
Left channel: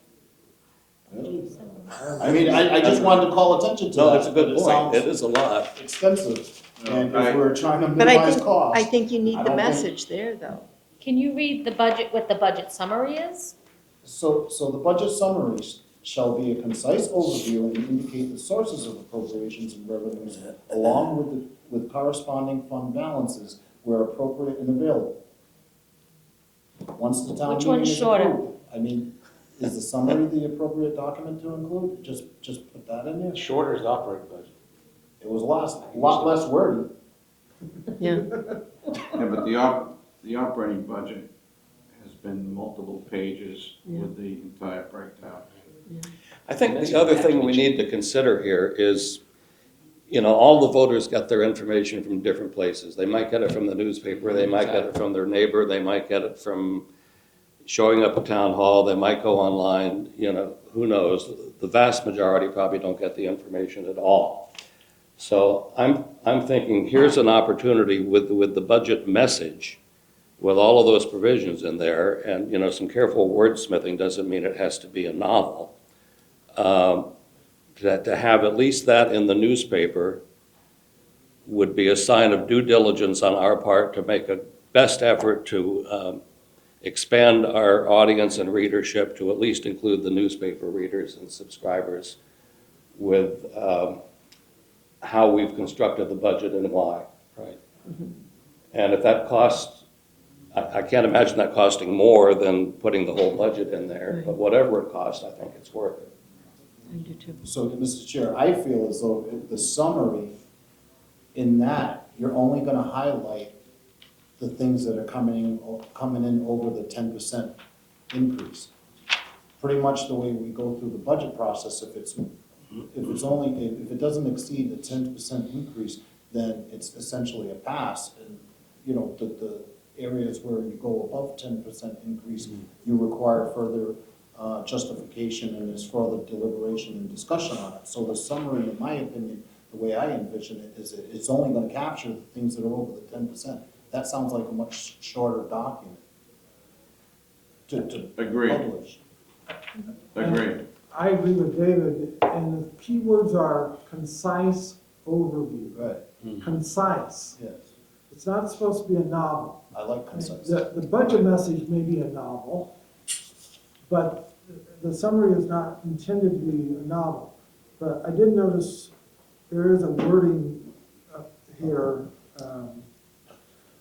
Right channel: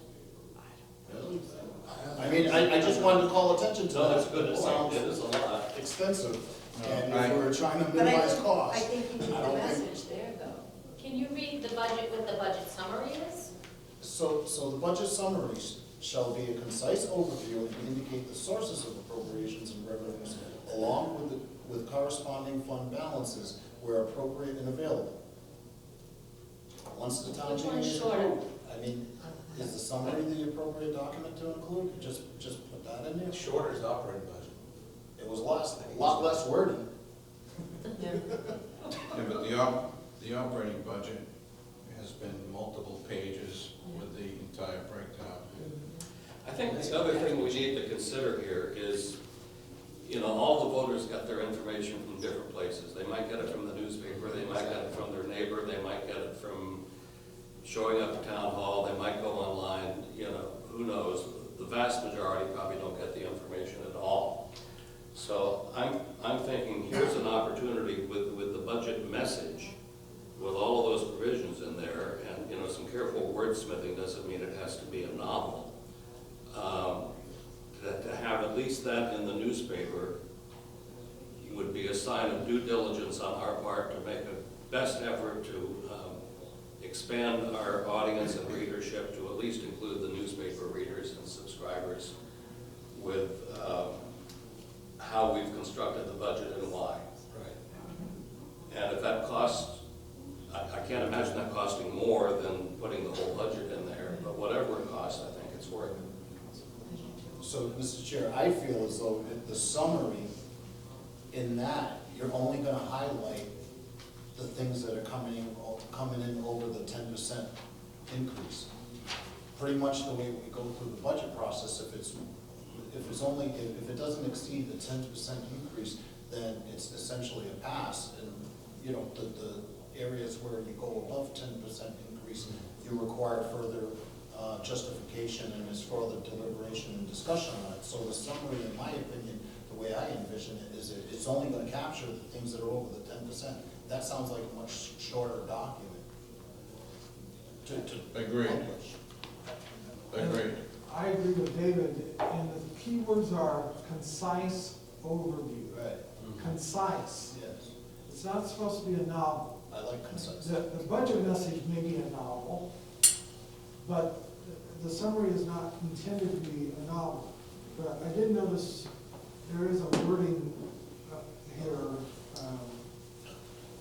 I mean, I just wanted to call attention to that. No, it's a good It point. sounds It is a lot. extensive, and I- if we're trying to But minimize costs. I think you need I the don't think- message there, though. Can you read the budget, what the budget summary is? So the budget summaries shall be a concise overview and indicate the sources of appropriations and revenues along with corresponding fund balances where appropriate and available. Once the town Which meeting one's is shorter? approved, I mean, is the summary the appropriate document to include? Just put that in there. Shorter is the operating budget. It was a lot less wordy. Yeah. Yeah, but the operating budget has been multiple pages with the entire breakdown. I think the other thing we need to consider here is, you know, all the voters got their information from different places. They might get it from the newspaper, they might get it from their neighbor, they might get it from showing up at town hall, they might go online, you know, who knows? The vast majority probably don't get the information at all. So I'm thinking, here's an opportunity with the budget message, with all of those provisions in there, and, you know, some careful wordsmithing doesn't mean it has to be a novel. That to have at least that in the newspaper would be a sign of due diligence on our part to make a best effort to expand our audience and readership to at least include the newspaper readers and subscribers with how we've constructed the budget and why. Right. And if that costs, I can't imagine that costing more than putting the whole budget in there, but whatever it costs, I think it's worth it. So, Mr. Chair, I feel as though the summary in that, you're only gonna highlight the things that are coming in over the 10% increase. Pretty much the way we go through the budget process, if it doesn't exceed the 10% increase, then it's essentially a pass. And, you know, the areas where you go above 10% increase, you require further justification and it's further deliberation and discussion on it. So the summary, in my opinion, the way I envision it, is it's only gonna capture the things that are over the 10%. That sounds like a much shorter document to Agreed. publish. Agreed. I agree with David, and the key words are concise overview. Right, Concise. yes. It's not supposed to be a novel. I like concise. The budget message may be a novel, but the summary is not intended to be a novel. But I did notice there is a wording here,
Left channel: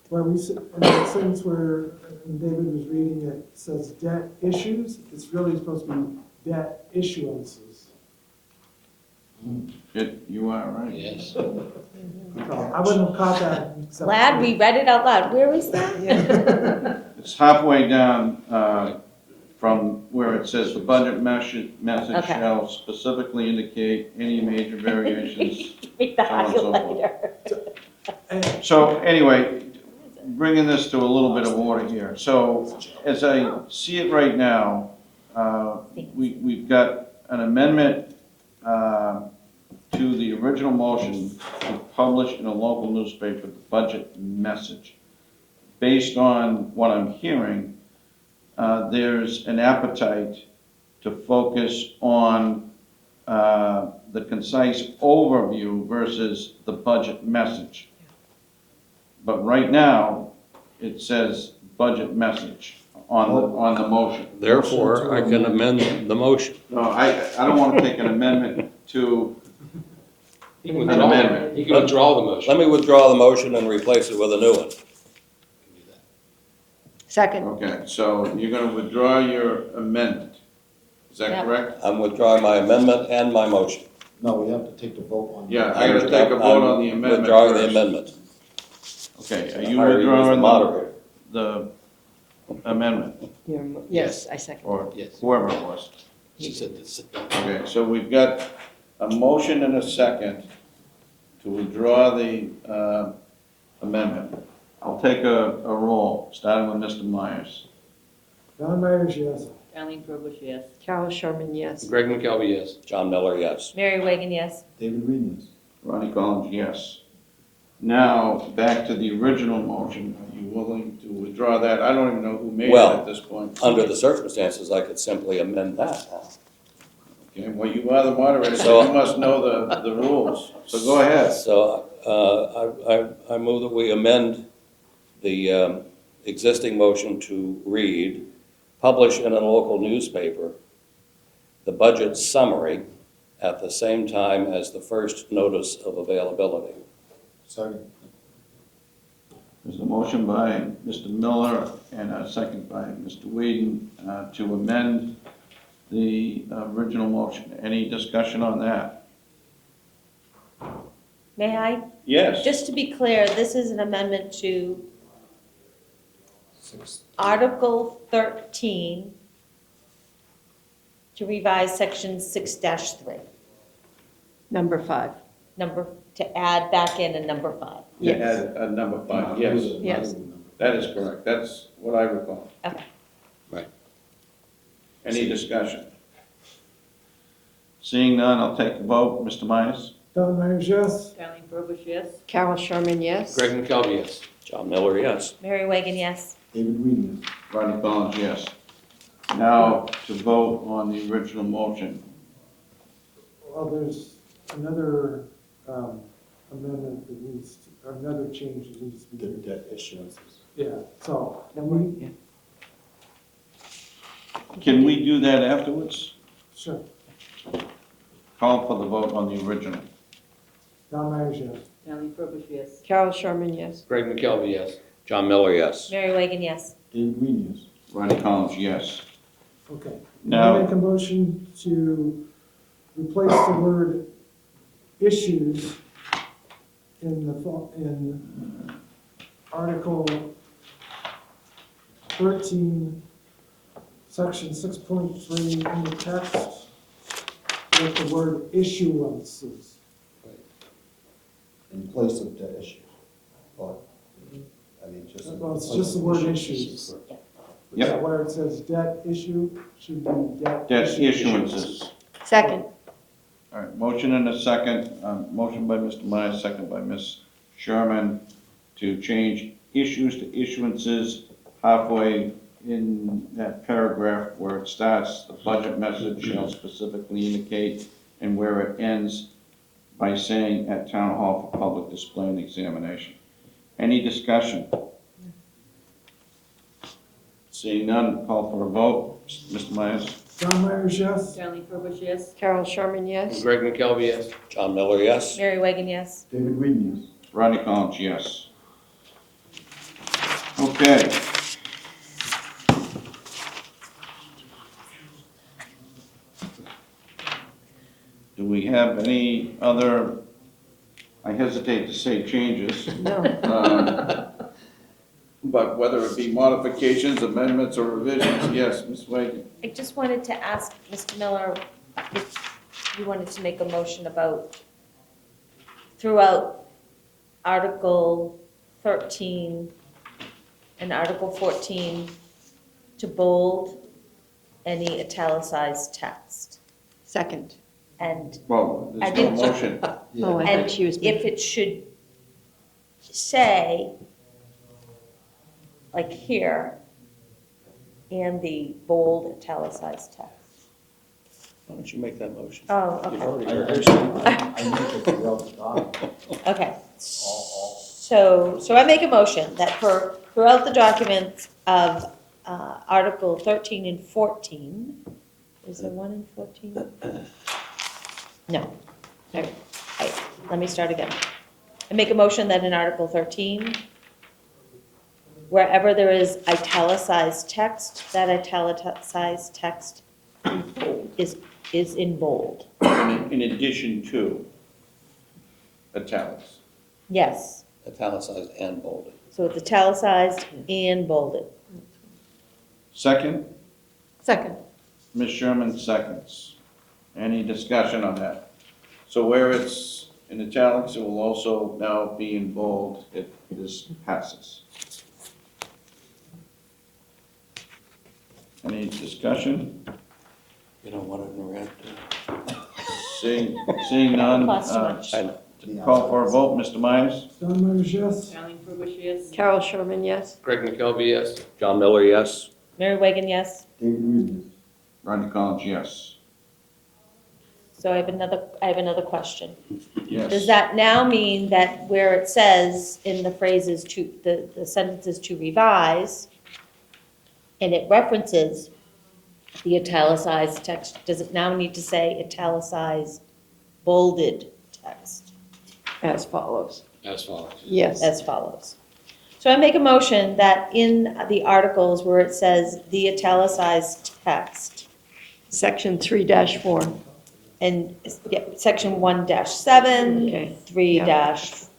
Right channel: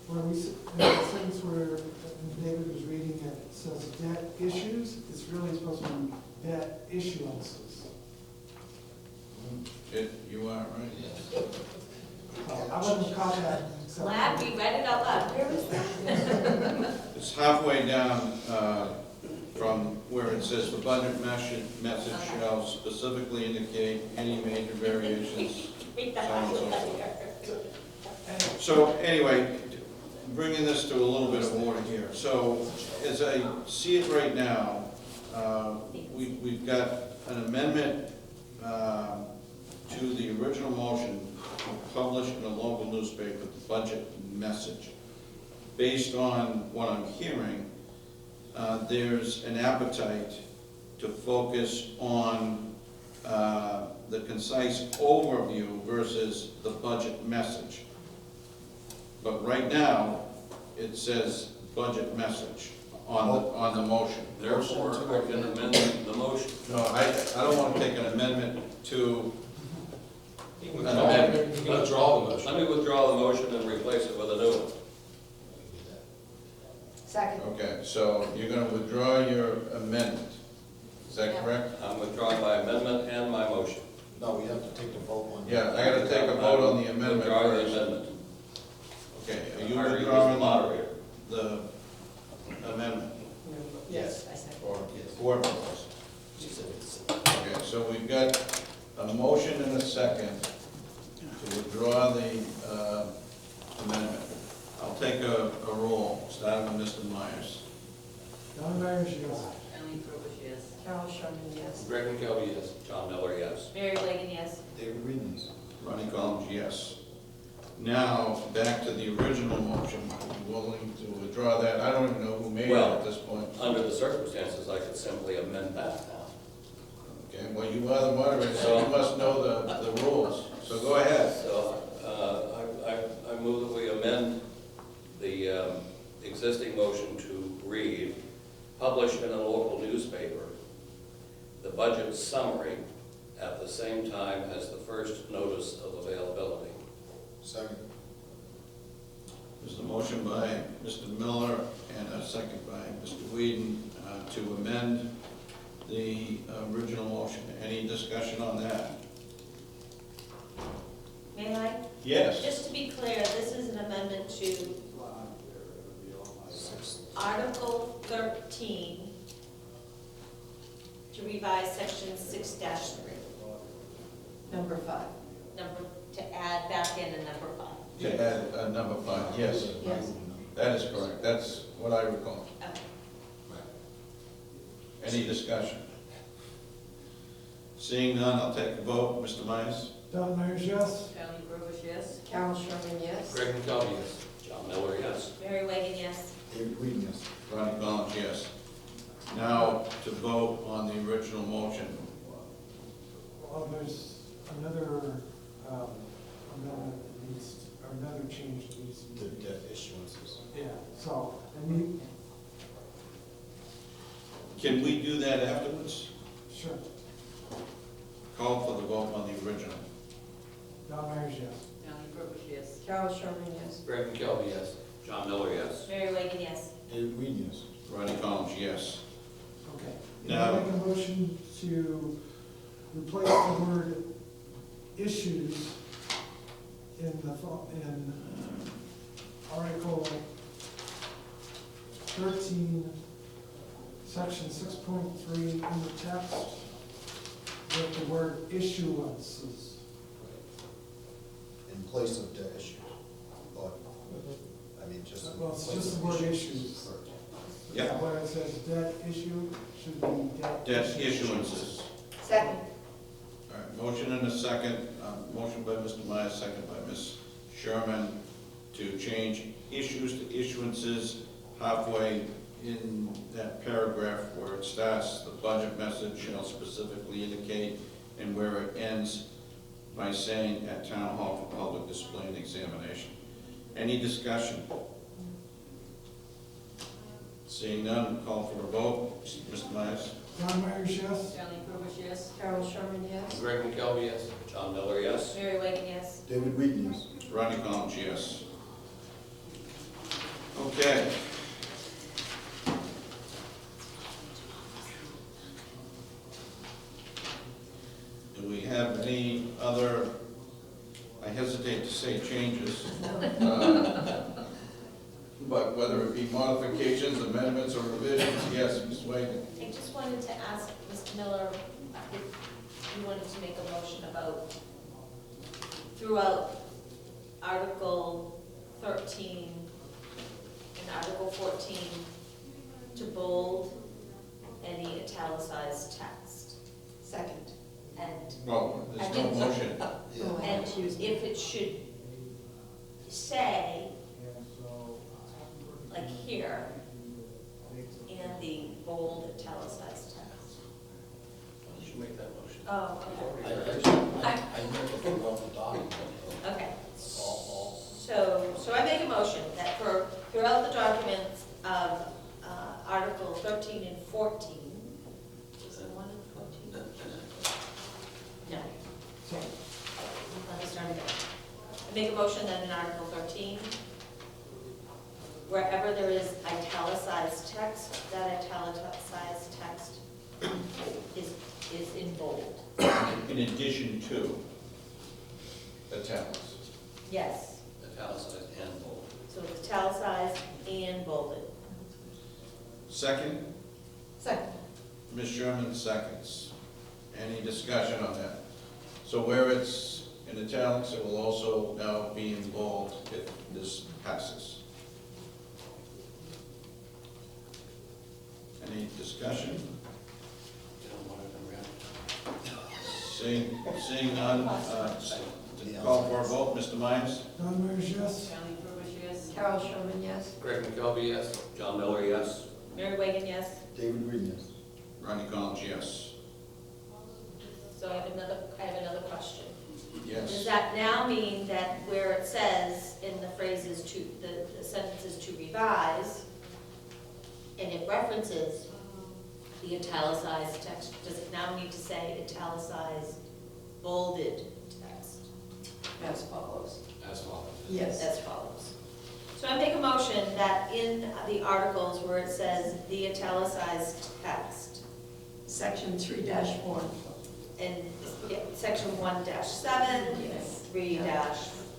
where in the sentence where David was reading it, says debt issues, it's really supposed to be debt issuances. You are right. Yes. No, I wouldn't have caught that. except- Glad we read it out loud. Where is that? It's halfway down, from where it says the budget message Okay. shall specifically indicate any major variations. Read the So on and so forth. highlighter. So anyway, bringing this to a little bit of order here. So as I see it right now, we've got an amendment to the original motion to publish in a local newspaper the budget message. Based on what I'm hearing, there's an appetite to focus on the concise overview versus the budget message. But right now, it says budget message on the motion. Therefore, I can amend the motion. No, I don't want to take an amendment to He can an withdraw- amendment. He can withdraw the motion. Let me withdraw the motion and replace it with a new one. Second. Okay, so you're going to withdraw your amendment. Is that Yeah. correct? I'm withdrawing my amendment and my motion. No, we have to take a vote on it. Yeah, I got to take a vote on the I'm amendment withdrawing the first. amendment. Okay, are you I already was the withdrawing moderator. the amendment, Yes, I second. or Yes. whoever it was? She said this. Okay, so we've got a motion and a second to withdraw the amendment. I'll take a roll, starting with Mr. Myers. Don Myers, yes. Stanley Burbidge, yes. Carol Sherman, yes. Greg McKelvey, yes. John Miller, yes. Mary Wagon, yes. David Reed, yes. Ronnie Collins, yes. Now, back to the original motion. Are you willing to withdraw that? I don't even know who made it Well, at this point. Under the circumstances, I could simply amend that now. Okay, well, you are the moderator, so you must know the rules. So go ahead. So I move that we amend the existing motion to read, publish in a local newspaper the budget summary at the same time as the first notice of availability. Second. There's a motion by Mr. Miller and a second by Mr. Whedon to amend the original motion. Any discussion on that? May I? Yes. Just to be clear, this is an amendment to Article 13 to revise Section 6-3, Number 5. to add back in a number 5. Yeah, add number 5, yes. Yes. That is correct. That's what I recall. Okay. Any discussion? Seeing none, I'll take a vote. Mr. Myers? Don Myers, yes. Stanley Burbidge, yes. Carol Sherman, yes. Greg McKelvey, yes. John Miller, yes. Mary Wagon, yes. David Reed, yes. Ronnie Collins, yes. Now to vote on the original motion. Well, there's another amendment that needs, or another change that needs to be The made. debt issuances. Yeah, so, and we, Can we do that afterwards? sure, Call for the vote on the original. Don Myers, yes. Stanley Burbidge, yes. Carol Sherman, yes. Greg McKelvey, yes. John Miller, yes. Mary Wagon, yes. David Reed, yes. Ronnie Collins, yes. Okay. Now- I make a motion to replace the word issues in in Article 13, Section 6.3 in the text, with the word issuances. In place of debt issues. But, I mean, just. Well, it's just the word issues. Yeah, where it says debt issue, should be debt. Debt issuances. Second. All right, motion and a second, motion by Mr. Myers, second by Ms. Sherman, to change issues to issuances halfway in that paragraph where it starts, the budget message shall specifically indicate, and where it ends by saying at town hall for public display and examination. Any discussion? Seeing none, call for a vote. Mr. Myers? Don Myers, yes. Stanley Burbidge, yes. Carol Sherman, yes. Greg McKelvey, yes. John Miller, yes. Mary Wagon, yes. David Reed, yes. Rodney Collins, yes. Okay. Do we have any other, I hesitate to say changes, No. but but whether it be modifications, amendments, or revisions, yes, Ms. Wade. I just wanted to ask Mr. Miller if you wanted to make a motion about throughout Article 13 and Article 14 to bold any italicized text. Second. And Well, I there's no didn't- motion. Oh, I And thought she was. if it should say, like here, and the bold italicized text. Why don't you make that motion? Oh, You've okay. already I heard it. actually, I make it throughout the document. Okay. So I make a motion that for, throughout the documents of Article 13 and 14, is there one in 14? No. Okay. Let me start again. I make a motion that in Article 13, wherever there is italicized text, that italicized text is in bold. In addition to italics. Yes. Italicized and bolded. So it's italicized and bolded. Second, Second. Ms. Sherman seconds. Any discussion on that? So where it's in italics, it will also now be in bold if this passes. Any discussion? You don't want it in red? Seeing none, Cost too much. I know. call for a vote, Mr. Myers? John Myers, yes. Carol Sherman, yes. Greg McKelvey, yes. John Miller, yes. Mary Wagon, yes. David Reed, yes. Ronnie Collins, yes. So I have another question. Yes. Does that now mean that where it says in the phrases to, the sentences to revise, and it references the italicized text, does it now need to say italicized, bolded text As follows. As follows. Yes. as follows? So I make a motion that in the articles where it says the italicized text, Section 3-4. and yeah, section 1-7, Okay. 3-4,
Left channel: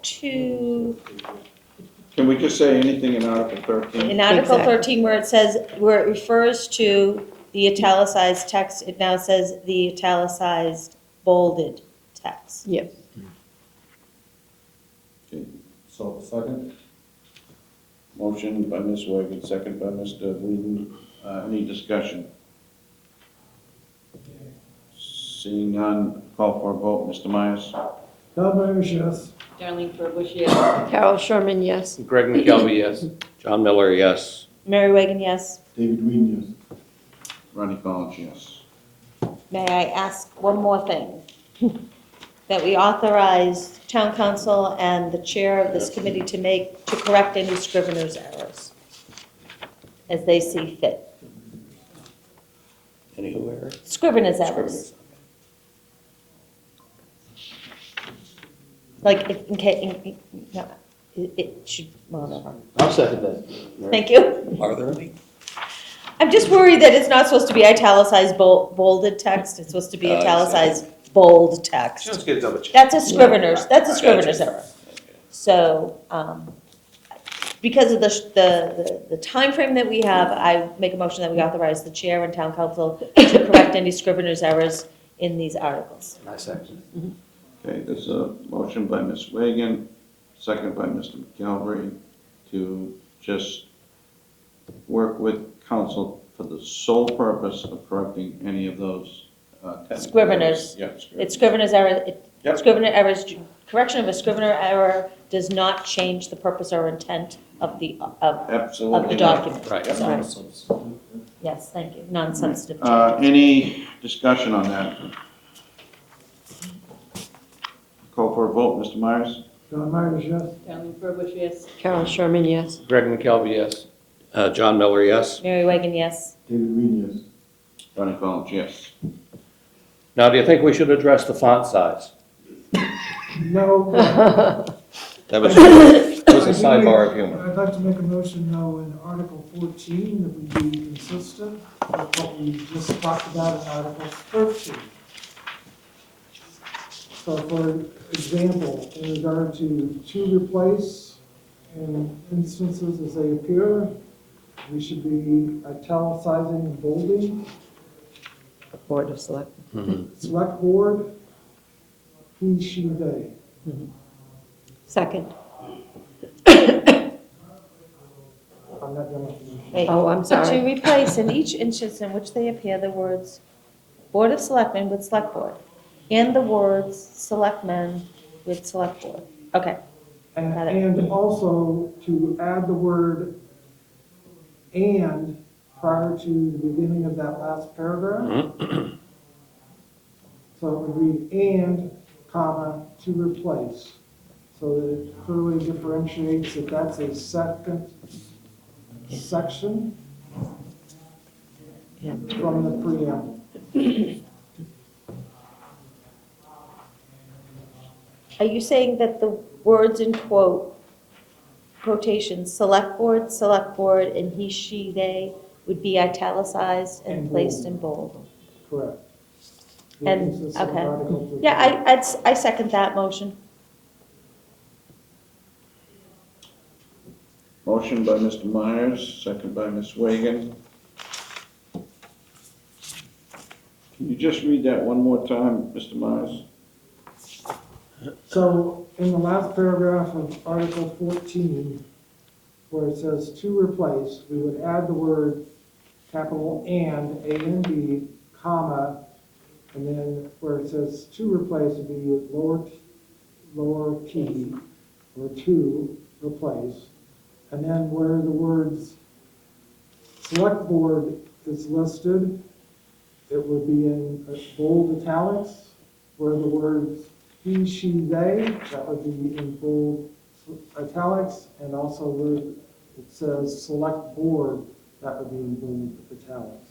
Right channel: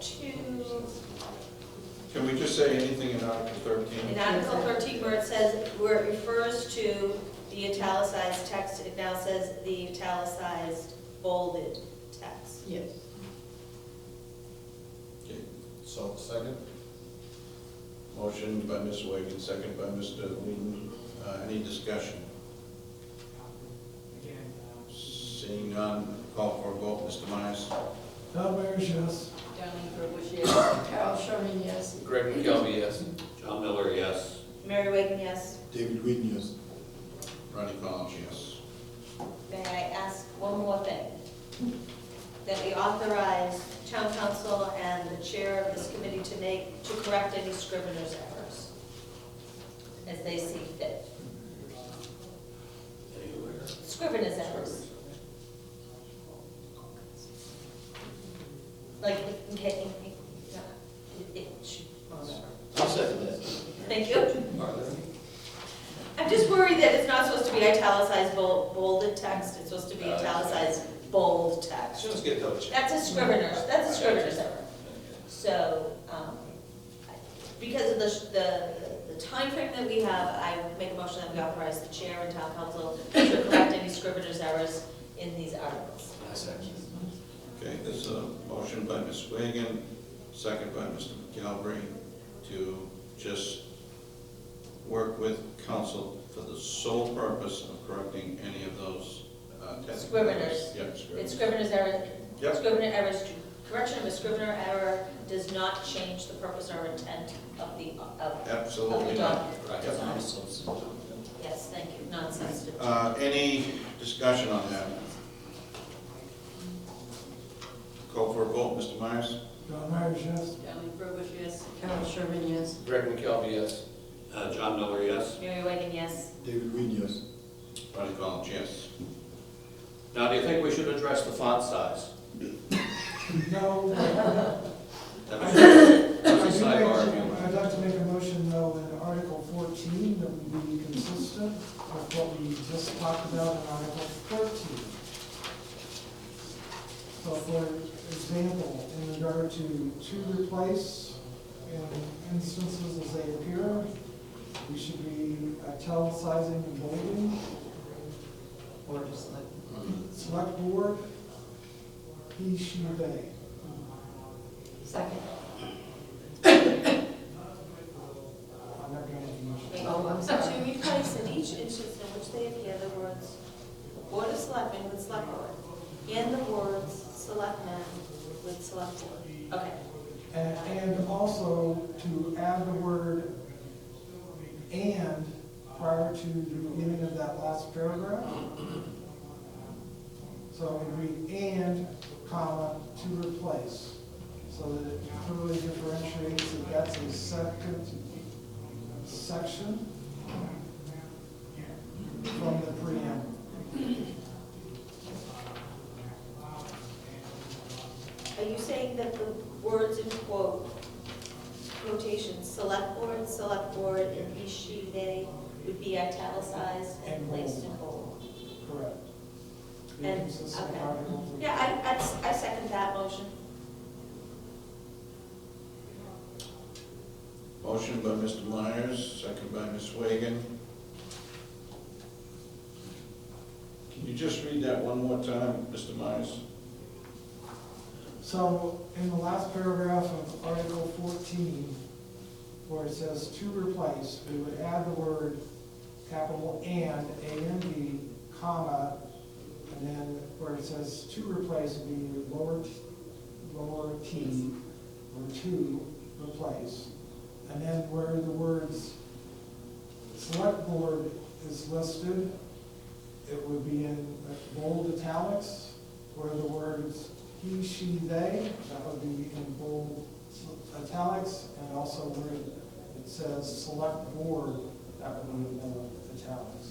6-2. Can we just say anything in Article 13? In Article Exactly. 13, where it says, where it refers to the italicized text, it now says the italicized bolded text. Yes. Okay. So, second? Motion by Ms. Wagon, second by Mr. Whedon. Any discussion? Seeing none, call for a vote. Mr. Myers? John Myers, yes. Carol Sherman, yes. Greg McKelvey, yes. John Miller, yes. Mary Wagon, yes. David Reed, yes. Ronnie Collins, yes. May I ask one more thing? That we authorize town council and the chair of this committee to correct any scrivener's errors as they see fit. Anywhere? Scrivener's errors. Like, it should, well, no, no. I'll second that. Thank you. Are there any? I'm just worried that it's not supposed to be italicized bolded text, it's supposed to be italicized bold text. Let's get double check. That's a scrivener's error. So, because of the timeframe that we have, I make a motion that we authorize the chair and town council to correct any scrivener's errors in these articles. I second. Okay, there's a motion by Ms. Reagan, second by Mr. McGalvery, to just work with council for the sole purpose of correcting any of those. Scriveners. Yeah, It's scrivener's error, Yep. scrivener errors, correction of a scrivener error does not change the purpose or intent of the Absolutely not. document. Right. So, yes, thank you, non-sensitive. Any discussion on that? Call for a vote, Mr. Myers? John Myers, yes. Carol Sherman, yes. Greg McKelvey, yes. John Miller, yes. Mary Wagon, yes. David Reed, yes. Ronnie Collins, yes. Now, do you think we should address the font size? No. That was a sidebar of humor. I'd like to make a motion, though, in Article 14, that we be consistent with what we just talked about in Article 13. So for example, in regard to replace, in instances as they appear, we should be italicizing and bolding. The Board of Select. Select board, he, she, they. Second. I'm not gonna. Wait. Oh, I'm So sorry. to replace in each instance in which they appear the words Board of Selectmen with Select Board and the words Selectmen with Select Board. Okay. Got it. And also to add the word "and" prior to the beginning of that last paragraph. So it would read "and, comma, to replace," so that it clearly differentiates that that's a second section from the preamble. Are you saying that the words in quotations, select board, and he, she, they would be italicized and And placed in bold? Correct. And, Consistent with okay. Article 13. Yeah, I second that motion. Motion by Mr. Myers, second by Ms. Wagon. Can you just read that one more time, Mr. Myers? So in the last paragraph of Article 14, where it says "to replace," we would add the word capital "and," A and B, comma, and then where it says "to replace," it would be lower t, or "to replace." And then where the words "select board" is listed, it would be in bold italics, where the words "he, she, they," that would be in bold italics, and also where it says "select board," that would be in bold italics.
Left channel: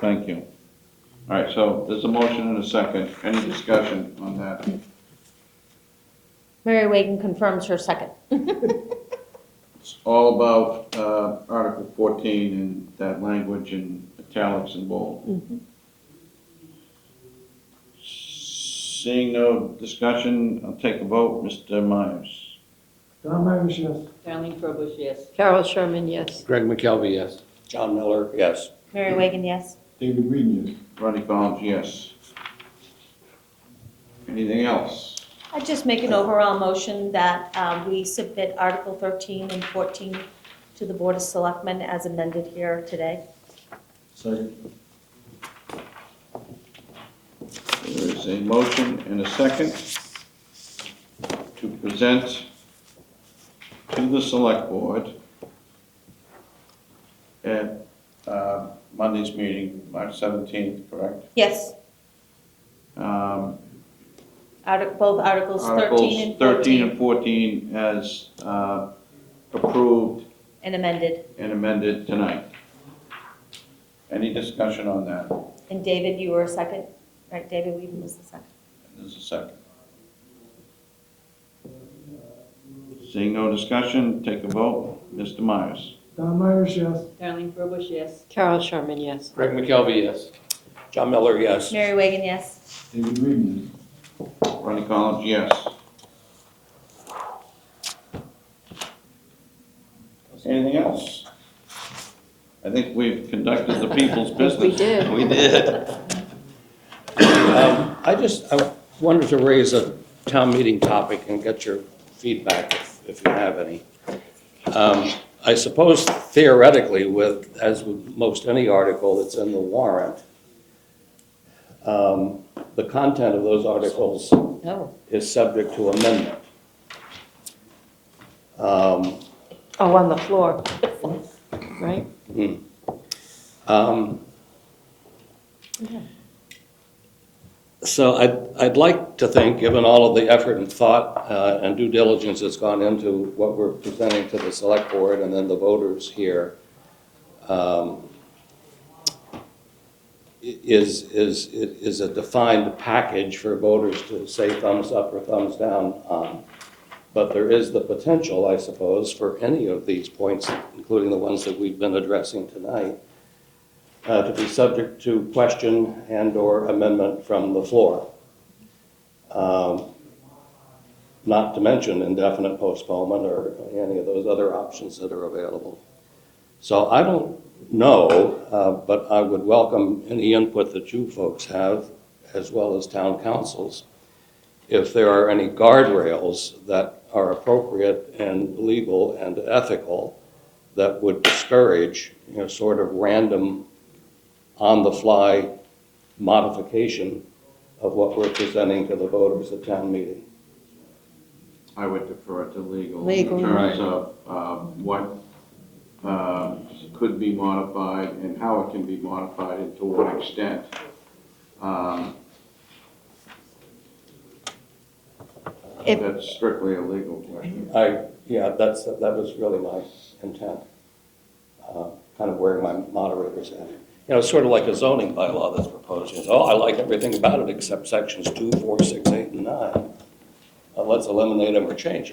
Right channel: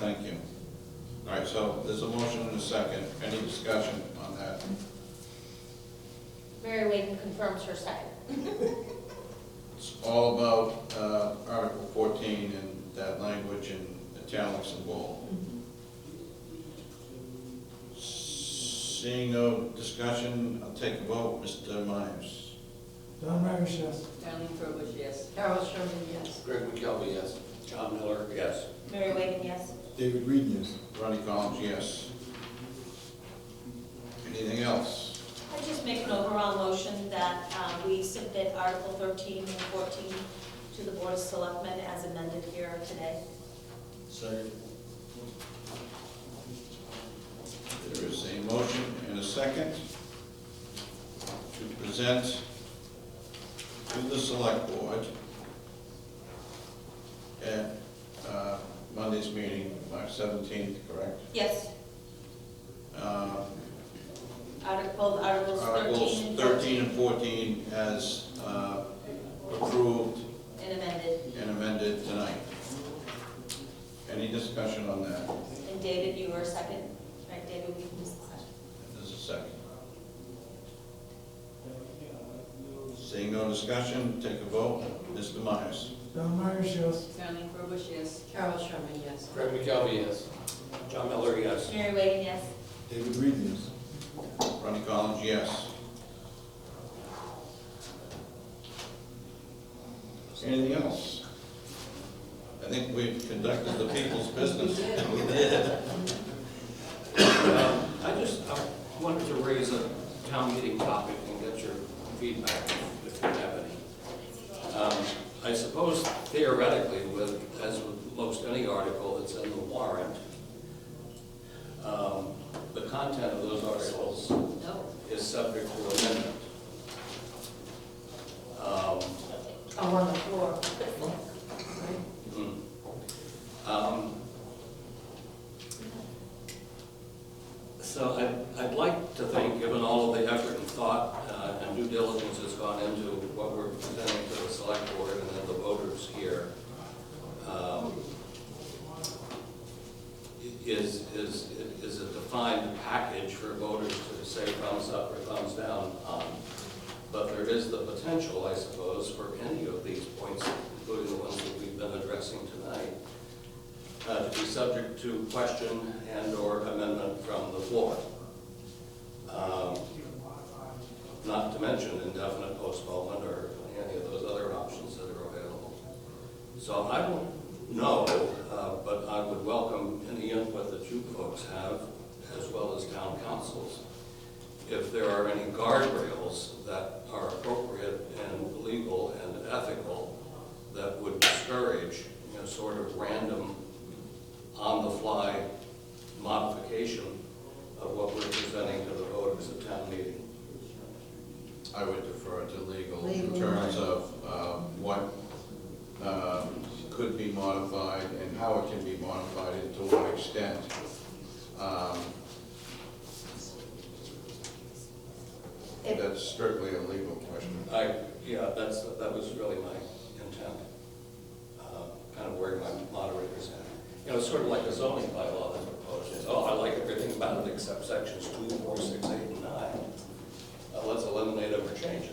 Thank you. All right, so there's a motion and a second. Any discussion on that? Mary Wagon confirms her second. It's all about Article 14 and that language in italics and bold. Seeing no discussion, I'll take a vote. Mr. Myers. John Myers, yes. Darlene Frobus, yes. Carol Sherman, yes. Greg McKelvey, yes. John Miller, yes. Mary Wagon, yes. David Green, yes. Ronnie Collins, yes. Anything else? I just make an overall motion that we submit Article 13 and 14 to the Board of Selectmen as amended here today. Second. There is a motion and a second to present to the Select Board at Monday's meeting, March 17th, correct? Yes. Both Articles 13 and 14. Articles 13 and 14 as approved And amended. and amended tonight. Any discussion on that? And David, you were a second? All right, David, we missed the second. There's a second. Seeing no discussion, take a vote. Mr. Myers. John Myers, yes. Darlene Frobus, yes. Carol Sherman, yes. Greg McKelvey, yes. John Miller, yes. Mary Wagon, yes. David Green, yes. Ronnie Collins, yes. Anything else? I think we've conducted the people's business. We did. We did. I wanted to raise a town meeting topic and get your feedback if you have any. I suppose theoretically, as with most any article that's in the warrant, the content of those articles is subject to amendment. Oh, on the floor, right? So I'd like to think, given all of the effort and thought and due diligence that's gone into what we're presenting to the select board and then the voters here, is a defined package for voters to say thumbs up or thumbs down on. But there is the potential, I suppose, for any of these points, including the ones that we've been addressing tonight, to be subject to question and/or amendment from the floor. not to mention indefinite postponement or any of those other options that are available. So I don't know, but I would welcome any input that you folks have, as well as town councils, if there are any guardrails that are appropriate and legal and ethical that would discourage, sort of random, on-the-fly modification of what we're presenting to the voters at town meeting. I would defer to legal in Legal, terms of what could be modified and how it can be modified and to what extent. That's strictly a legal question. That was really my intent, kind of where my moderator's at. It's sort of like a zoning bylaw that's proposed. I like everything about it except sections 2, 4, 6, 8, and 9. Let's eliminate them or change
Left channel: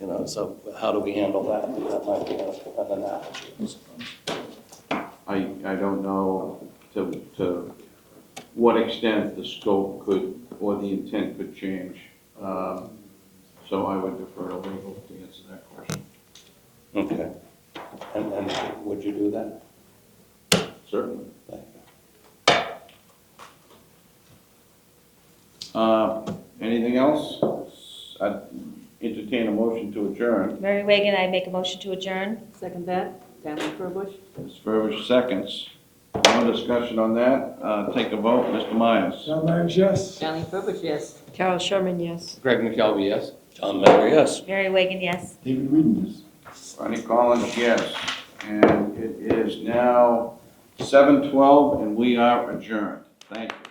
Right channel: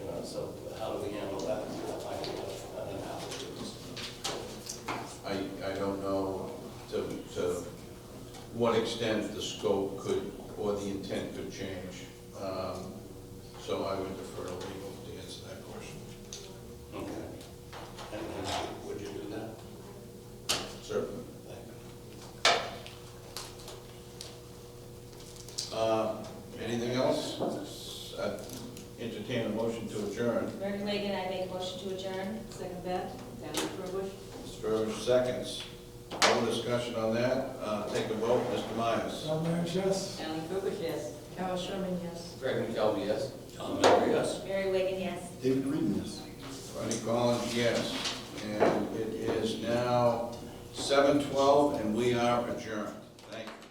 them. So how do we handle that? That might be an analysis. I don't know to what extent the scope could, or the intent could change. So I would defer to legal to answer that question. Okay. And would you do that? Certainly. Thank you. Anything else? I'd entertain a motion to adjourn. Mary Wagon, I make a motion to adjourn. Second that, Stanley Bush. Mr. Burbidge seconds. No discussion on that. Take a vote. Mr. Myers. John Myers, yes? Stanley Bush, yes. Carol Sherman, yes. Greg McKelvey, yes? John Miller, yes. Mary Wagon, yes. David reading this. Ronnie Collins, yes. And it is now 7:12 and we are adjourned. Thank you.